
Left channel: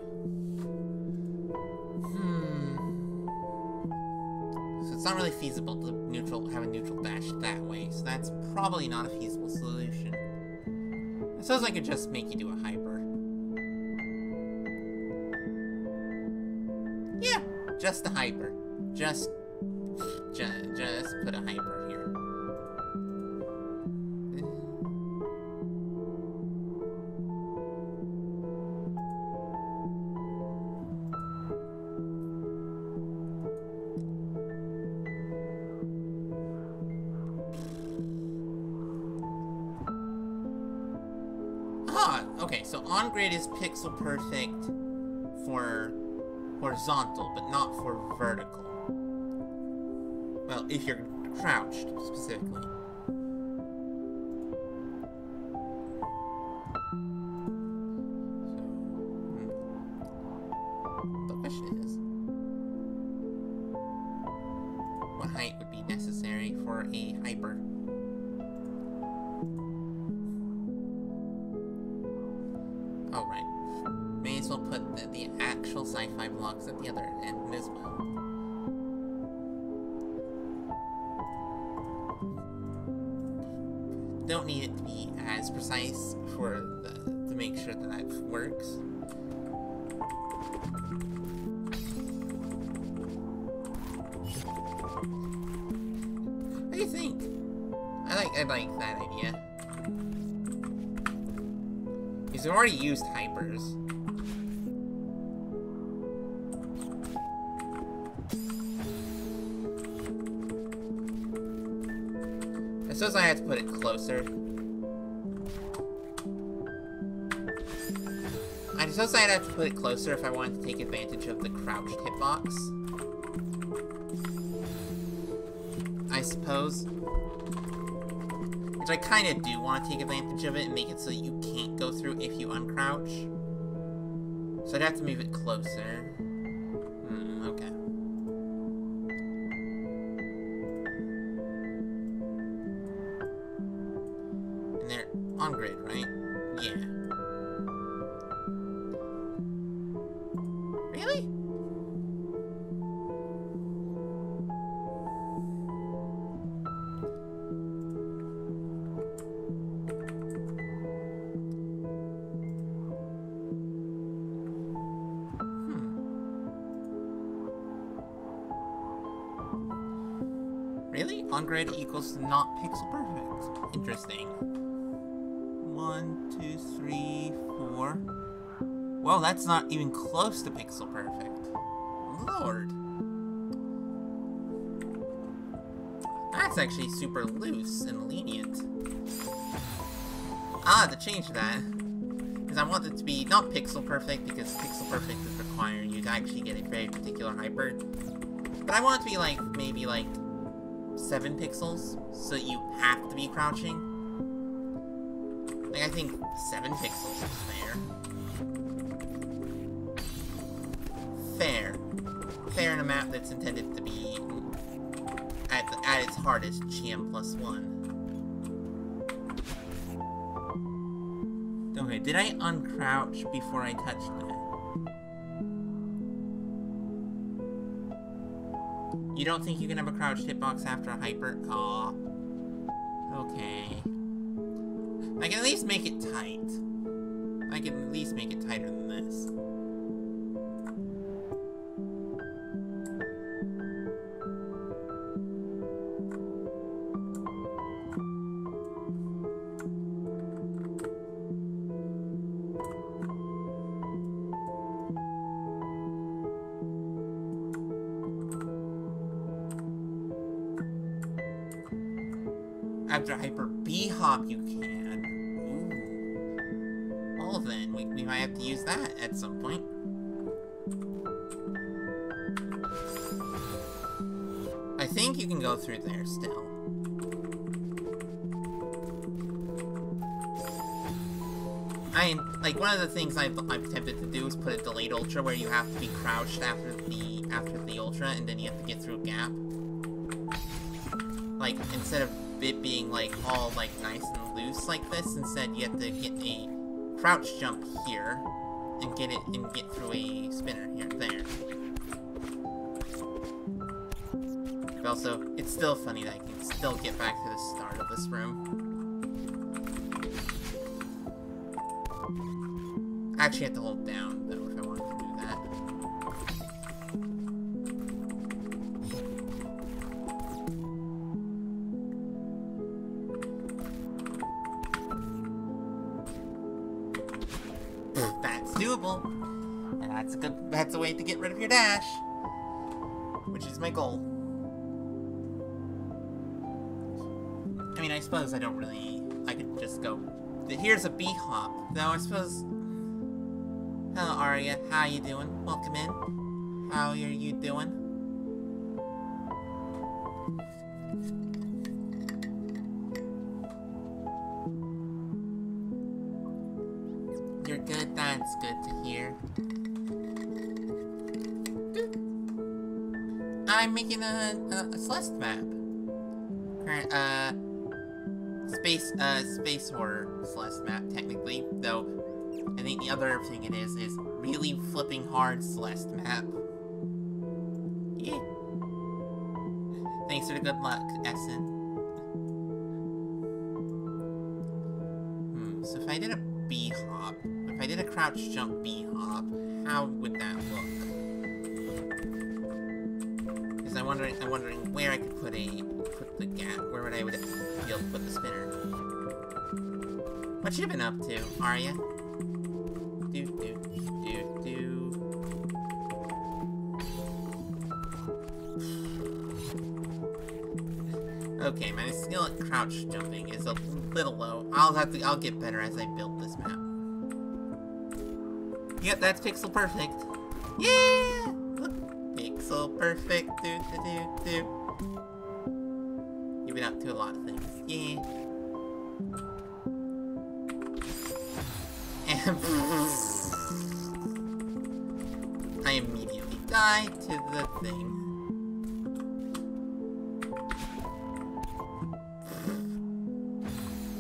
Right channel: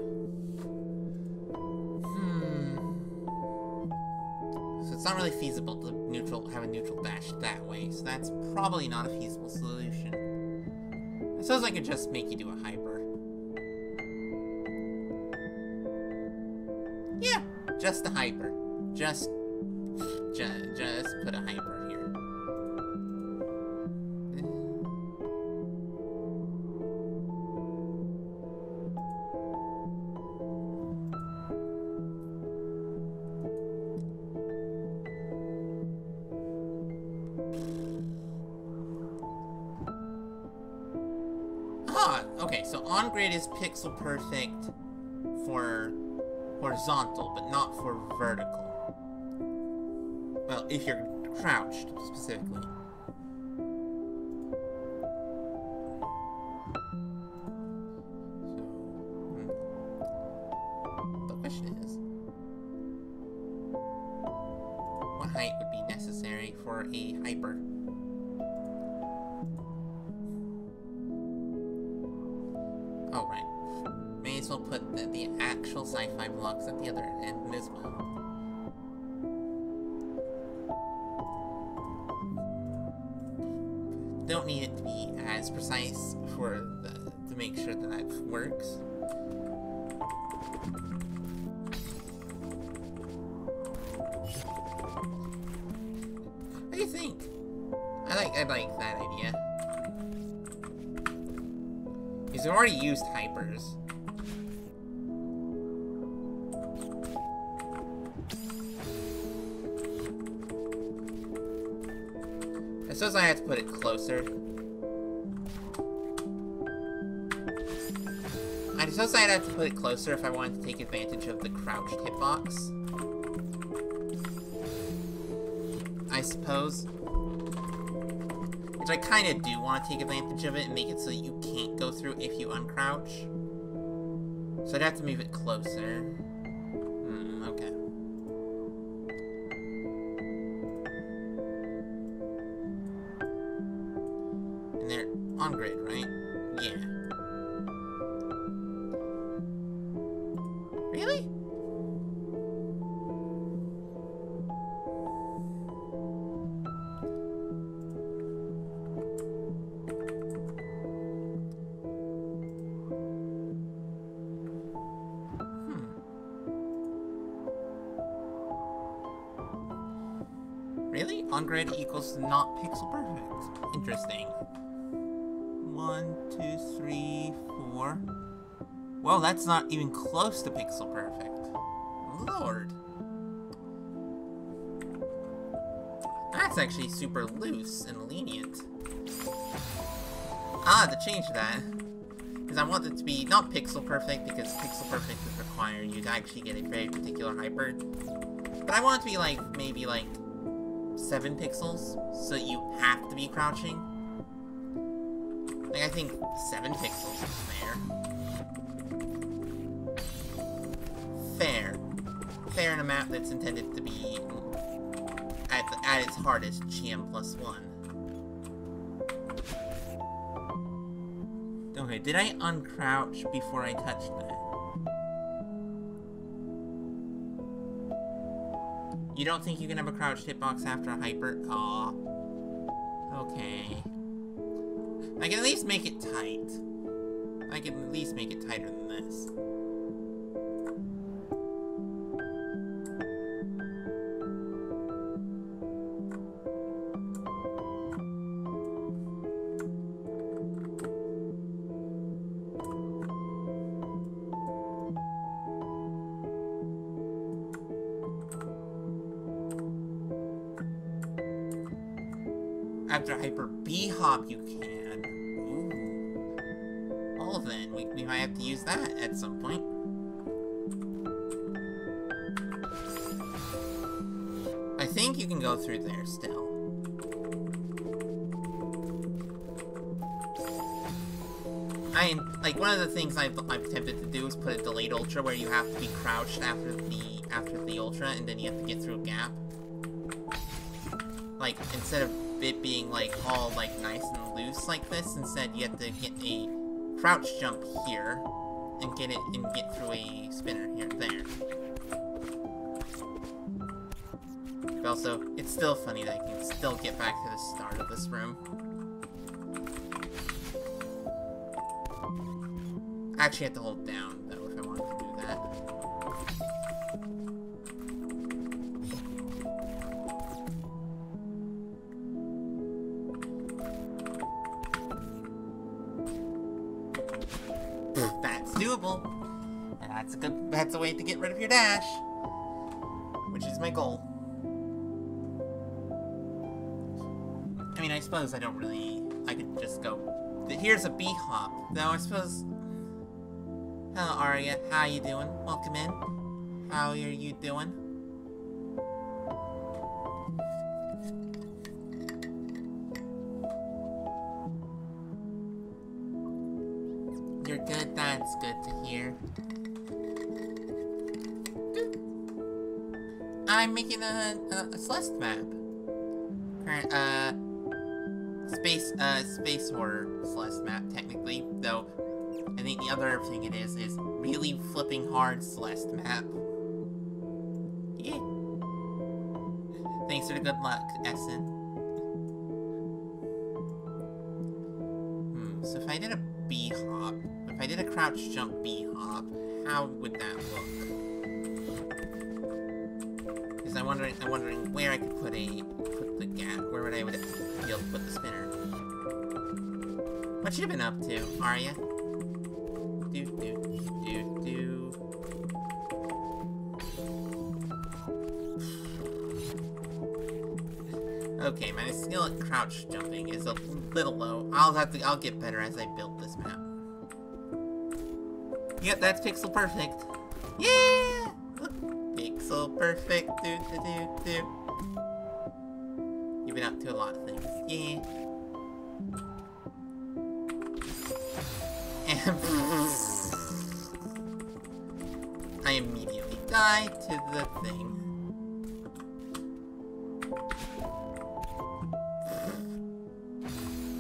So it's not really feasible to have a neutral dash that way, so that's probably not a feasible solution. I suppose I could just make you do a hyper. Yeah, just a hyper. Just put a hyper here. Okay, so on grid is pixel perfect for horizontal, but not for vertical. Well, if you're crouched, specifically. So, the question is... for a hyper. Oh, right. May as well put the actual sci-fi blocks at the other end as well. Don't need it to be as precise to make sure that works. What do you think? I like that idea. Because we already used hypers. I suppose I have to put it closer. I suppose I'd have to put it closer if I wanted to take advantage of the crouched hitbox. I suppose. Which I kind of do want to take advantage of it and make it so that you can't go through if you uncrouch. So I'd have to move it closer. Okay. And they're on grid, right? Yeah. Really? Really? On grid equals not pixel perfect. Interesting. 1, 2, 3, 4. Well, that's not even close to pixel perfect. Lord. That's actually super loose and lenient. To change that. Because I want it to be not pixel perfect, because pixel perfect would require you to actually get a very particular hyper. But I want it to be like, maybe like 7 pixels, so you have to be crouching. Like, I think 7 pixels is fair. Fair in a map that's intended to be, at its hardest, GM+1. Okay, did I uncrouch before I touched that? You don't think you can have a crouched hitbox after a hyper? Aw. Okay. I can at least make it tight. I can at least make it tighter than this. After hyper B-hop you can. Ooh. Well then, we might have to use that at some point. I think you can go through there still. Like, one of the things I've attempted to do is put a delayed ultra where you have to be crouched after the ultra, and then you have to get through a gap. Like, instead of it being like all like nice and loose like this, instead you have to get a crouch jump here and get through a spinner here there. But also, it's still funny that I can still get back to the start of this room. I actually have to hold down though if I wanted to do that. That's doable. And that's a way to get rid of your dash. Which is my goal. I mean, I suppose I could just go, here's a B-hop. Though I suppose, hello Arya, how you doing? Welcome in. How are you doing? You're good, that's good to hear. I'm making a Celeste map. Space horror Celeste map, technically, though I think the other thing it is really flipping hard Celeste map. Yeah. Thanks for the good luck, Essen. So if I did a B-hop, if I did a crouch jump B-hop, how would that look? Because I'm wondering where I could put the gap. Where would I be able to put the spinner? What you been up to, Arya? Do. Okay, my skill at crouch jumping is a little low. I'll get better as I build this map. Yep, that's pixel perfect. Yeah! Look, pixel perfect. Do. You've been up to a lot of things. Yeah. And I immediately die to the thing.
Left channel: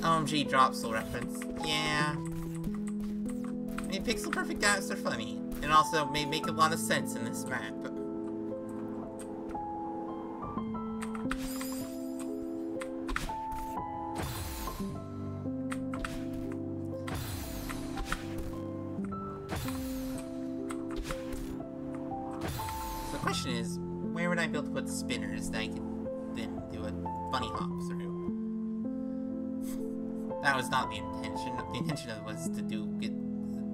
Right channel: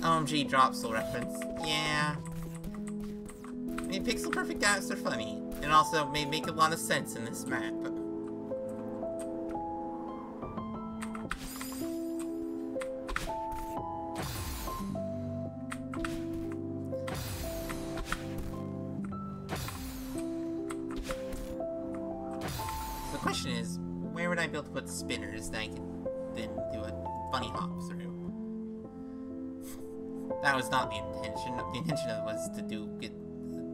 OMG drop soul reference. Yeah. I mean, pixel perfect gaps are funny, and also may make a lot of sense in this map. So the question is, where would I be able to put spinners that I could then do a bunny hop through? That was not the intention. The intention of it was to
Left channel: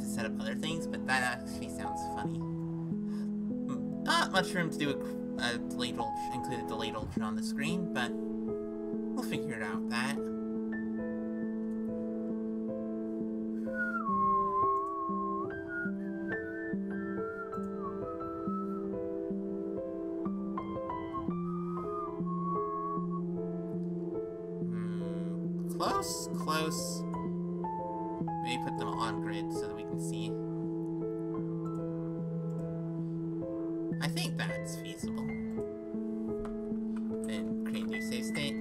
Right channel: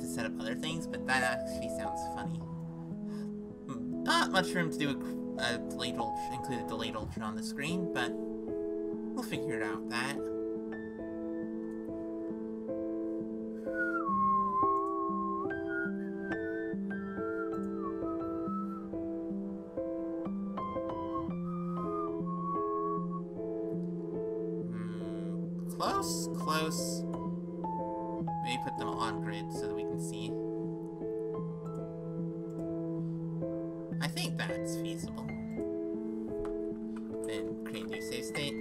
set up other things, but that actually sounds funny. Not much room to do a delayed ultra, include a delayed ultra on the screen, but we'll figure it out. That. Close. Maybe put them on grid so that we can see. I think that's feasible. Then create a new save state.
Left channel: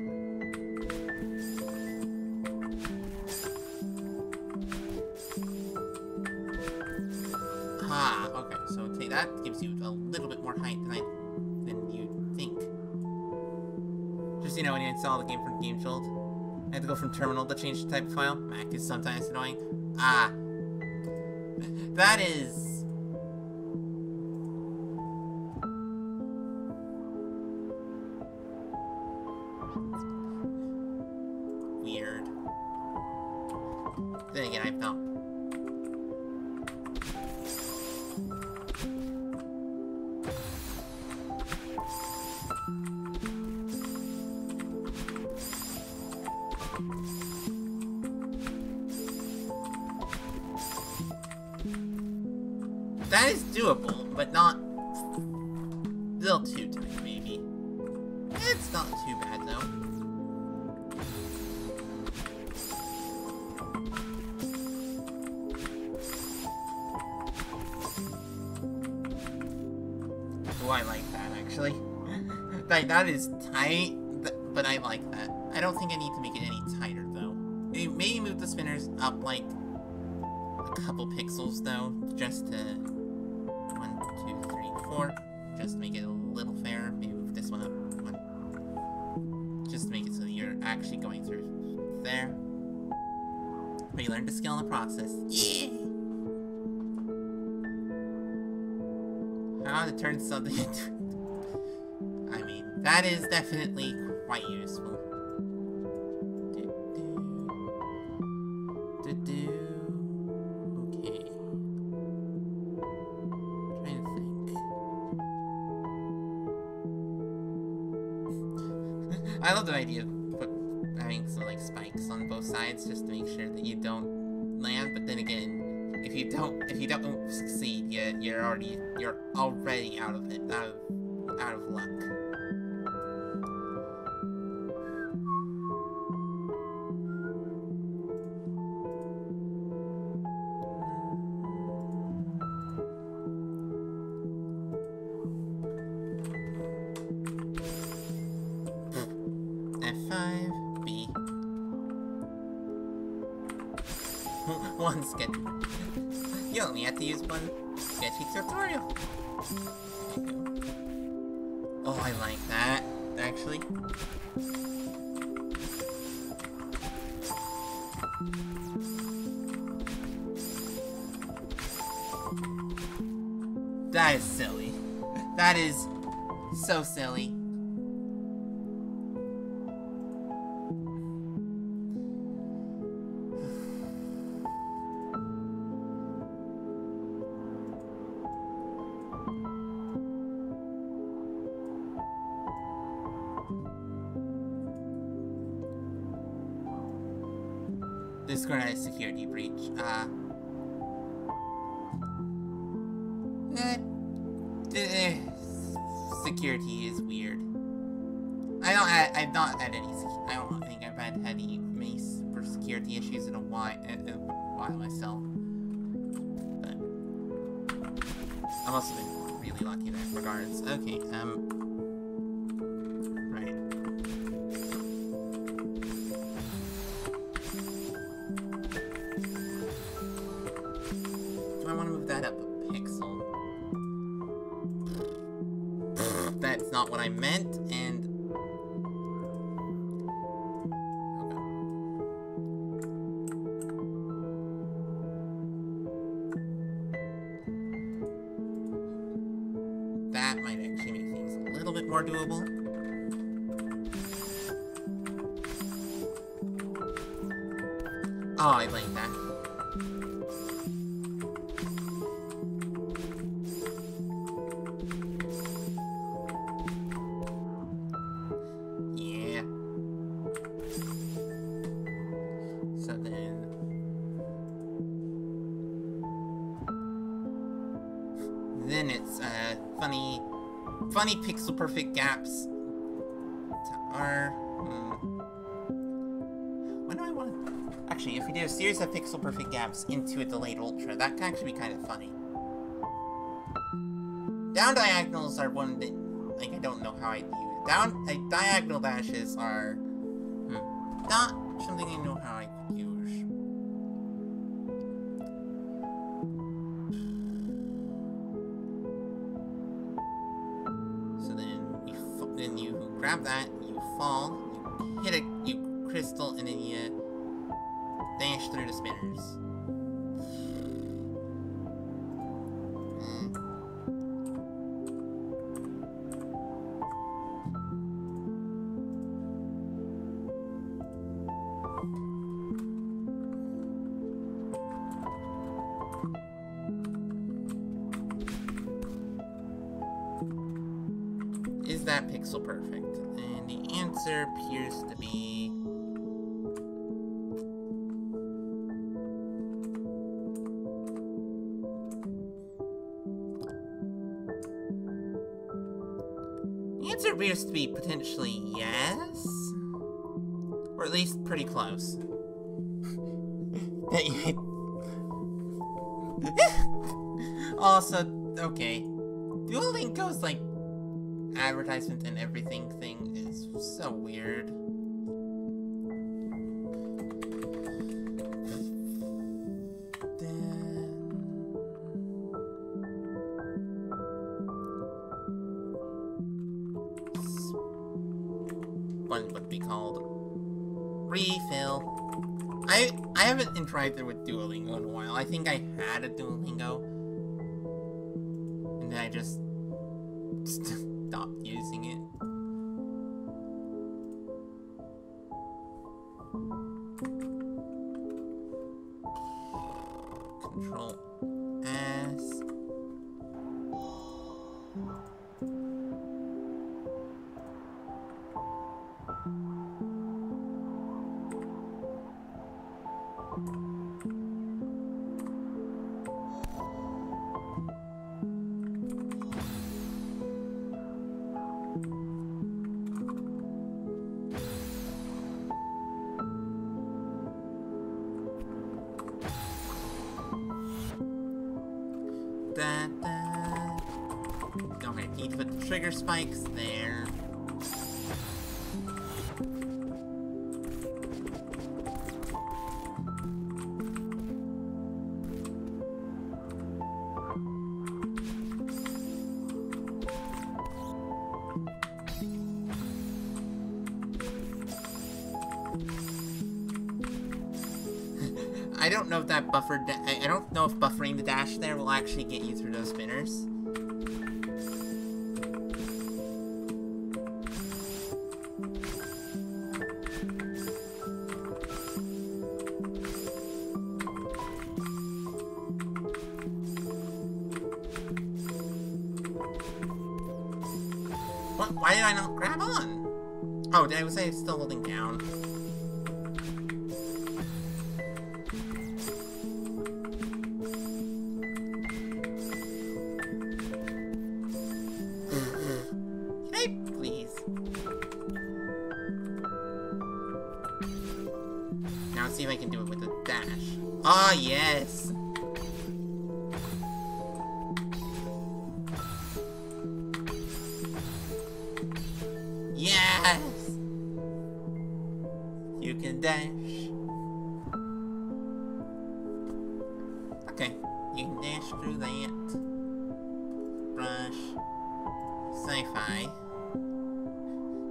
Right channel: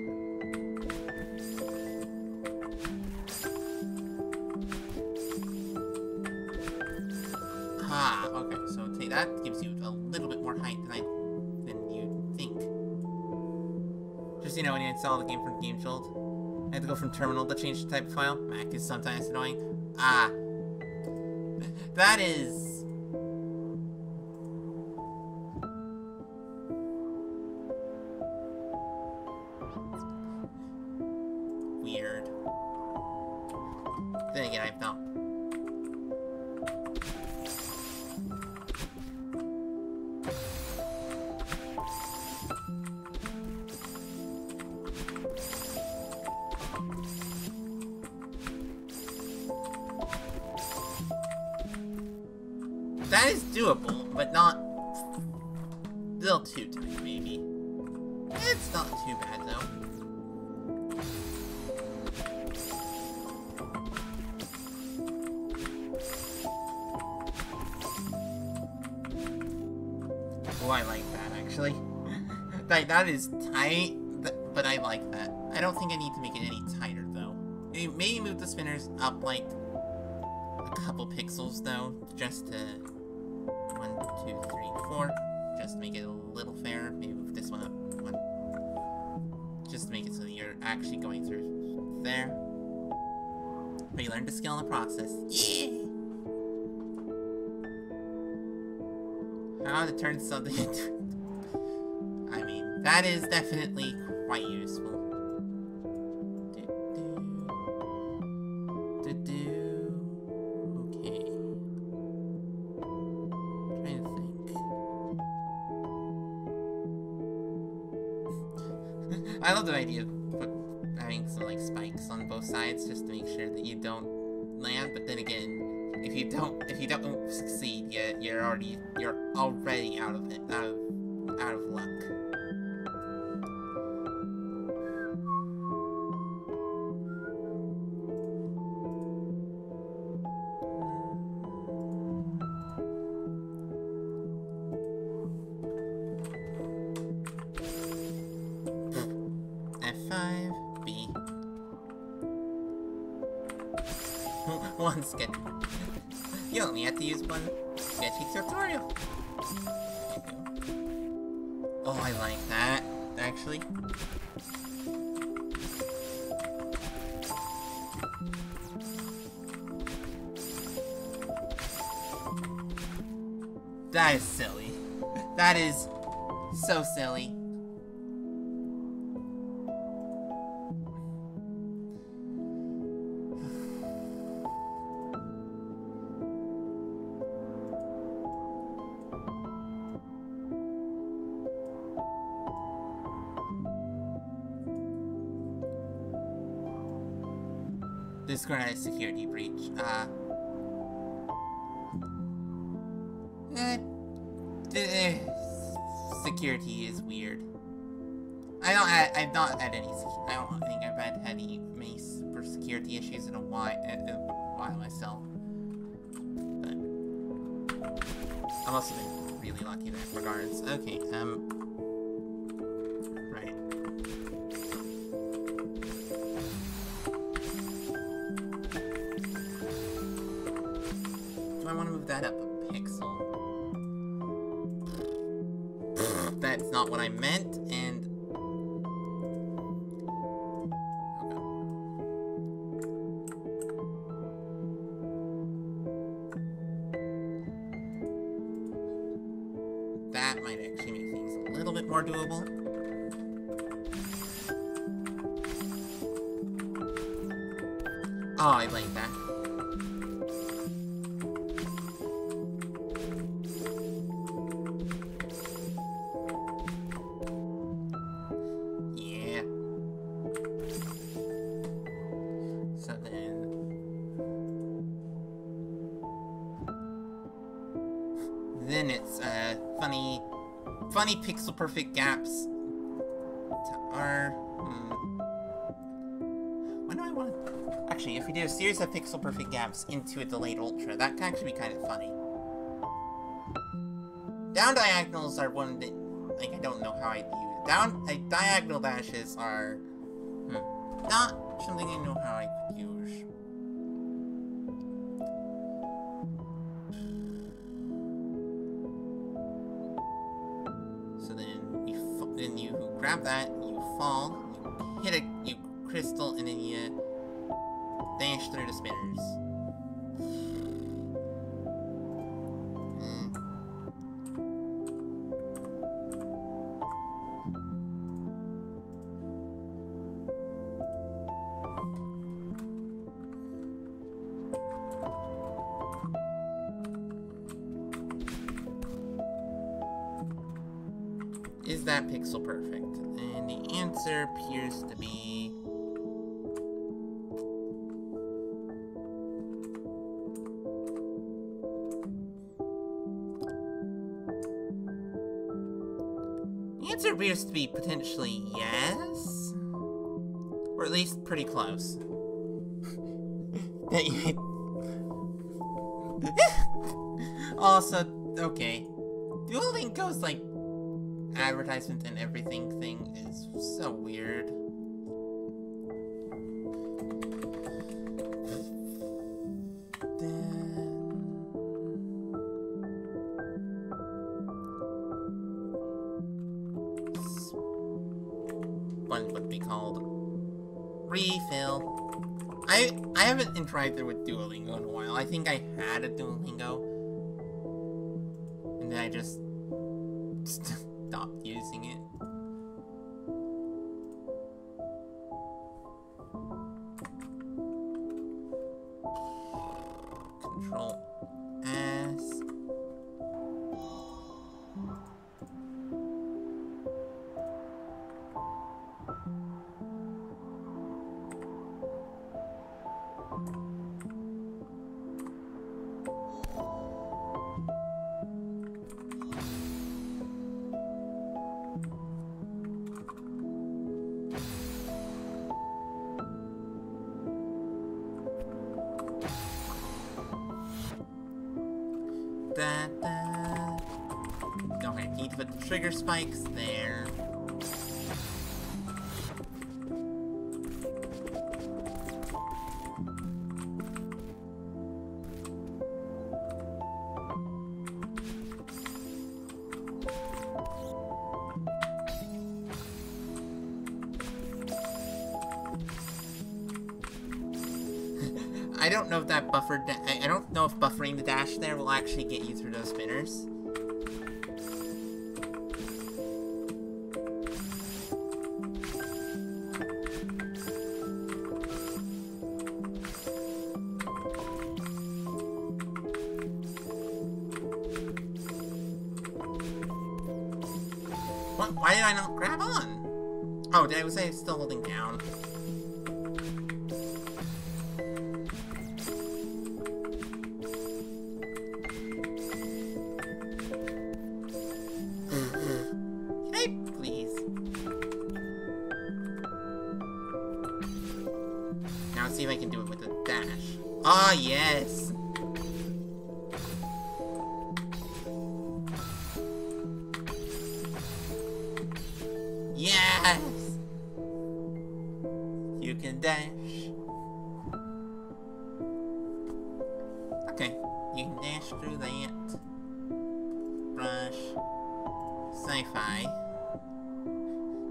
Ah, okay, so that gives you a little bit more height than you think. Just, you know, when you install the game from Game Jolt, I had to go from terminal to change the type of file. Mac is sometimes annoying. Ah. That is... weird. Then again, I felt... That is doable, but not... still too tight, maybe. It's not too bad, though. Oh, I like that, actually. That is tight, but I like that. I don't think I need to make it any tighter, though. Maybe move the spinners up, like, a couple pixels, though, just to... 1, 2, 3, 4. Just to make it a little fairer. Maybe move this one up 1. Just to make it so that you're actually going through there. But you learn to skill in the process. Yeah! How to turn something into... I mean, that is definitely quite useful. Okay. Trying to think. I love the idea of having some like spikes on both sides just to make sure that you don't land, but then again, if you don't succeed, you're already out of it, out of luck. F5. One sketch. You only have to use one sketchy tutorial. There you go. Oh, I like that, actually. That is silly. That is so silly. Discord had a security breach. Security is weird. I've not had any. I don't think I've had any many super security issues in a while myself. But I've also been really lucky in that regards. Okay, right. Do I want to move that up a pixel? That's not what I meant, and... Okay. That might actually make things a little bit more doable. Oh, I like that. Then it's funny pixel perfect gaps to our when do I want to actually, if we do a series of pixel perfect gaps into a delayed ultra, that can actually be kind of funny. Down diagonals are one that, like, I don't know how I'd use diagonal dashes are not something I know how I could use. So then you grab that, you fall, you hit you crystal, and then you dash through the spinners. Is that pixel perfect? And the answer appears to be... The answer appears to be potentially yes? Or at least pretty close. Also, okay. Duolingo's like advertisement and everything thing is so weird. One would be called refill. I haven't interacted with Duolingo in a while. I think I had a Duolingo, and then I just stopped using it. Control S. Okay, need to put the trigger spikes there. I don't know if that I don't know if buffering the dash there will actually get you through those spinners. What? Why did I not grab on? Oh, did I was still holding down? Can I please? Now let's see if I can do it with a dash. Ah, yes! Yes! You can dash. Okay, you can dash through that. Brush. Sci-fi.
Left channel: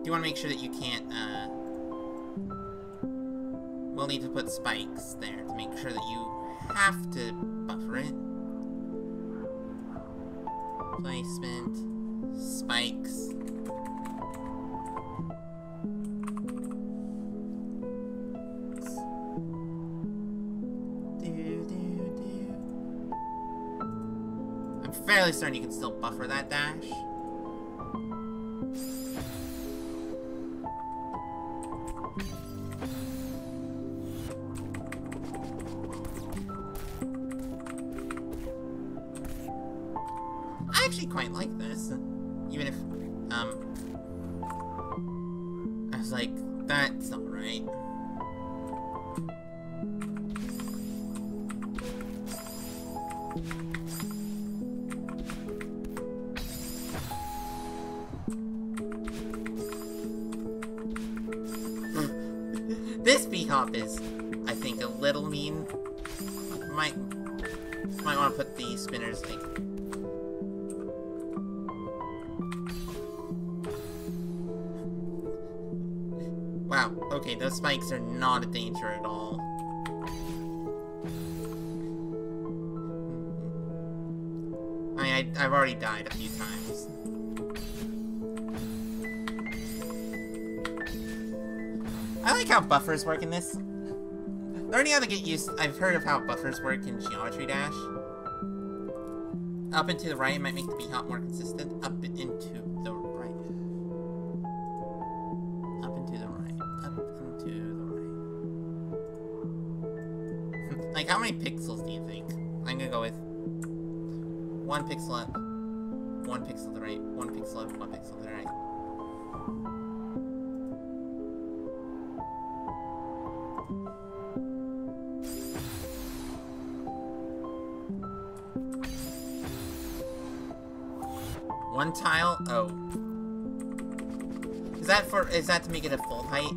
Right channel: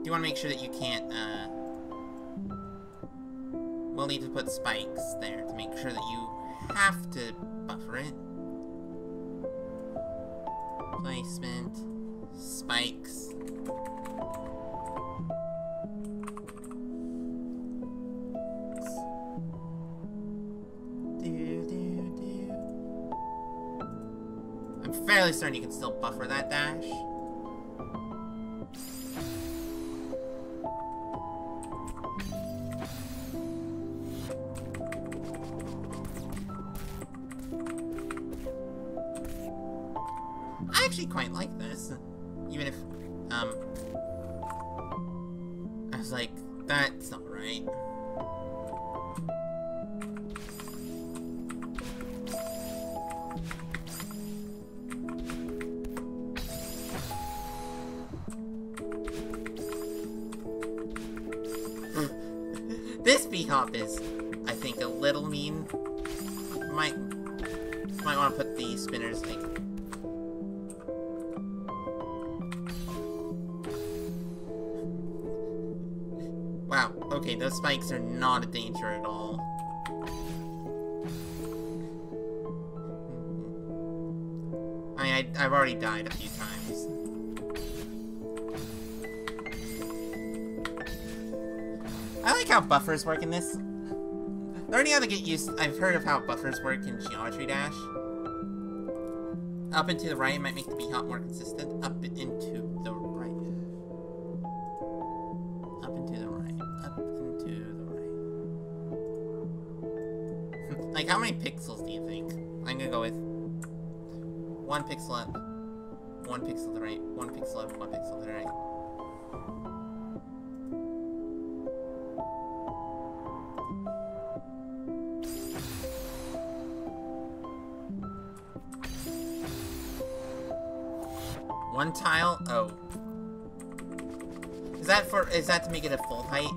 You want to make sure that you can't, we'll need to put spikes there to make sure that you have to buffer it. Placement. Spikes. I'm fairly certain you can still buffer that dash. I actually quite like this, even if, I was like, that's not right. This B-hop is, I think, a little mean. Might want to put the spinners, like... Wow, okay, those spikes are not a danger at all. I mean, I've already died a few times. I like how buffers work in this. Learning how to get used... I've heard of how buffers work in Geometry Dash. Up and to the right might make the B-hop more consistent. Up and into the right. Up and to the right. Up and to the right. Like, how many pixels do you think? I'm gonna go with 1 pixel up, 1 pixel to the right, 1 pixel up, 1 pixel to the right. One tile? Oh. Is that to make it a full height?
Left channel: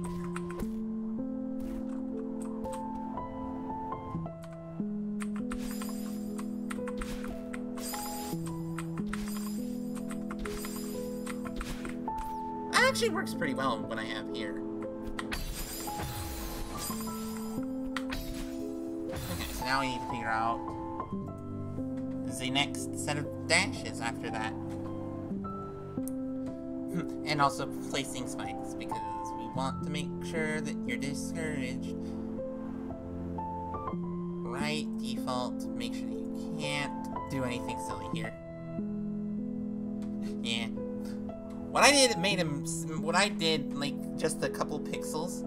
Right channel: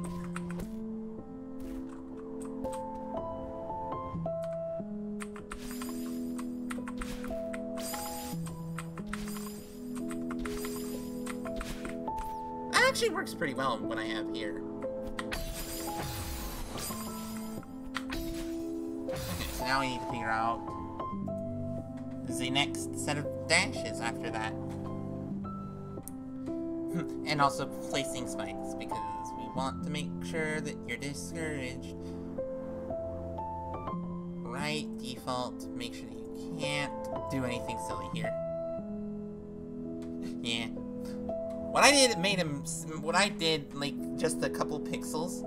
That actually works pretty well when I have here. Okay, so now we need to figure out the next set of dashes after that. And also placing spikes, because we want to make sure that you're discouraged. Right, default, make sure that you can't do anything silly here. Yeah. What I did, like, just a couple pixels,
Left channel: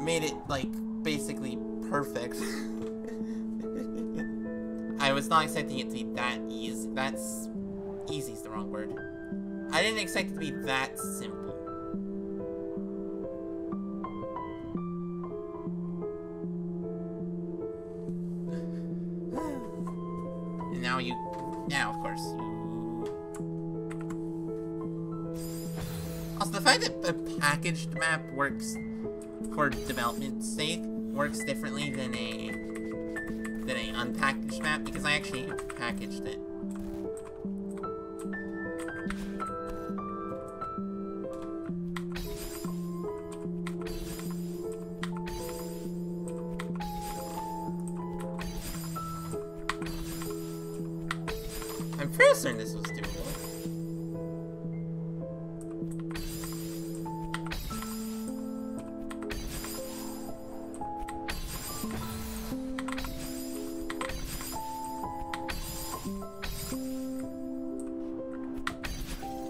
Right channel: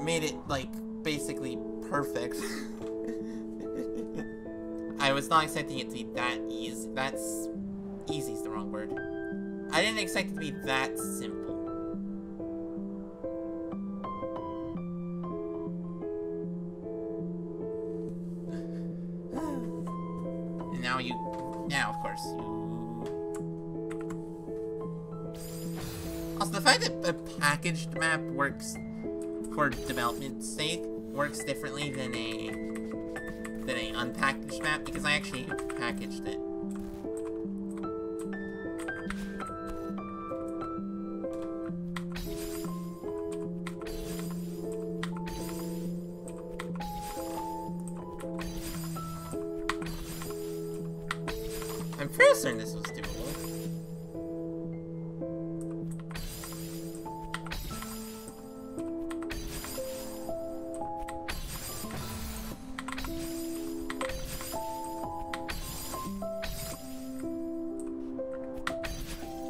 made it, like, basically perfect. I was not expecting it to be that easy. Easy's the wrong word. I didn't expect it to be that simple. And now of course you... Also, the fact that a packaged map works for development's sake works differently than a unpackaged map, because I actually packaged it. I'm pretty certain this was doable.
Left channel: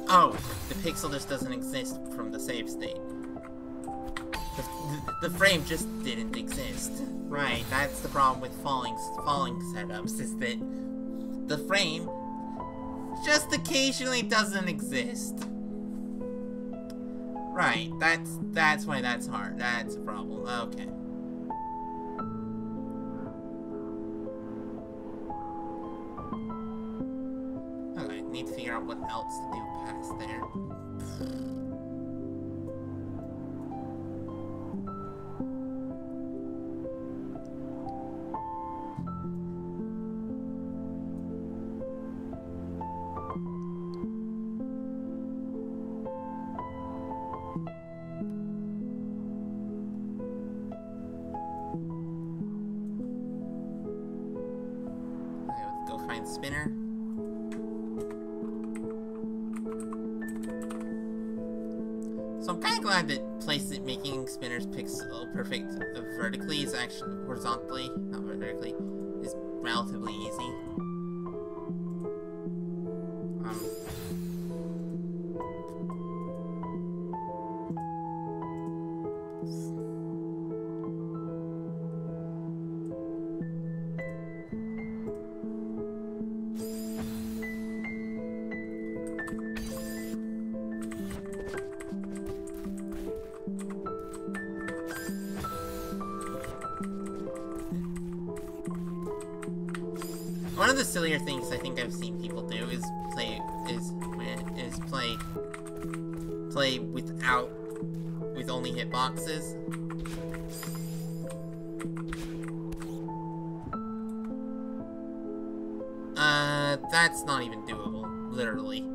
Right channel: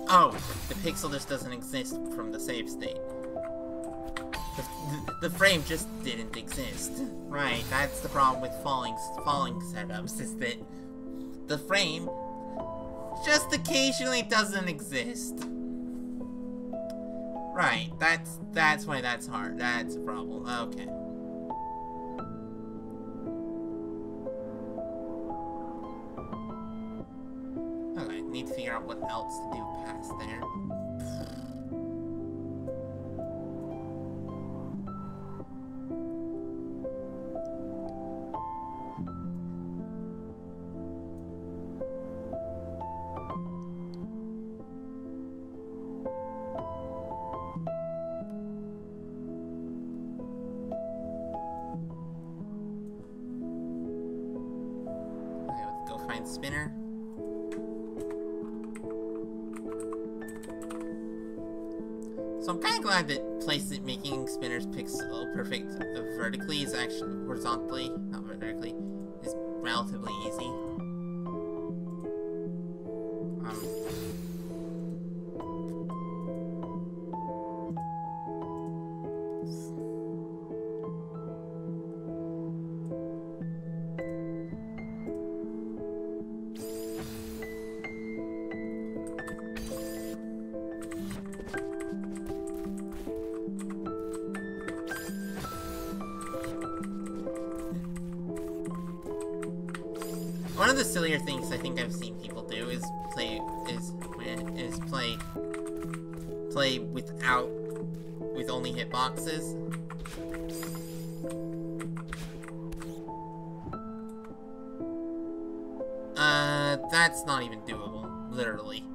Oh, the pixel just doesn't exist from the save state. The frame just didn't exist. Right, that's the problem with falling setups, is that the frame just occasionally doesn't exist. Right, that's why that's hard. That's a problem. Okay. Okay, need to figure out what else to do past there. Okay, let's go find Spinner. So I'm kind of glad that making Spinner's pixel perfect vertically is actually horizontally, not vertically, is relatively easy. One of the sillier things I think I've seen people do is play with only hitboxes. That's not even doable, literally.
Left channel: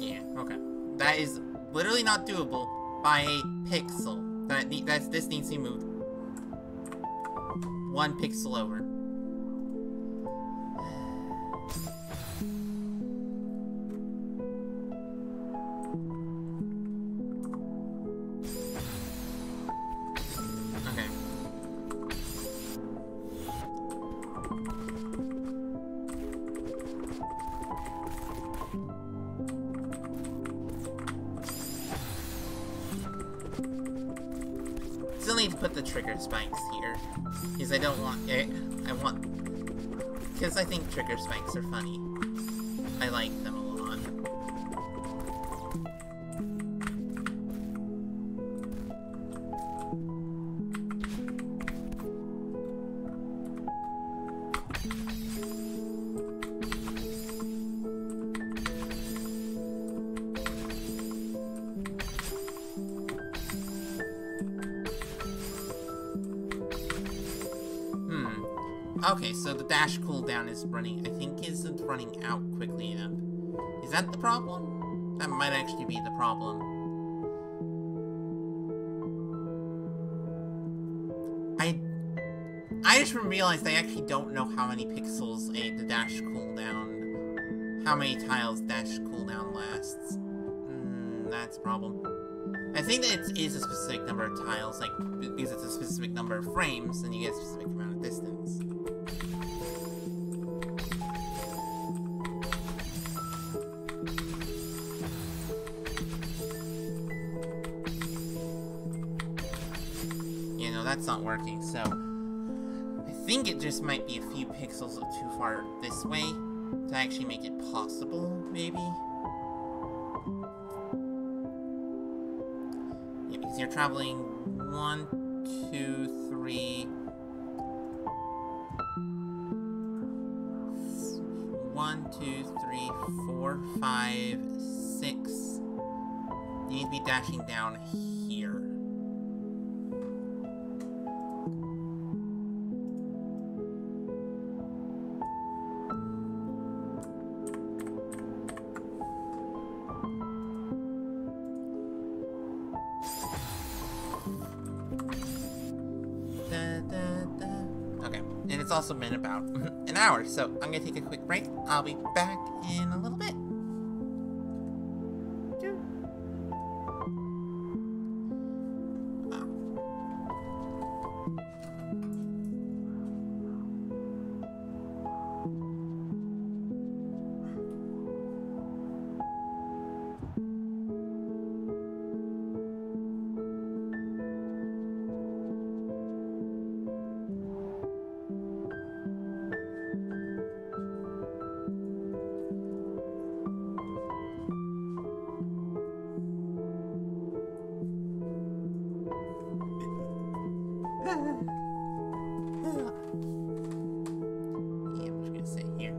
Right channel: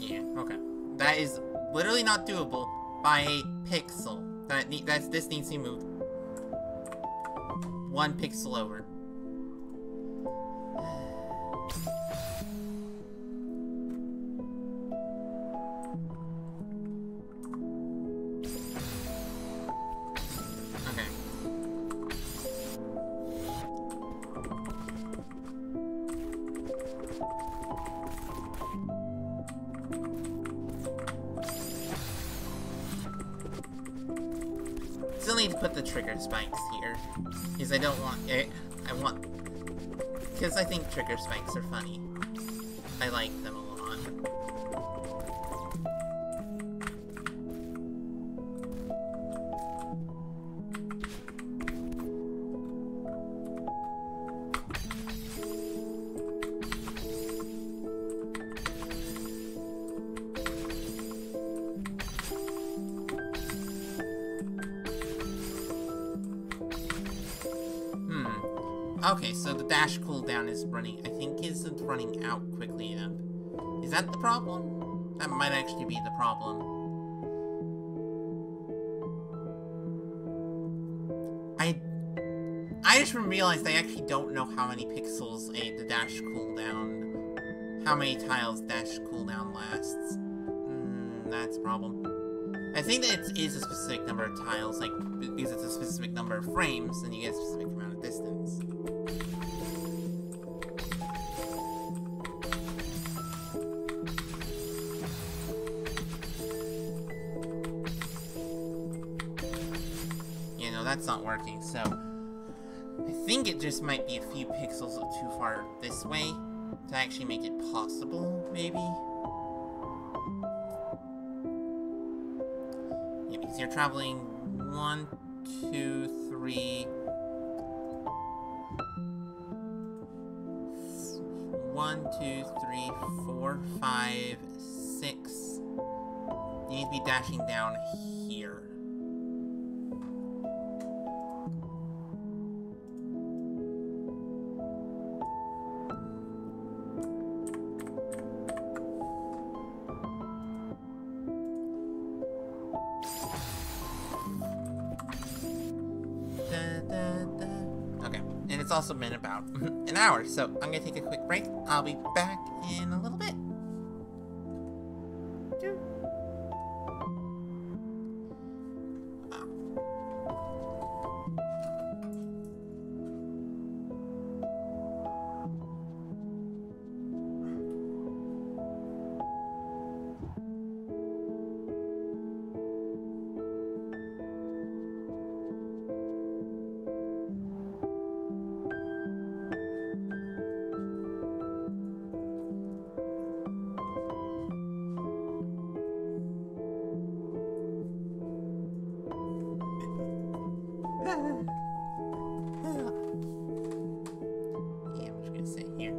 Yeah, okay. That is literally not doable by a pixel. This needs to be moved 1 pixel over. Okay. Still need to put the trigger spikes here, because I don't want because I think trigger spikes are funny. I like them a lot. Okay, so the dash cooldown is isn't running out quickly enough. Is that the problem? That might actually be the problem. I just realized I actually don't know how many pixels the dash cooldown, how many tiles dash cooldown lasts. That's a problem. I think that it is a specific number of tiles, like, because it's a specific number of frames, and you get a specific amount of distance. Yeah, no, that's not working, so I think it just might be a few pixels too far this way to actually make it possible, maybe? Yeah, because you're traveling 1, 2, 3... 1, 2, 3, 4, 5, 6. You need to be dashing down here. it's also been about an hour, so I'm gonna take a quick break. I'll be back in a little bit. Yeah, I'm just gonna sit here.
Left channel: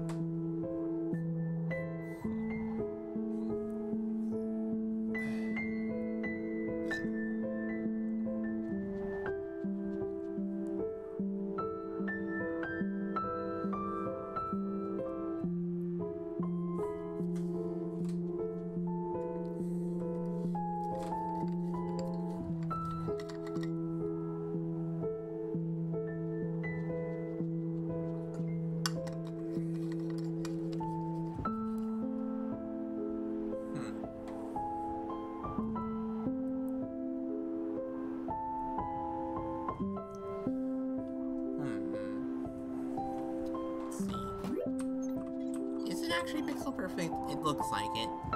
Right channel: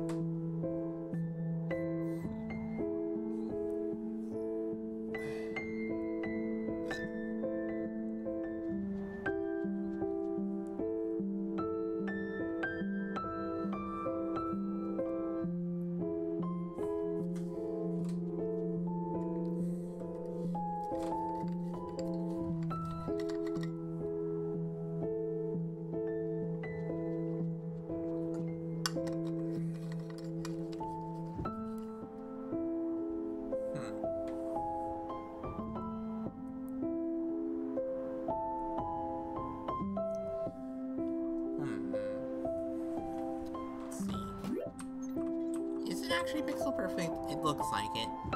Is it actually pixel perfect? It looks like it. I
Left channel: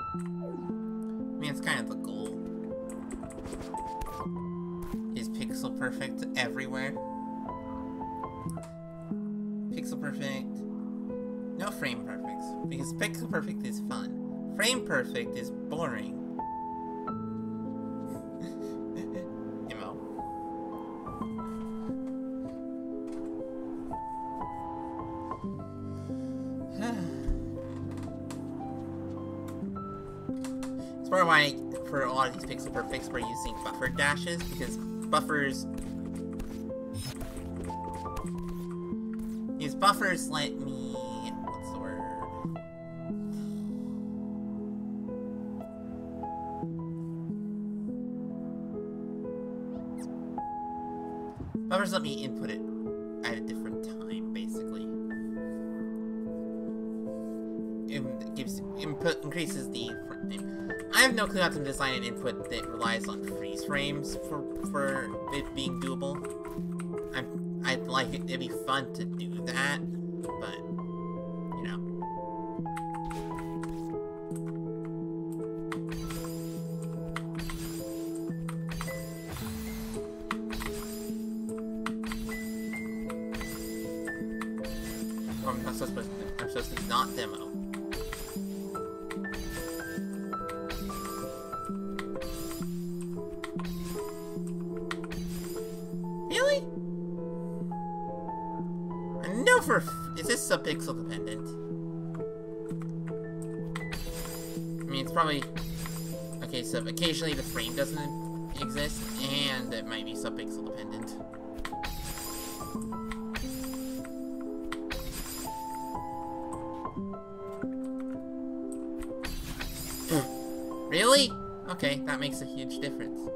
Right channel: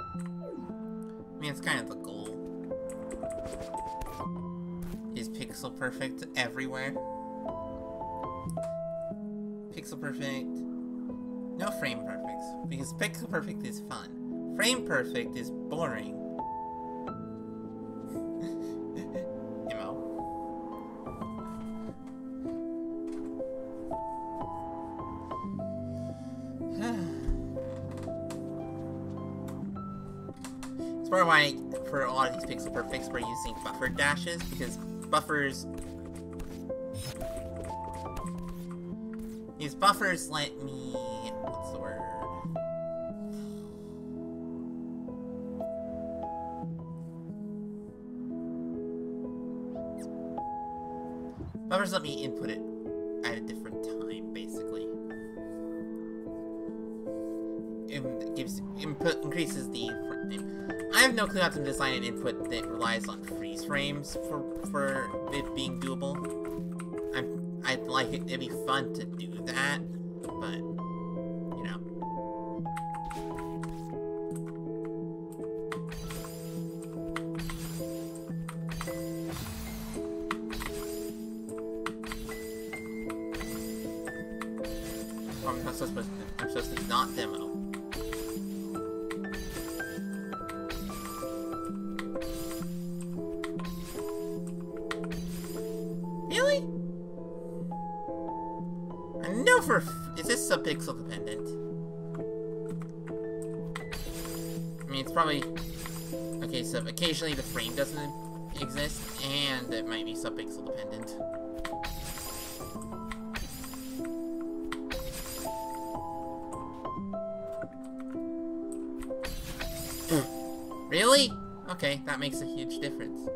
mean, it's kind of the goal. Is pixel perfect everywhere? Pixel perfect. No frame perfects. Because pixel perfect is fun. Frame perfect is boring. Emo. It's probably why, for a lot of these pixel perfects, we're using buffer dashes, because buffers... These buffers let me... What's the word? Buffers let me input it at a different time, basically. It gives input, increases the frame. I have no clue how to design an input that relies on freeze frames for it being doable. I'd like it. It'd be fun to do that, but you know. I'm supposed to not demo. Really? I know for is this subpixel dependent? I mean, it's probably okay. So occasionally the frame doesn't exist, and it might be subpixel dependent. Really? Okay, that makes a huge difference.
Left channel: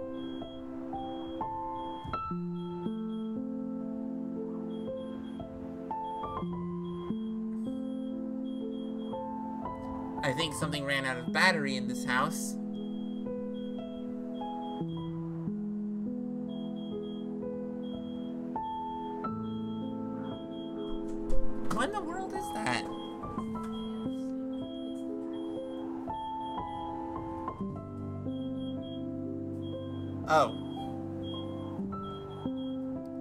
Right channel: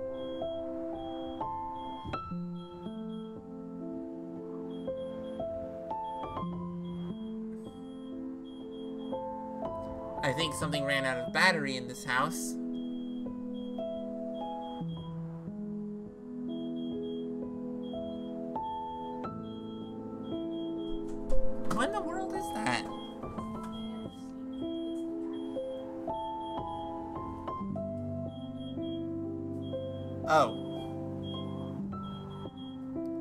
I think something ran out of battery in this house. What in the world is that? Oh.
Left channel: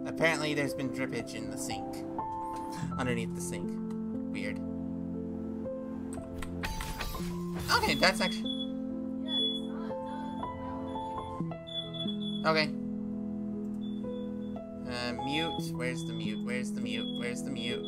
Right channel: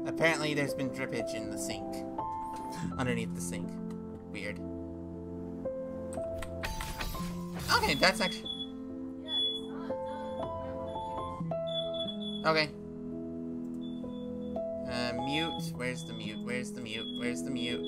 Apparently there's been drippage in the sink. Underneath the sink. Weird. Okay, that's actually... Yeah, it's not done. Okay. Mute. Where's the mute? Where's the mute? Where's the mute?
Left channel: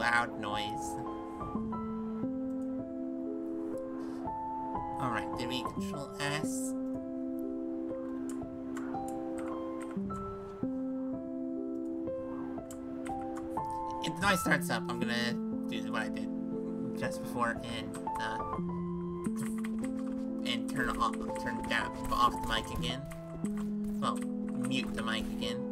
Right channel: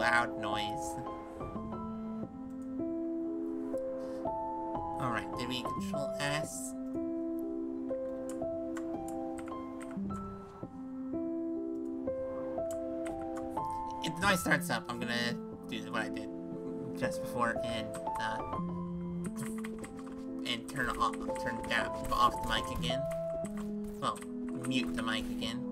loud noise. Alright, did we control S? If the noise starts up, I'm gonna do what I did just before and turn off the mic again. Well, mute the mic again.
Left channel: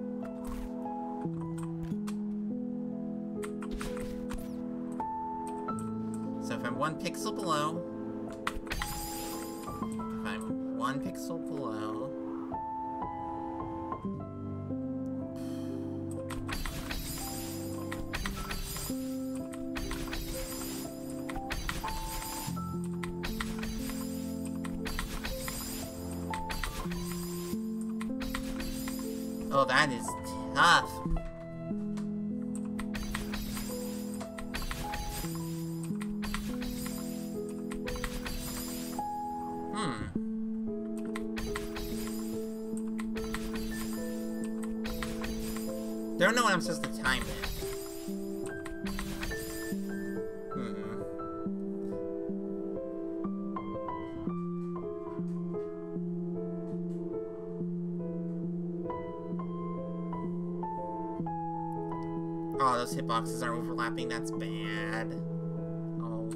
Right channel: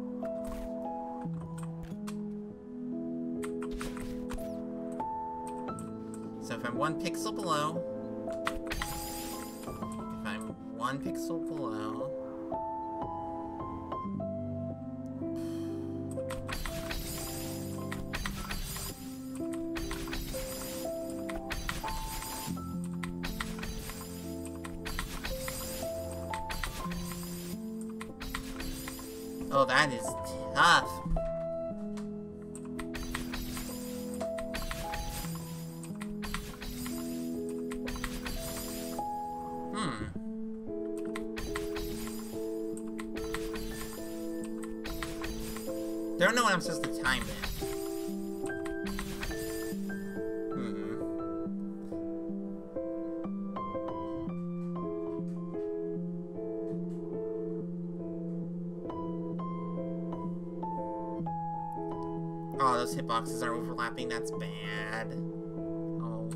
So if I'm 1 pixel below, oh, that is tough. Don't know when I'm supposed to time it. Oh, those hitboxes are overlapping. That's bad. Oh.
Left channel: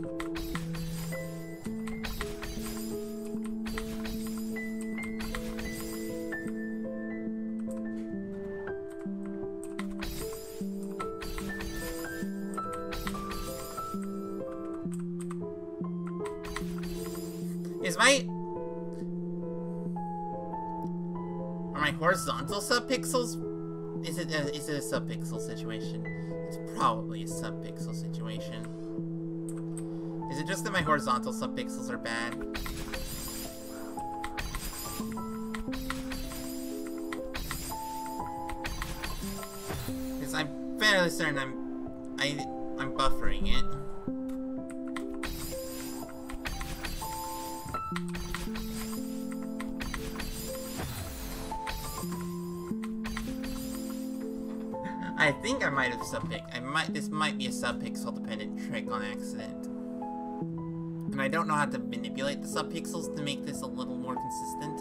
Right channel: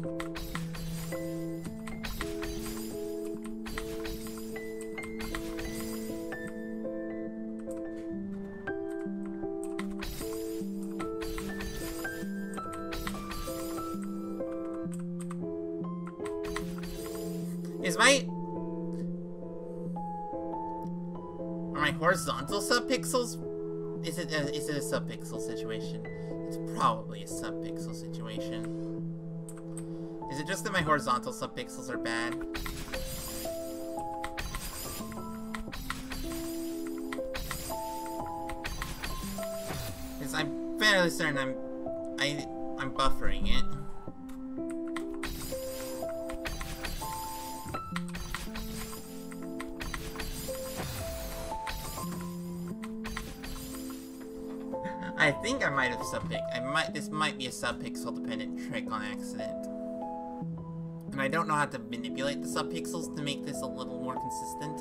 Are my horizontal subpixels? Is it a subpixel situation? It's probably a subpixel situation. Is it just that my horizontal subpixels are bad? Because I'm fairly certain I'm buffering it. I think I might have this might be a subpixel dependent trick on accident. And I don't know how to manipulate the subpixels to make this a little more consistent.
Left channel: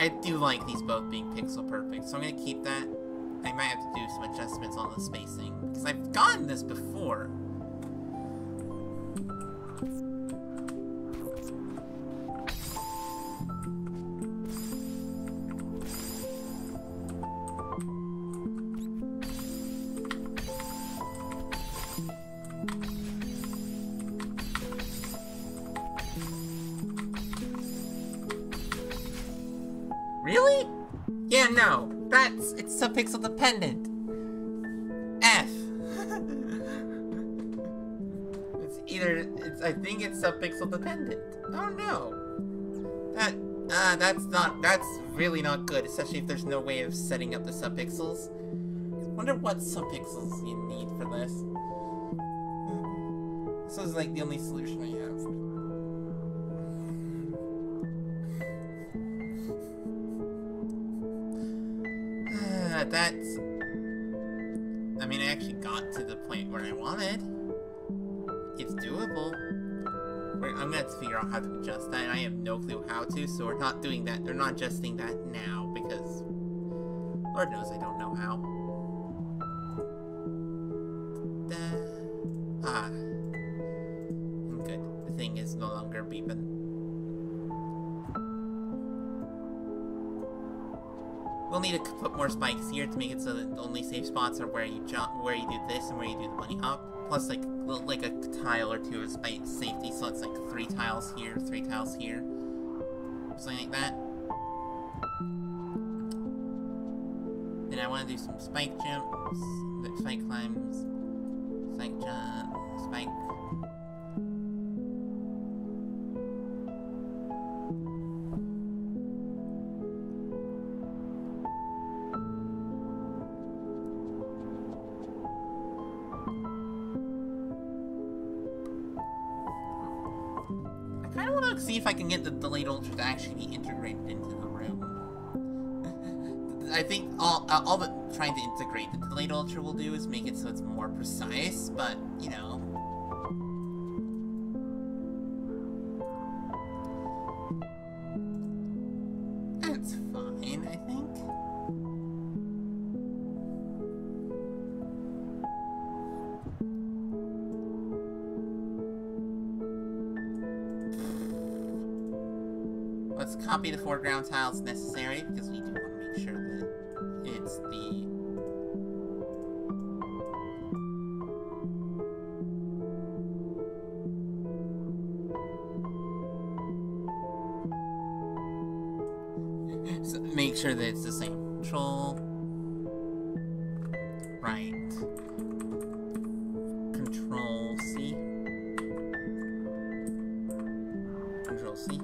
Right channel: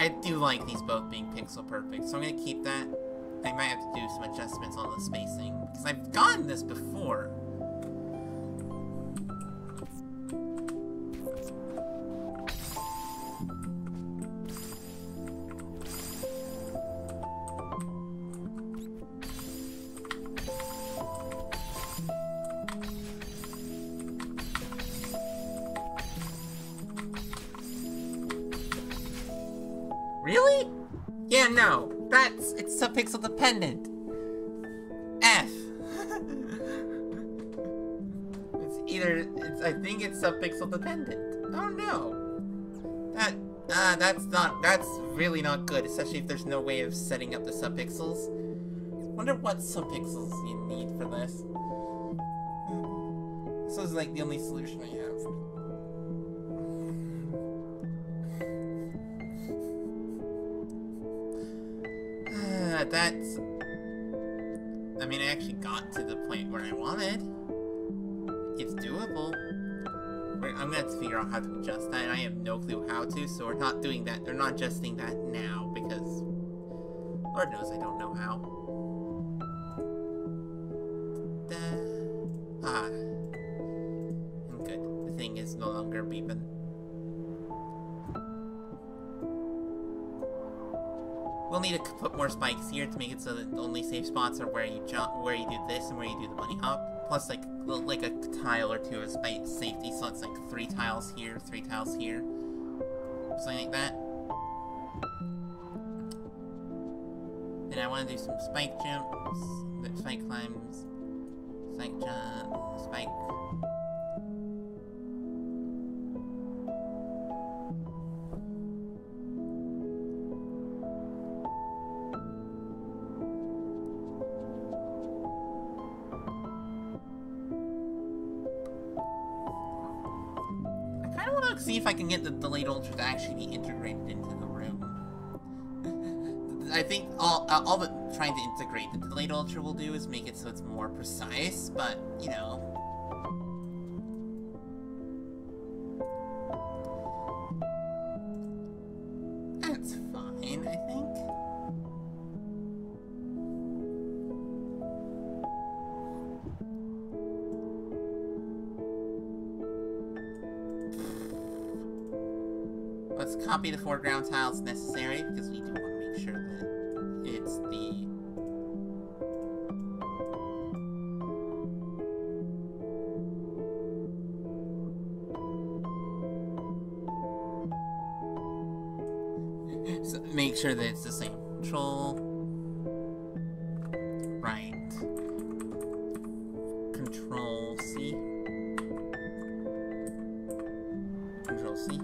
I do like these both being pixel perfect, so I'm gonna keep that. I might have to do some adjustments on the spacing, because I've gotten this before. Really? Yeah, no. It's subpixel dependent. F. I think it's subpixel dependent. Oh no. That's really not good, especially if there's no way of setting up the subpixels. Wonder what subpixels you need for this. This is like the only solution I have. I mean, I actually got to the point where I wanted. It's doable. I'm gonna have to figure out how to adjust that, and I have no clue how to, so we're not doing that. They're not adjusting that now, because Lord knows I don't know how. I'm good. The thing is no longer beeping. We'll need to put more spikes here to make it so that the only safe spots are where you jump, where you do this, and where you do the bunny hop. Plus, like a tile or two of safety, so it's like 3 tiles here, 3 tiles here, something like that. Then I want to do some spike jumps, spike climbs, spike jump, spike. See if I can get the delayed ultra to actually be integrated into the room. I think all the trying to integrate the delayed ultra will do is make it so it's more precise, but, you know. That's fine, I think. Let's copy the foreground tiles necessary, because we do want to make sure that it's the... so make sure that it's the same. Control... Right. Control C. Control C.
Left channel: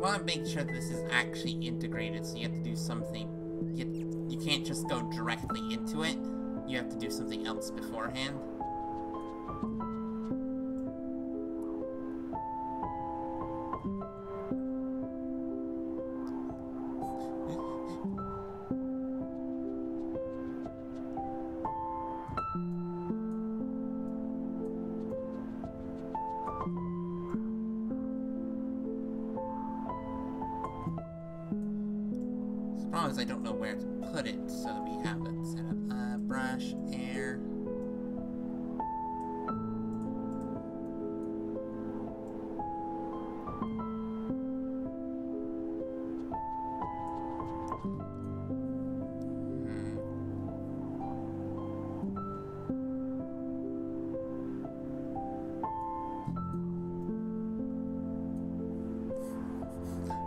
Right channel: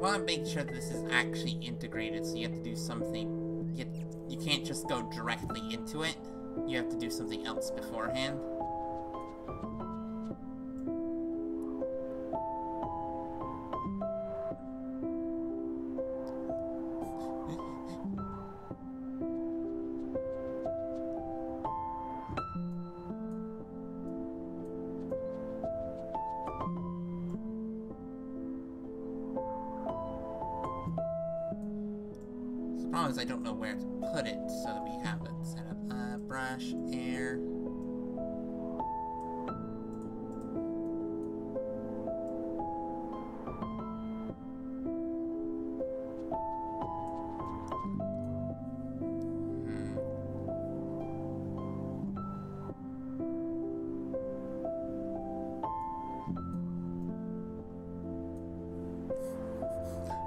Want to make sure that this is actually integrated, so you have to do something. You can't just go directly into it. You have to do something else beforehand. The problem is I don't know where to put it so that we have it set up. Brush, air.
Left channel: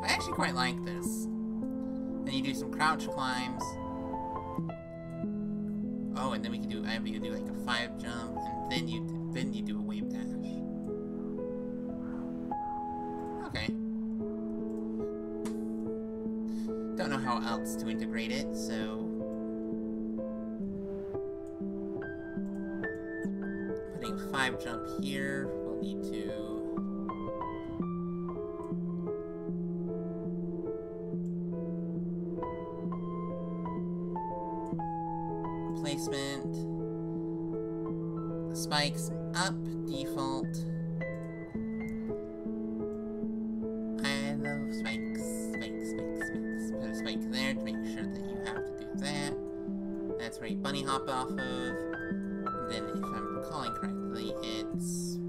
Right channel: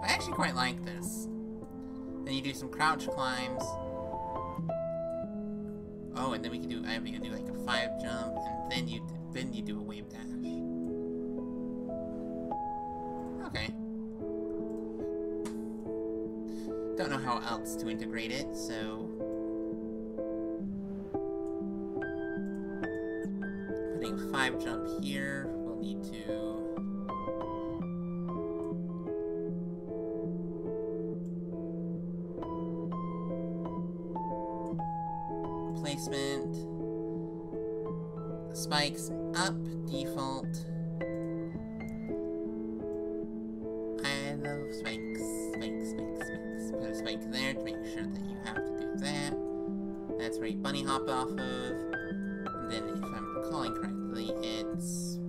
I actually quite like this. Then you do some crouch climbs. Oh, and then we can do. I have you do like a 5 jump, and then you do a wave dash. Okay. Don't know how else to integrate it, so putting a 5 jump here. We'll need to. Placement, spikes up, default. I love spikes, spikes. Put a spike there to make sure that you have to do that. That's where you bunny hop off of. And then, if I'm recalling correctly, it's...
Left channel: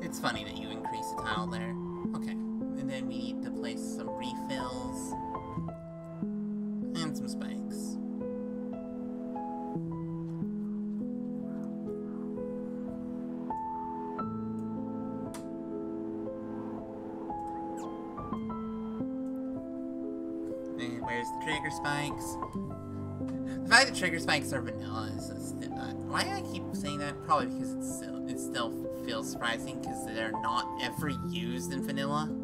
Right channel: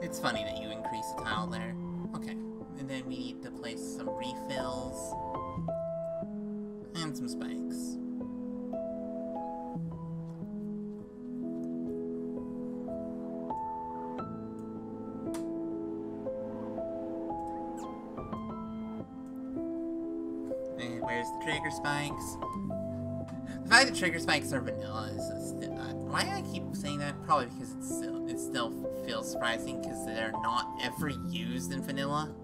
It's funny that you increase the tile there. Okay, and then we need to place some refills and some spikes. And where's the trigger spikes? The fact that trigger spikes are vanilla is why do I keep saying that? Probably because it still feels surprising because they're not ever used in vanilla.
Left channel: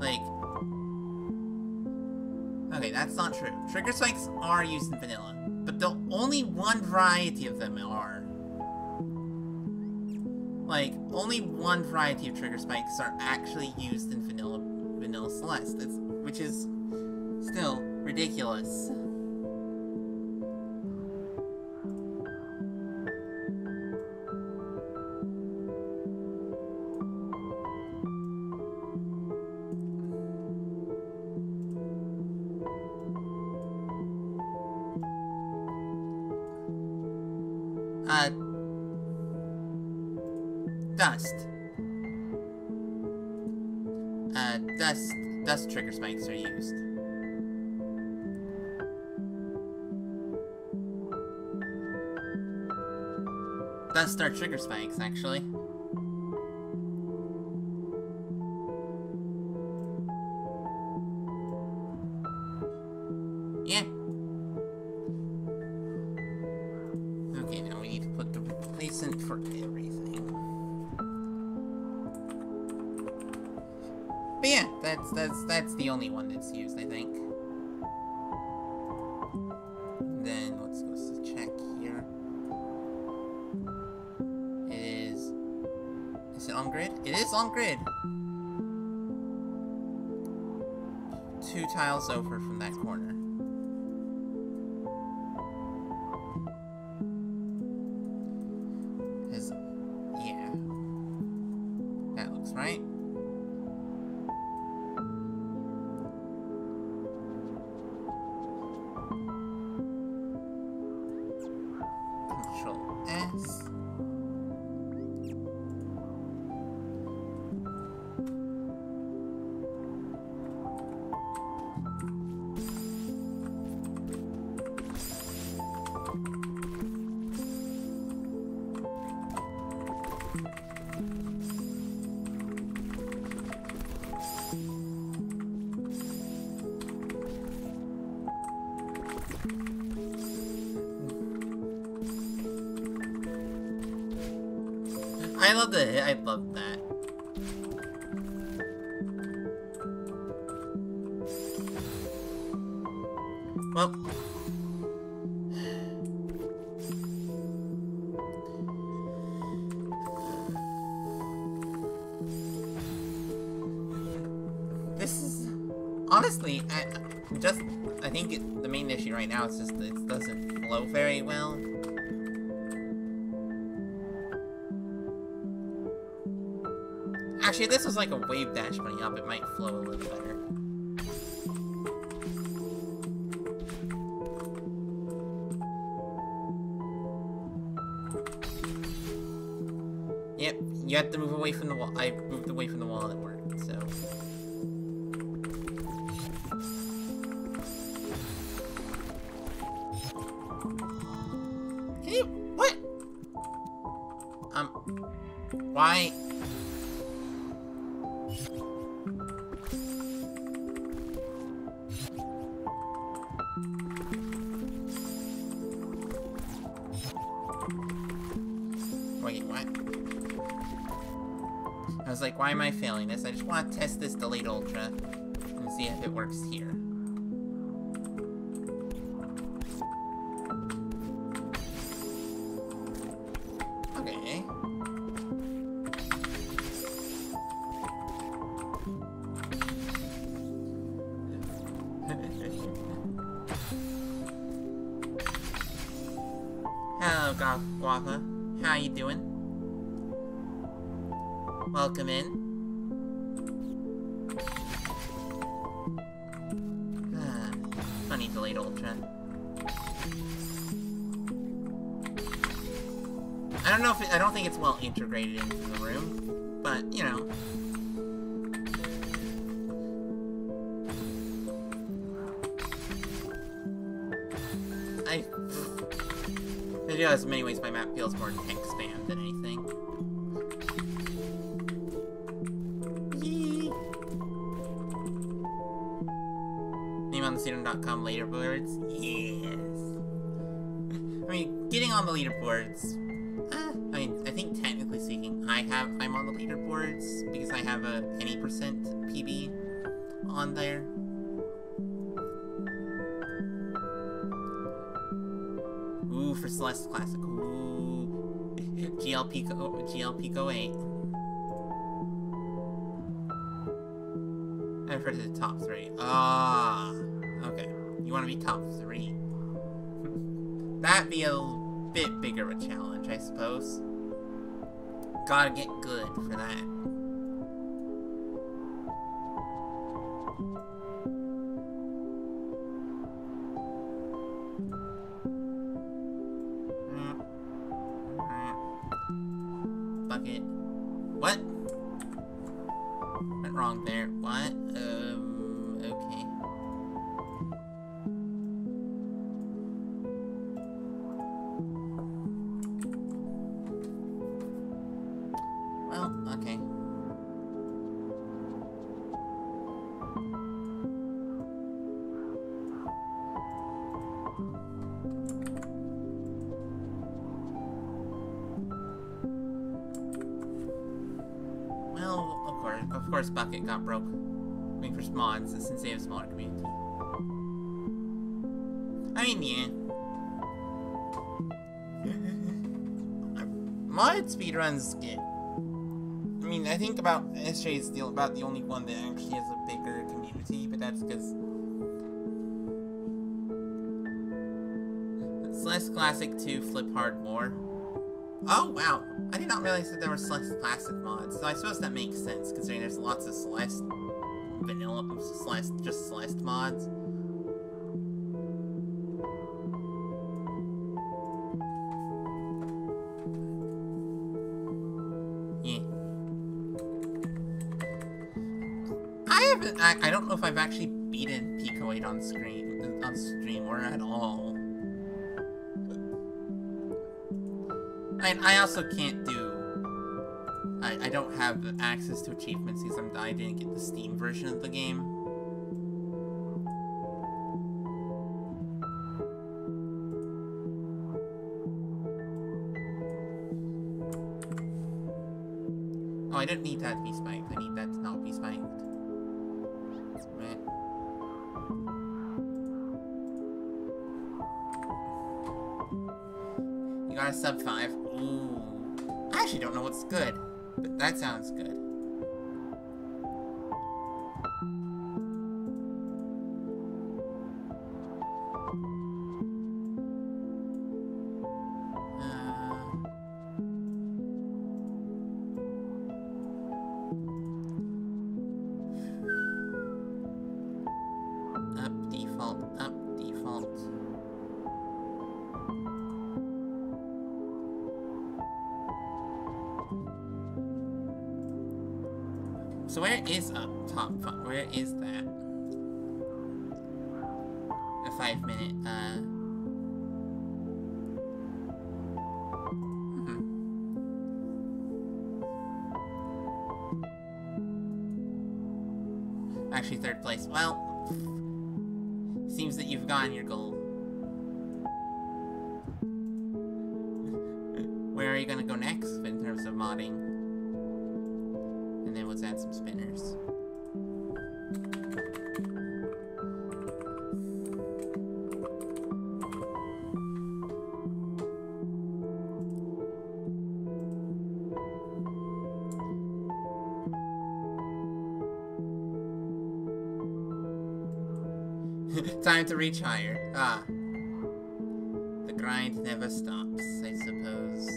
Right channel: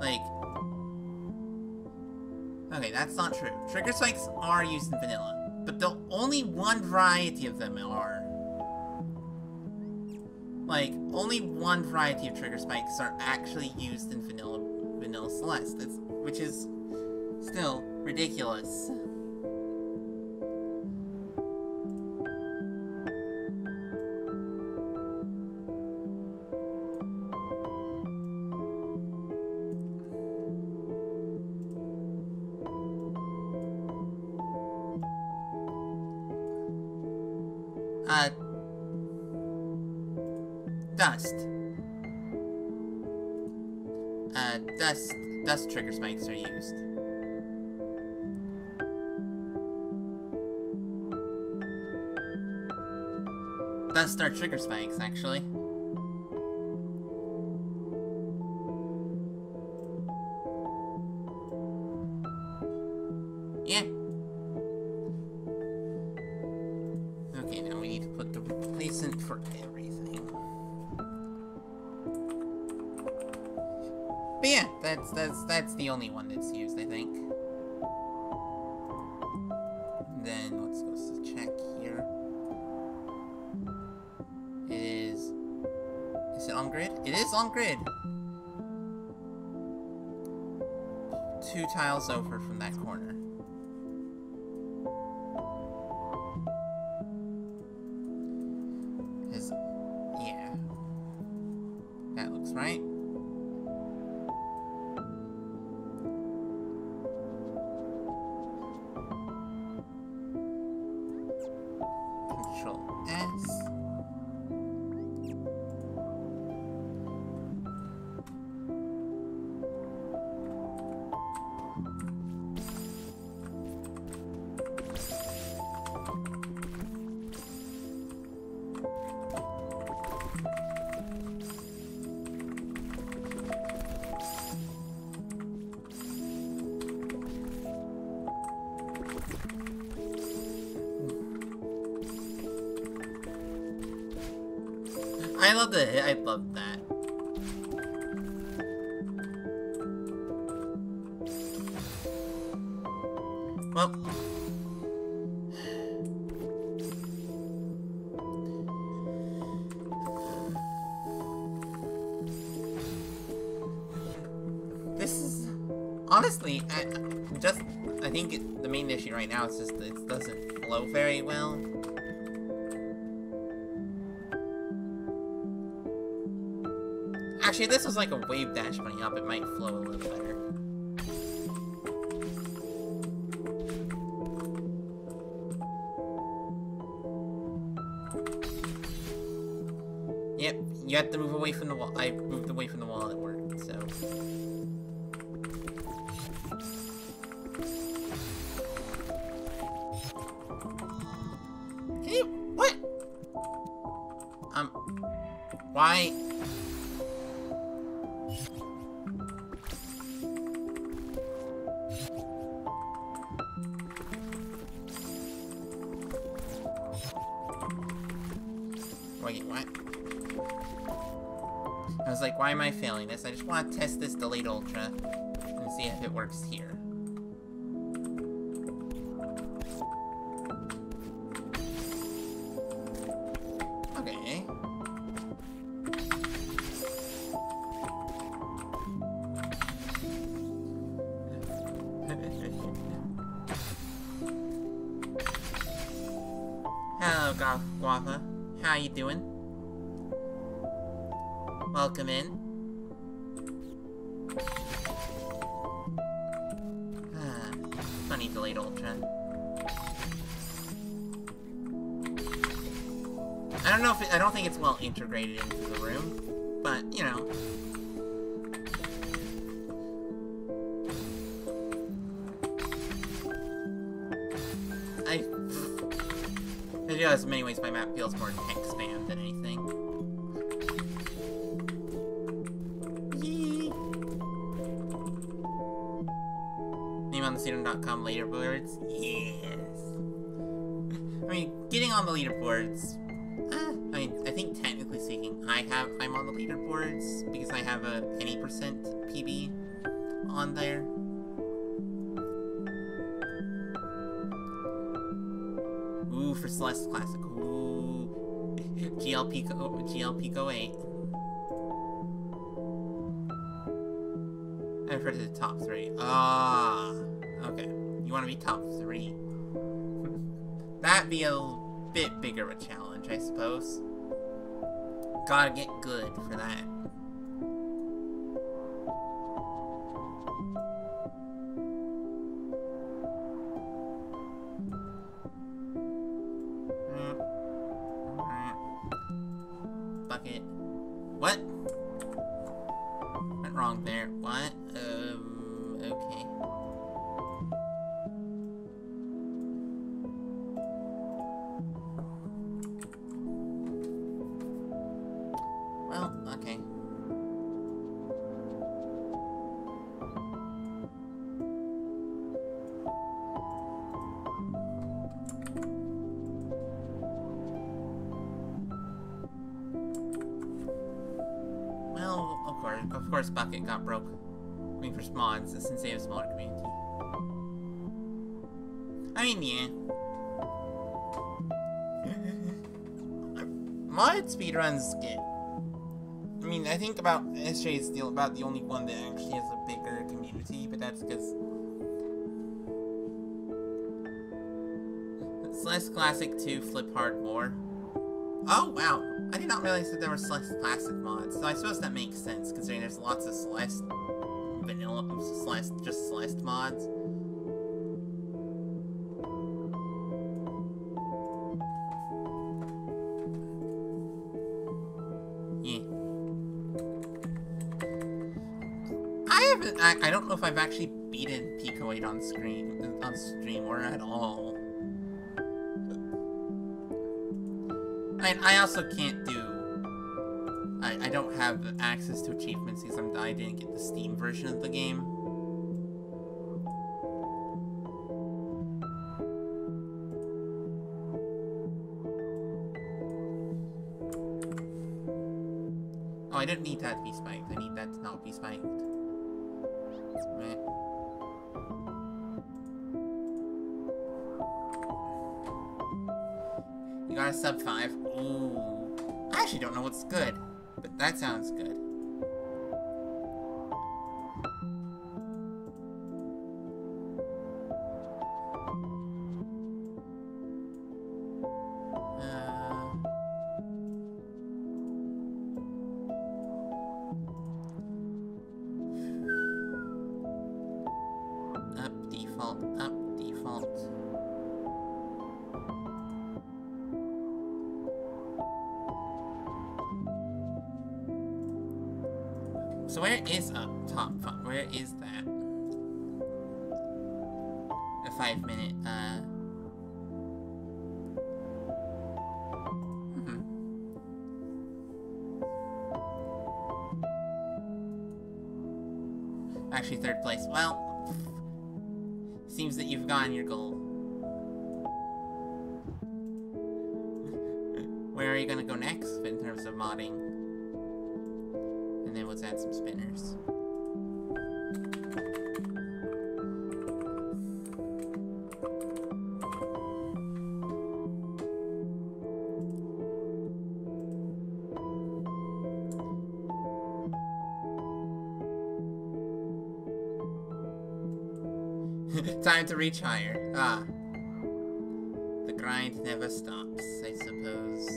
Like, okay, that's not true. Trigger spikes are used in vanilla, but the only one variety of them are. Like, only one variety of trigger spikes are actually used in vanilla Celeste, which is still ridiculous. Dust. Dust trigger spikes are used. Dust are trigger spikes, actually. Yeah. Okay, now we need to put the replacement for everything. But yeah, that's the only one that's used, I think. Then let's go check here. Is it on grid? It is on grid. 2 tiles over from that corner. Yeah. That looks right. Control S. I love that. Well, this is honestly, I think the main issue right now is just that it doesn't flow very well. Actually, if this was like a wave dash bunny up, it might flow a little better. Yep, you have to move away from the wall. I moved away from the wall and it worked, so. Can you, what? Why? Wait, what? I was like, why am I failing this? I just want to test this delayed ultra and see if it works here. Okay. Hello, Guapa. How you doing? Welcome in. Funny delayed ultra. I don't think it's well integrated into the room, but you know. I realize in many ways my map feels more tech spam than anything. Yee. Name on the Sedum.com leaderboards? Yes. I mean, getting on the leaderboards, I think technically speaking, I'm on the leaderboards because I have a any percent PB on there. Ooh, for Celeste Classic. Ooh. GL Pico 8. I refer to the top 3. Ah. Okay. You want to be top 3. That'd be a bit bigger of a challenge, I suppose. Gotta get good for that. Bucket. What? Went wrong there. What? Okay. Well, okay. Well, of course Bucket got broke. I mean, for mods, since they have a smaller community. I mean, yeah. Mod speedruns get... I mean, I think about SJ is about the only one that actually has a bigger community, but that's because... Celeste Classic 2 Flip Hard more. Oh, wow. I did not realize that there were Celeste Classic mods, so I suppose that makes sense, considering there's lots of Celeste... vanilla... Celeste... just Celeste mods. Yeah. I don't know if I've actually beaten Pico 8 on stream, or at all. I also can't do... I don't have access to achievements because I didn't get the Steam version of the game. Oh, I don't need that to be spiked. I need that to not be spiked. Right. You got a sub 5. Ooh. I actually don't know what's good, but that sounds good. Up default. So where is up top? Where is that? A 5-minute, Actually, 3rd place. Well, seems that you've gotten your goal. Where are you gonna go next in terms of modding? And then let's add some spinners. Time to reach higher. Ah. The grind never stops, I suppose.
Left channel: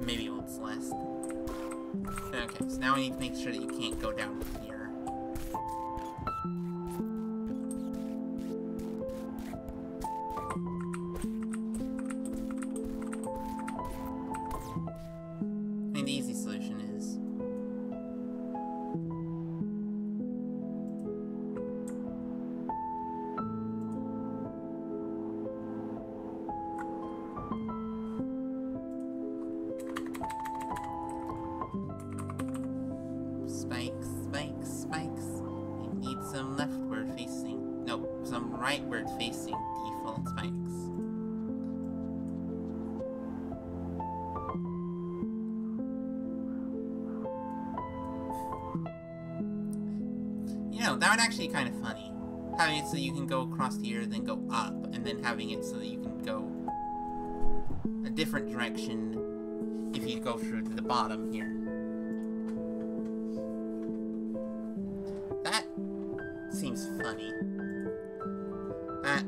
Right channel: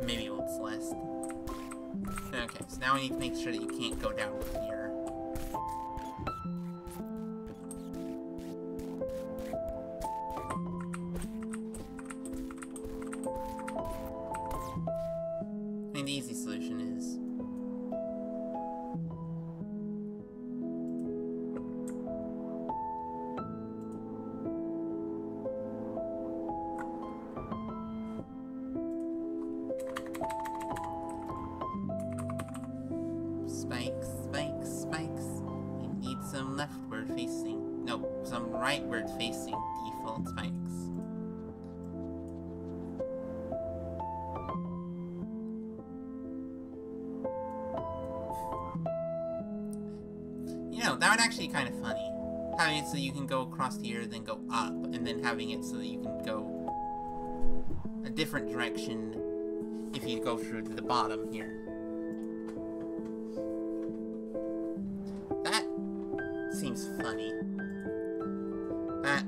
Maybe old Celeste. Okay, so now we need to make sure that you can't go down here. I mean, the easy solution is... Spikes, spikes, spikes. You need some leftward facing... No, some rightward facing default spikes. You know, that would actually be kind of funny. Having it so you can go across here, then go up, and then having it so that you can go a different direction if you go through to the bottom here. That seems funny. That...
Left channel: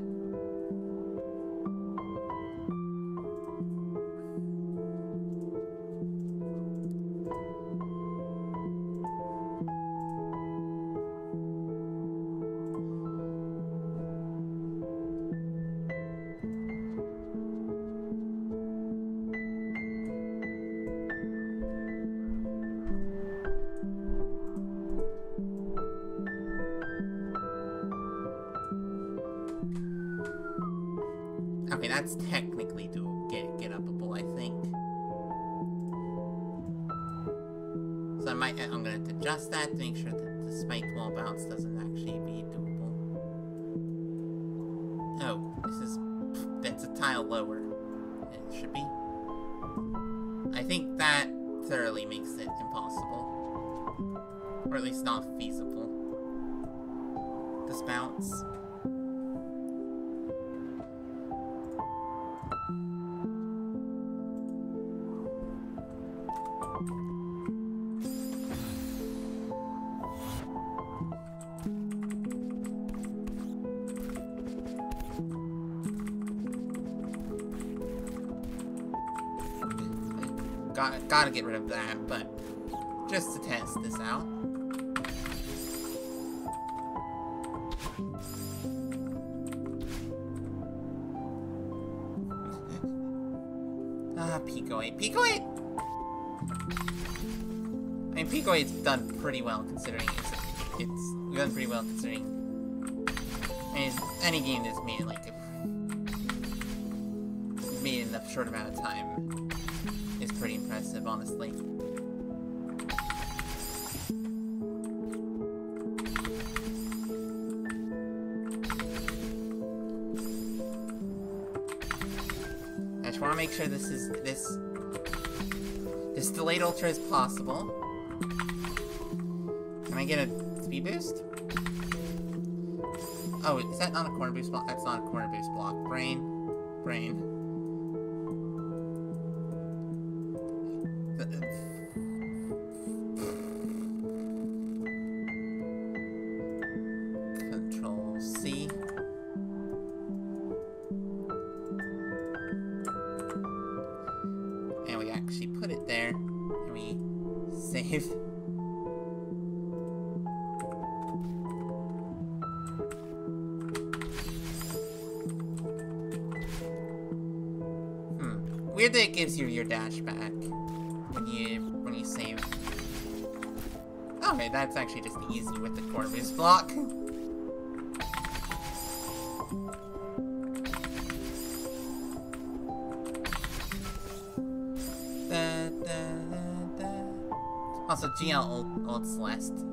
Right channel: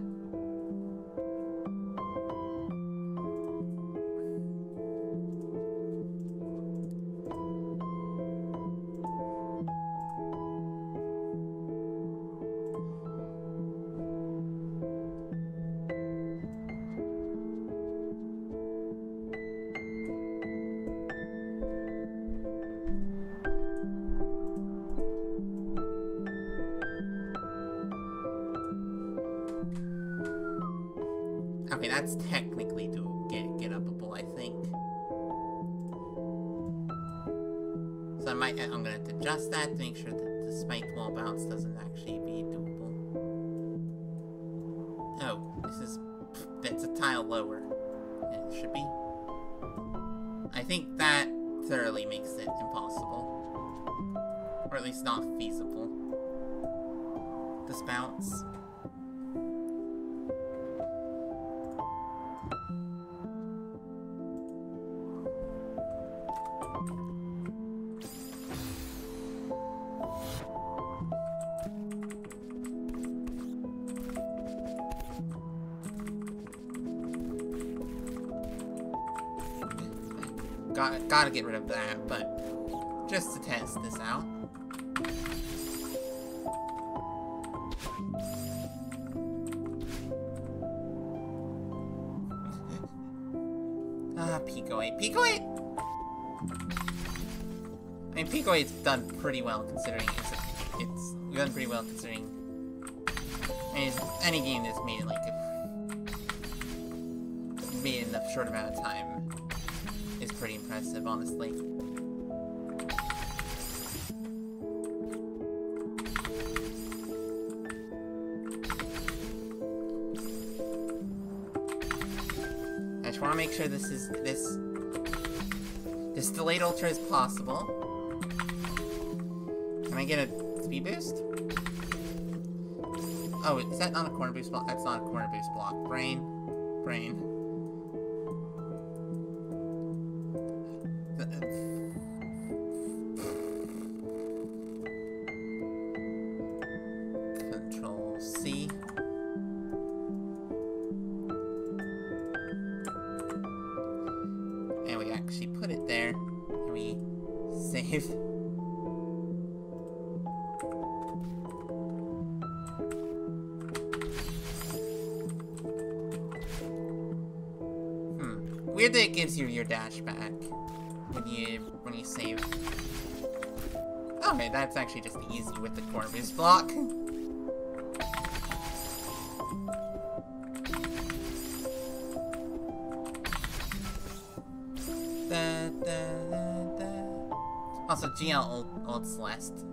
Okay, that's technically get upable, I think. So I'm gonna have to adjust that to make sure that the spiked wall bounce doesn't actually be doable. Oh, that's a tile lower. It should be. I think that thoroughly makes it impossible. Or at least not feasible. This bounce. Gotta get rid of that, but just to test this out. Pico 8. Pico 8! I mean, Pico 8's done pretty well considering it's done pretty well considering. I mean, any game that's made in made in a short amount of time is pretty impressive, honestly. I just want to make sure this delayed ultra is possible. Can I get a speed boost? Oh, is that not a corner boost block? That's not a corner boost block. Brain. Control C. And we actually put it there. And we save. Weird that it gives you your dash back when you save. Okay, that's actually just easy with the corner boost block. Also, GL old Celeste.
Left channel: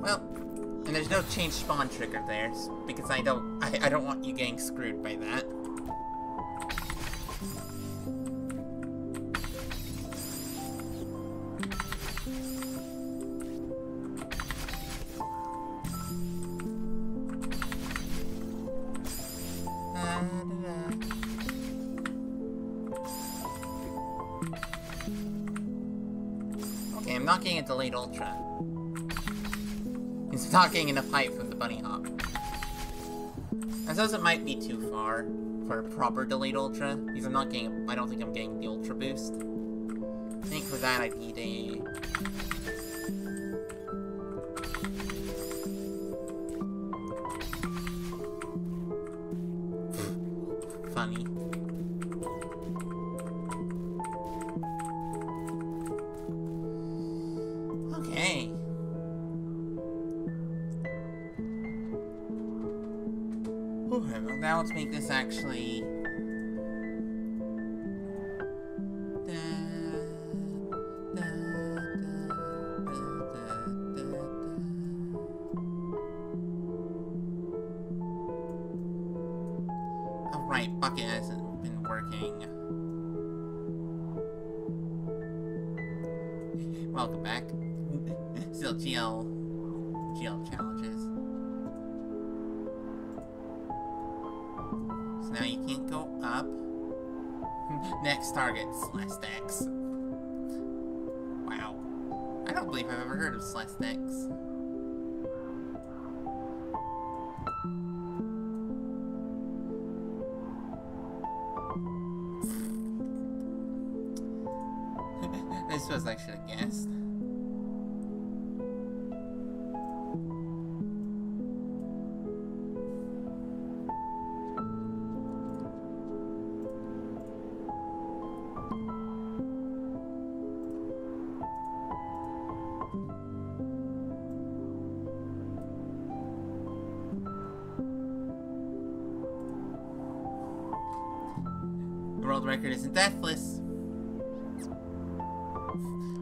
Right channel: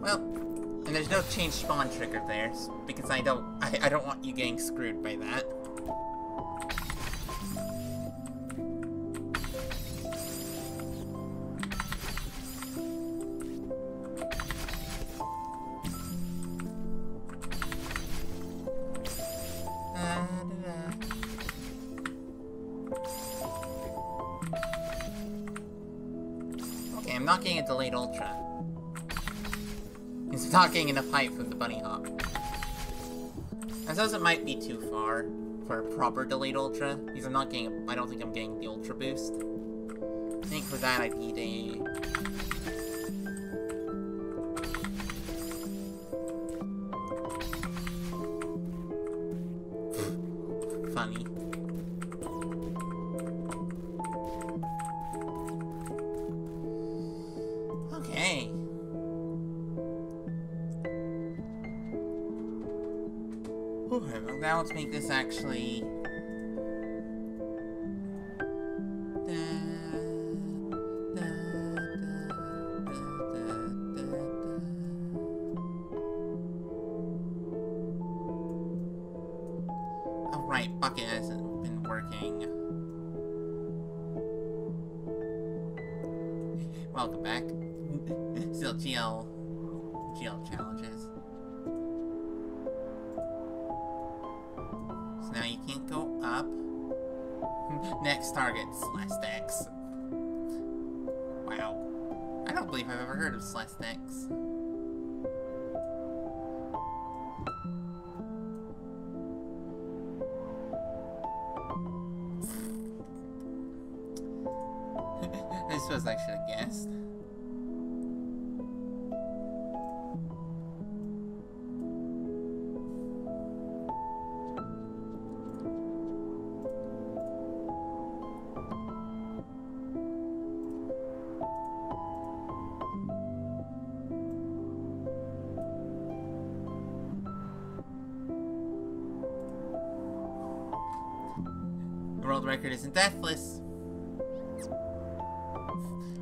Well, and there's no change spawn trigger there, because I don't want you getting screwed by that. Okay, I'm not getting a delayed ultra. It's not getting enough height for the bunny hop. I suppose it might be too far for a proper delayed ultra, because I don't think I'm getting the ultra boost. I think for that I need a... Funny. Okay. Okay, well now let's make this actually... Oh right, bucket hasn't been working. Welcome back. Still GL challenges. So now you can't go up. Next target, Celeste X. Wow. I don't believe I've ever heard of Celeste X. I suppose I should have guessed. The world record isn't deathless.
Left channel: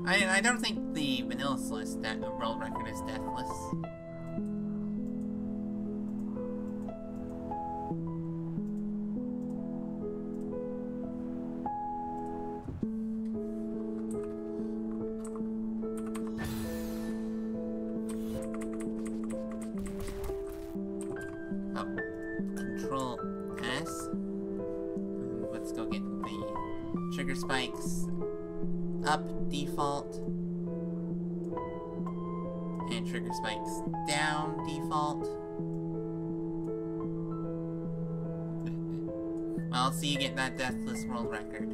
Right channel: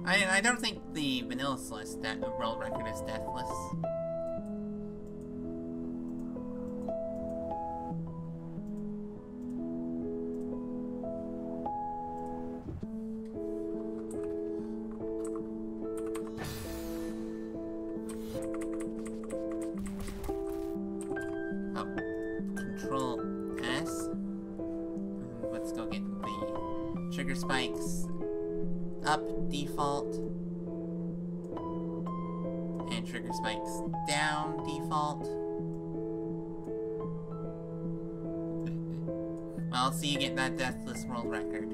I don't think the vanilla Celeste world record is deathless. Oh, Control S. Let's go get the trigger spikes. Up default and trigger spikes down default. Well, I'll see you get that deathless world record.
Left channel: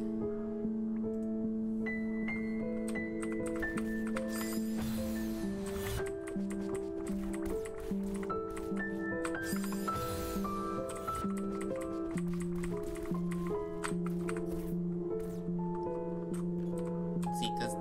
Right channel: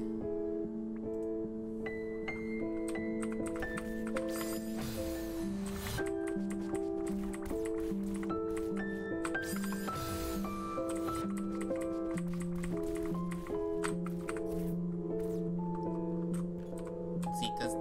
See, does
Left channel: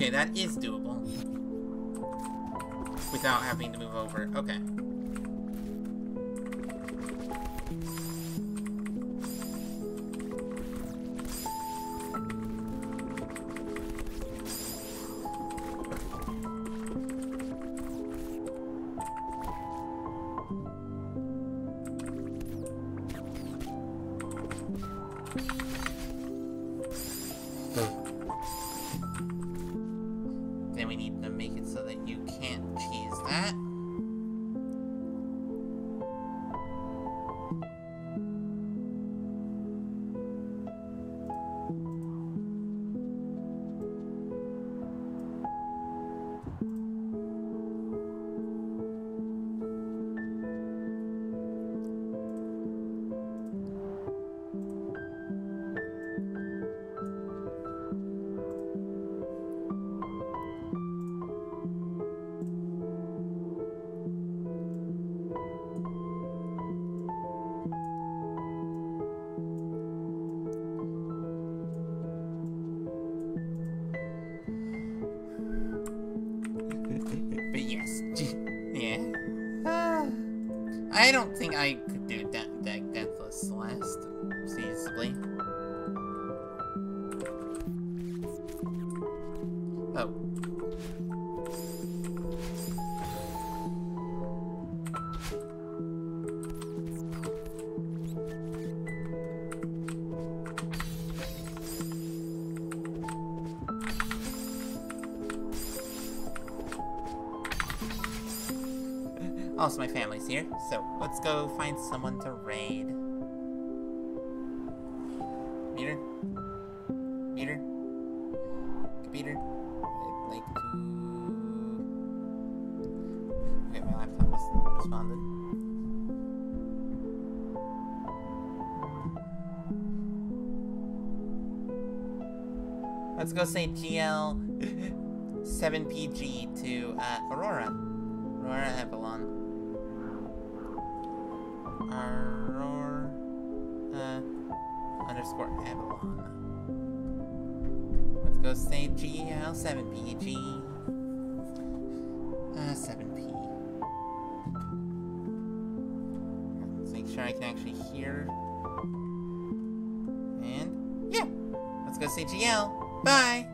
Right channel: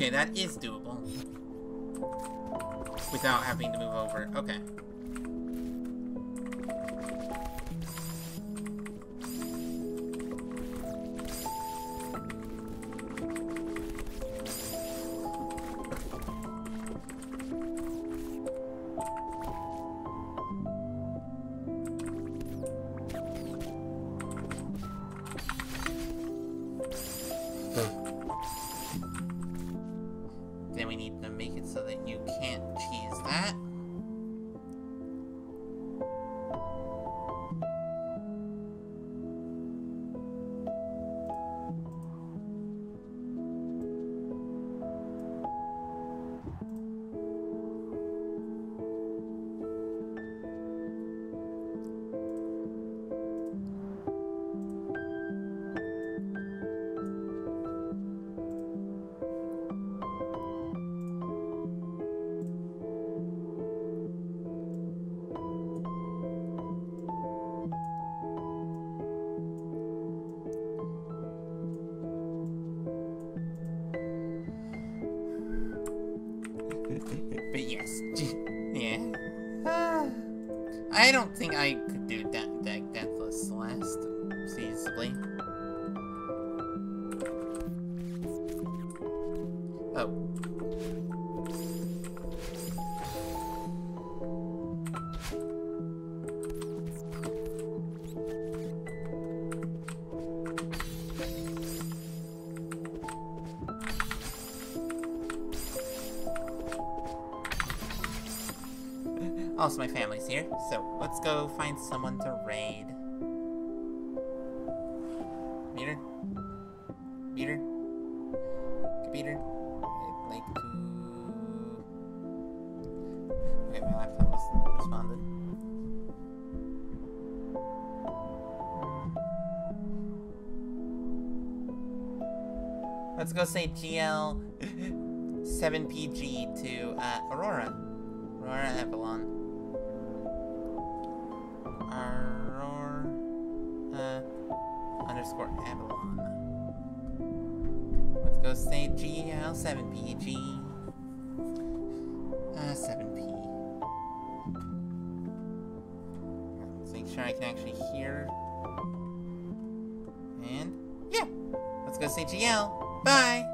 okay, that is doable. Without having to move over. Okay. Then we need to make it so that you can't cheese that. But yes, yeah. I don't think I could do Deathless Celeste feasibly. Oh. Also, my family's here, so let's go find someone to raid. Computer? Computer? Computer? I'd like to... Okay, my laptop wasn't responded. Let's go say GL 7PG to Aurora. Aurora Avalon. Aurora underscore Avalon. What's go say GL 7PG. 7P. Let's make sure I can actually hear. And yeah, let's go say GL. Bye.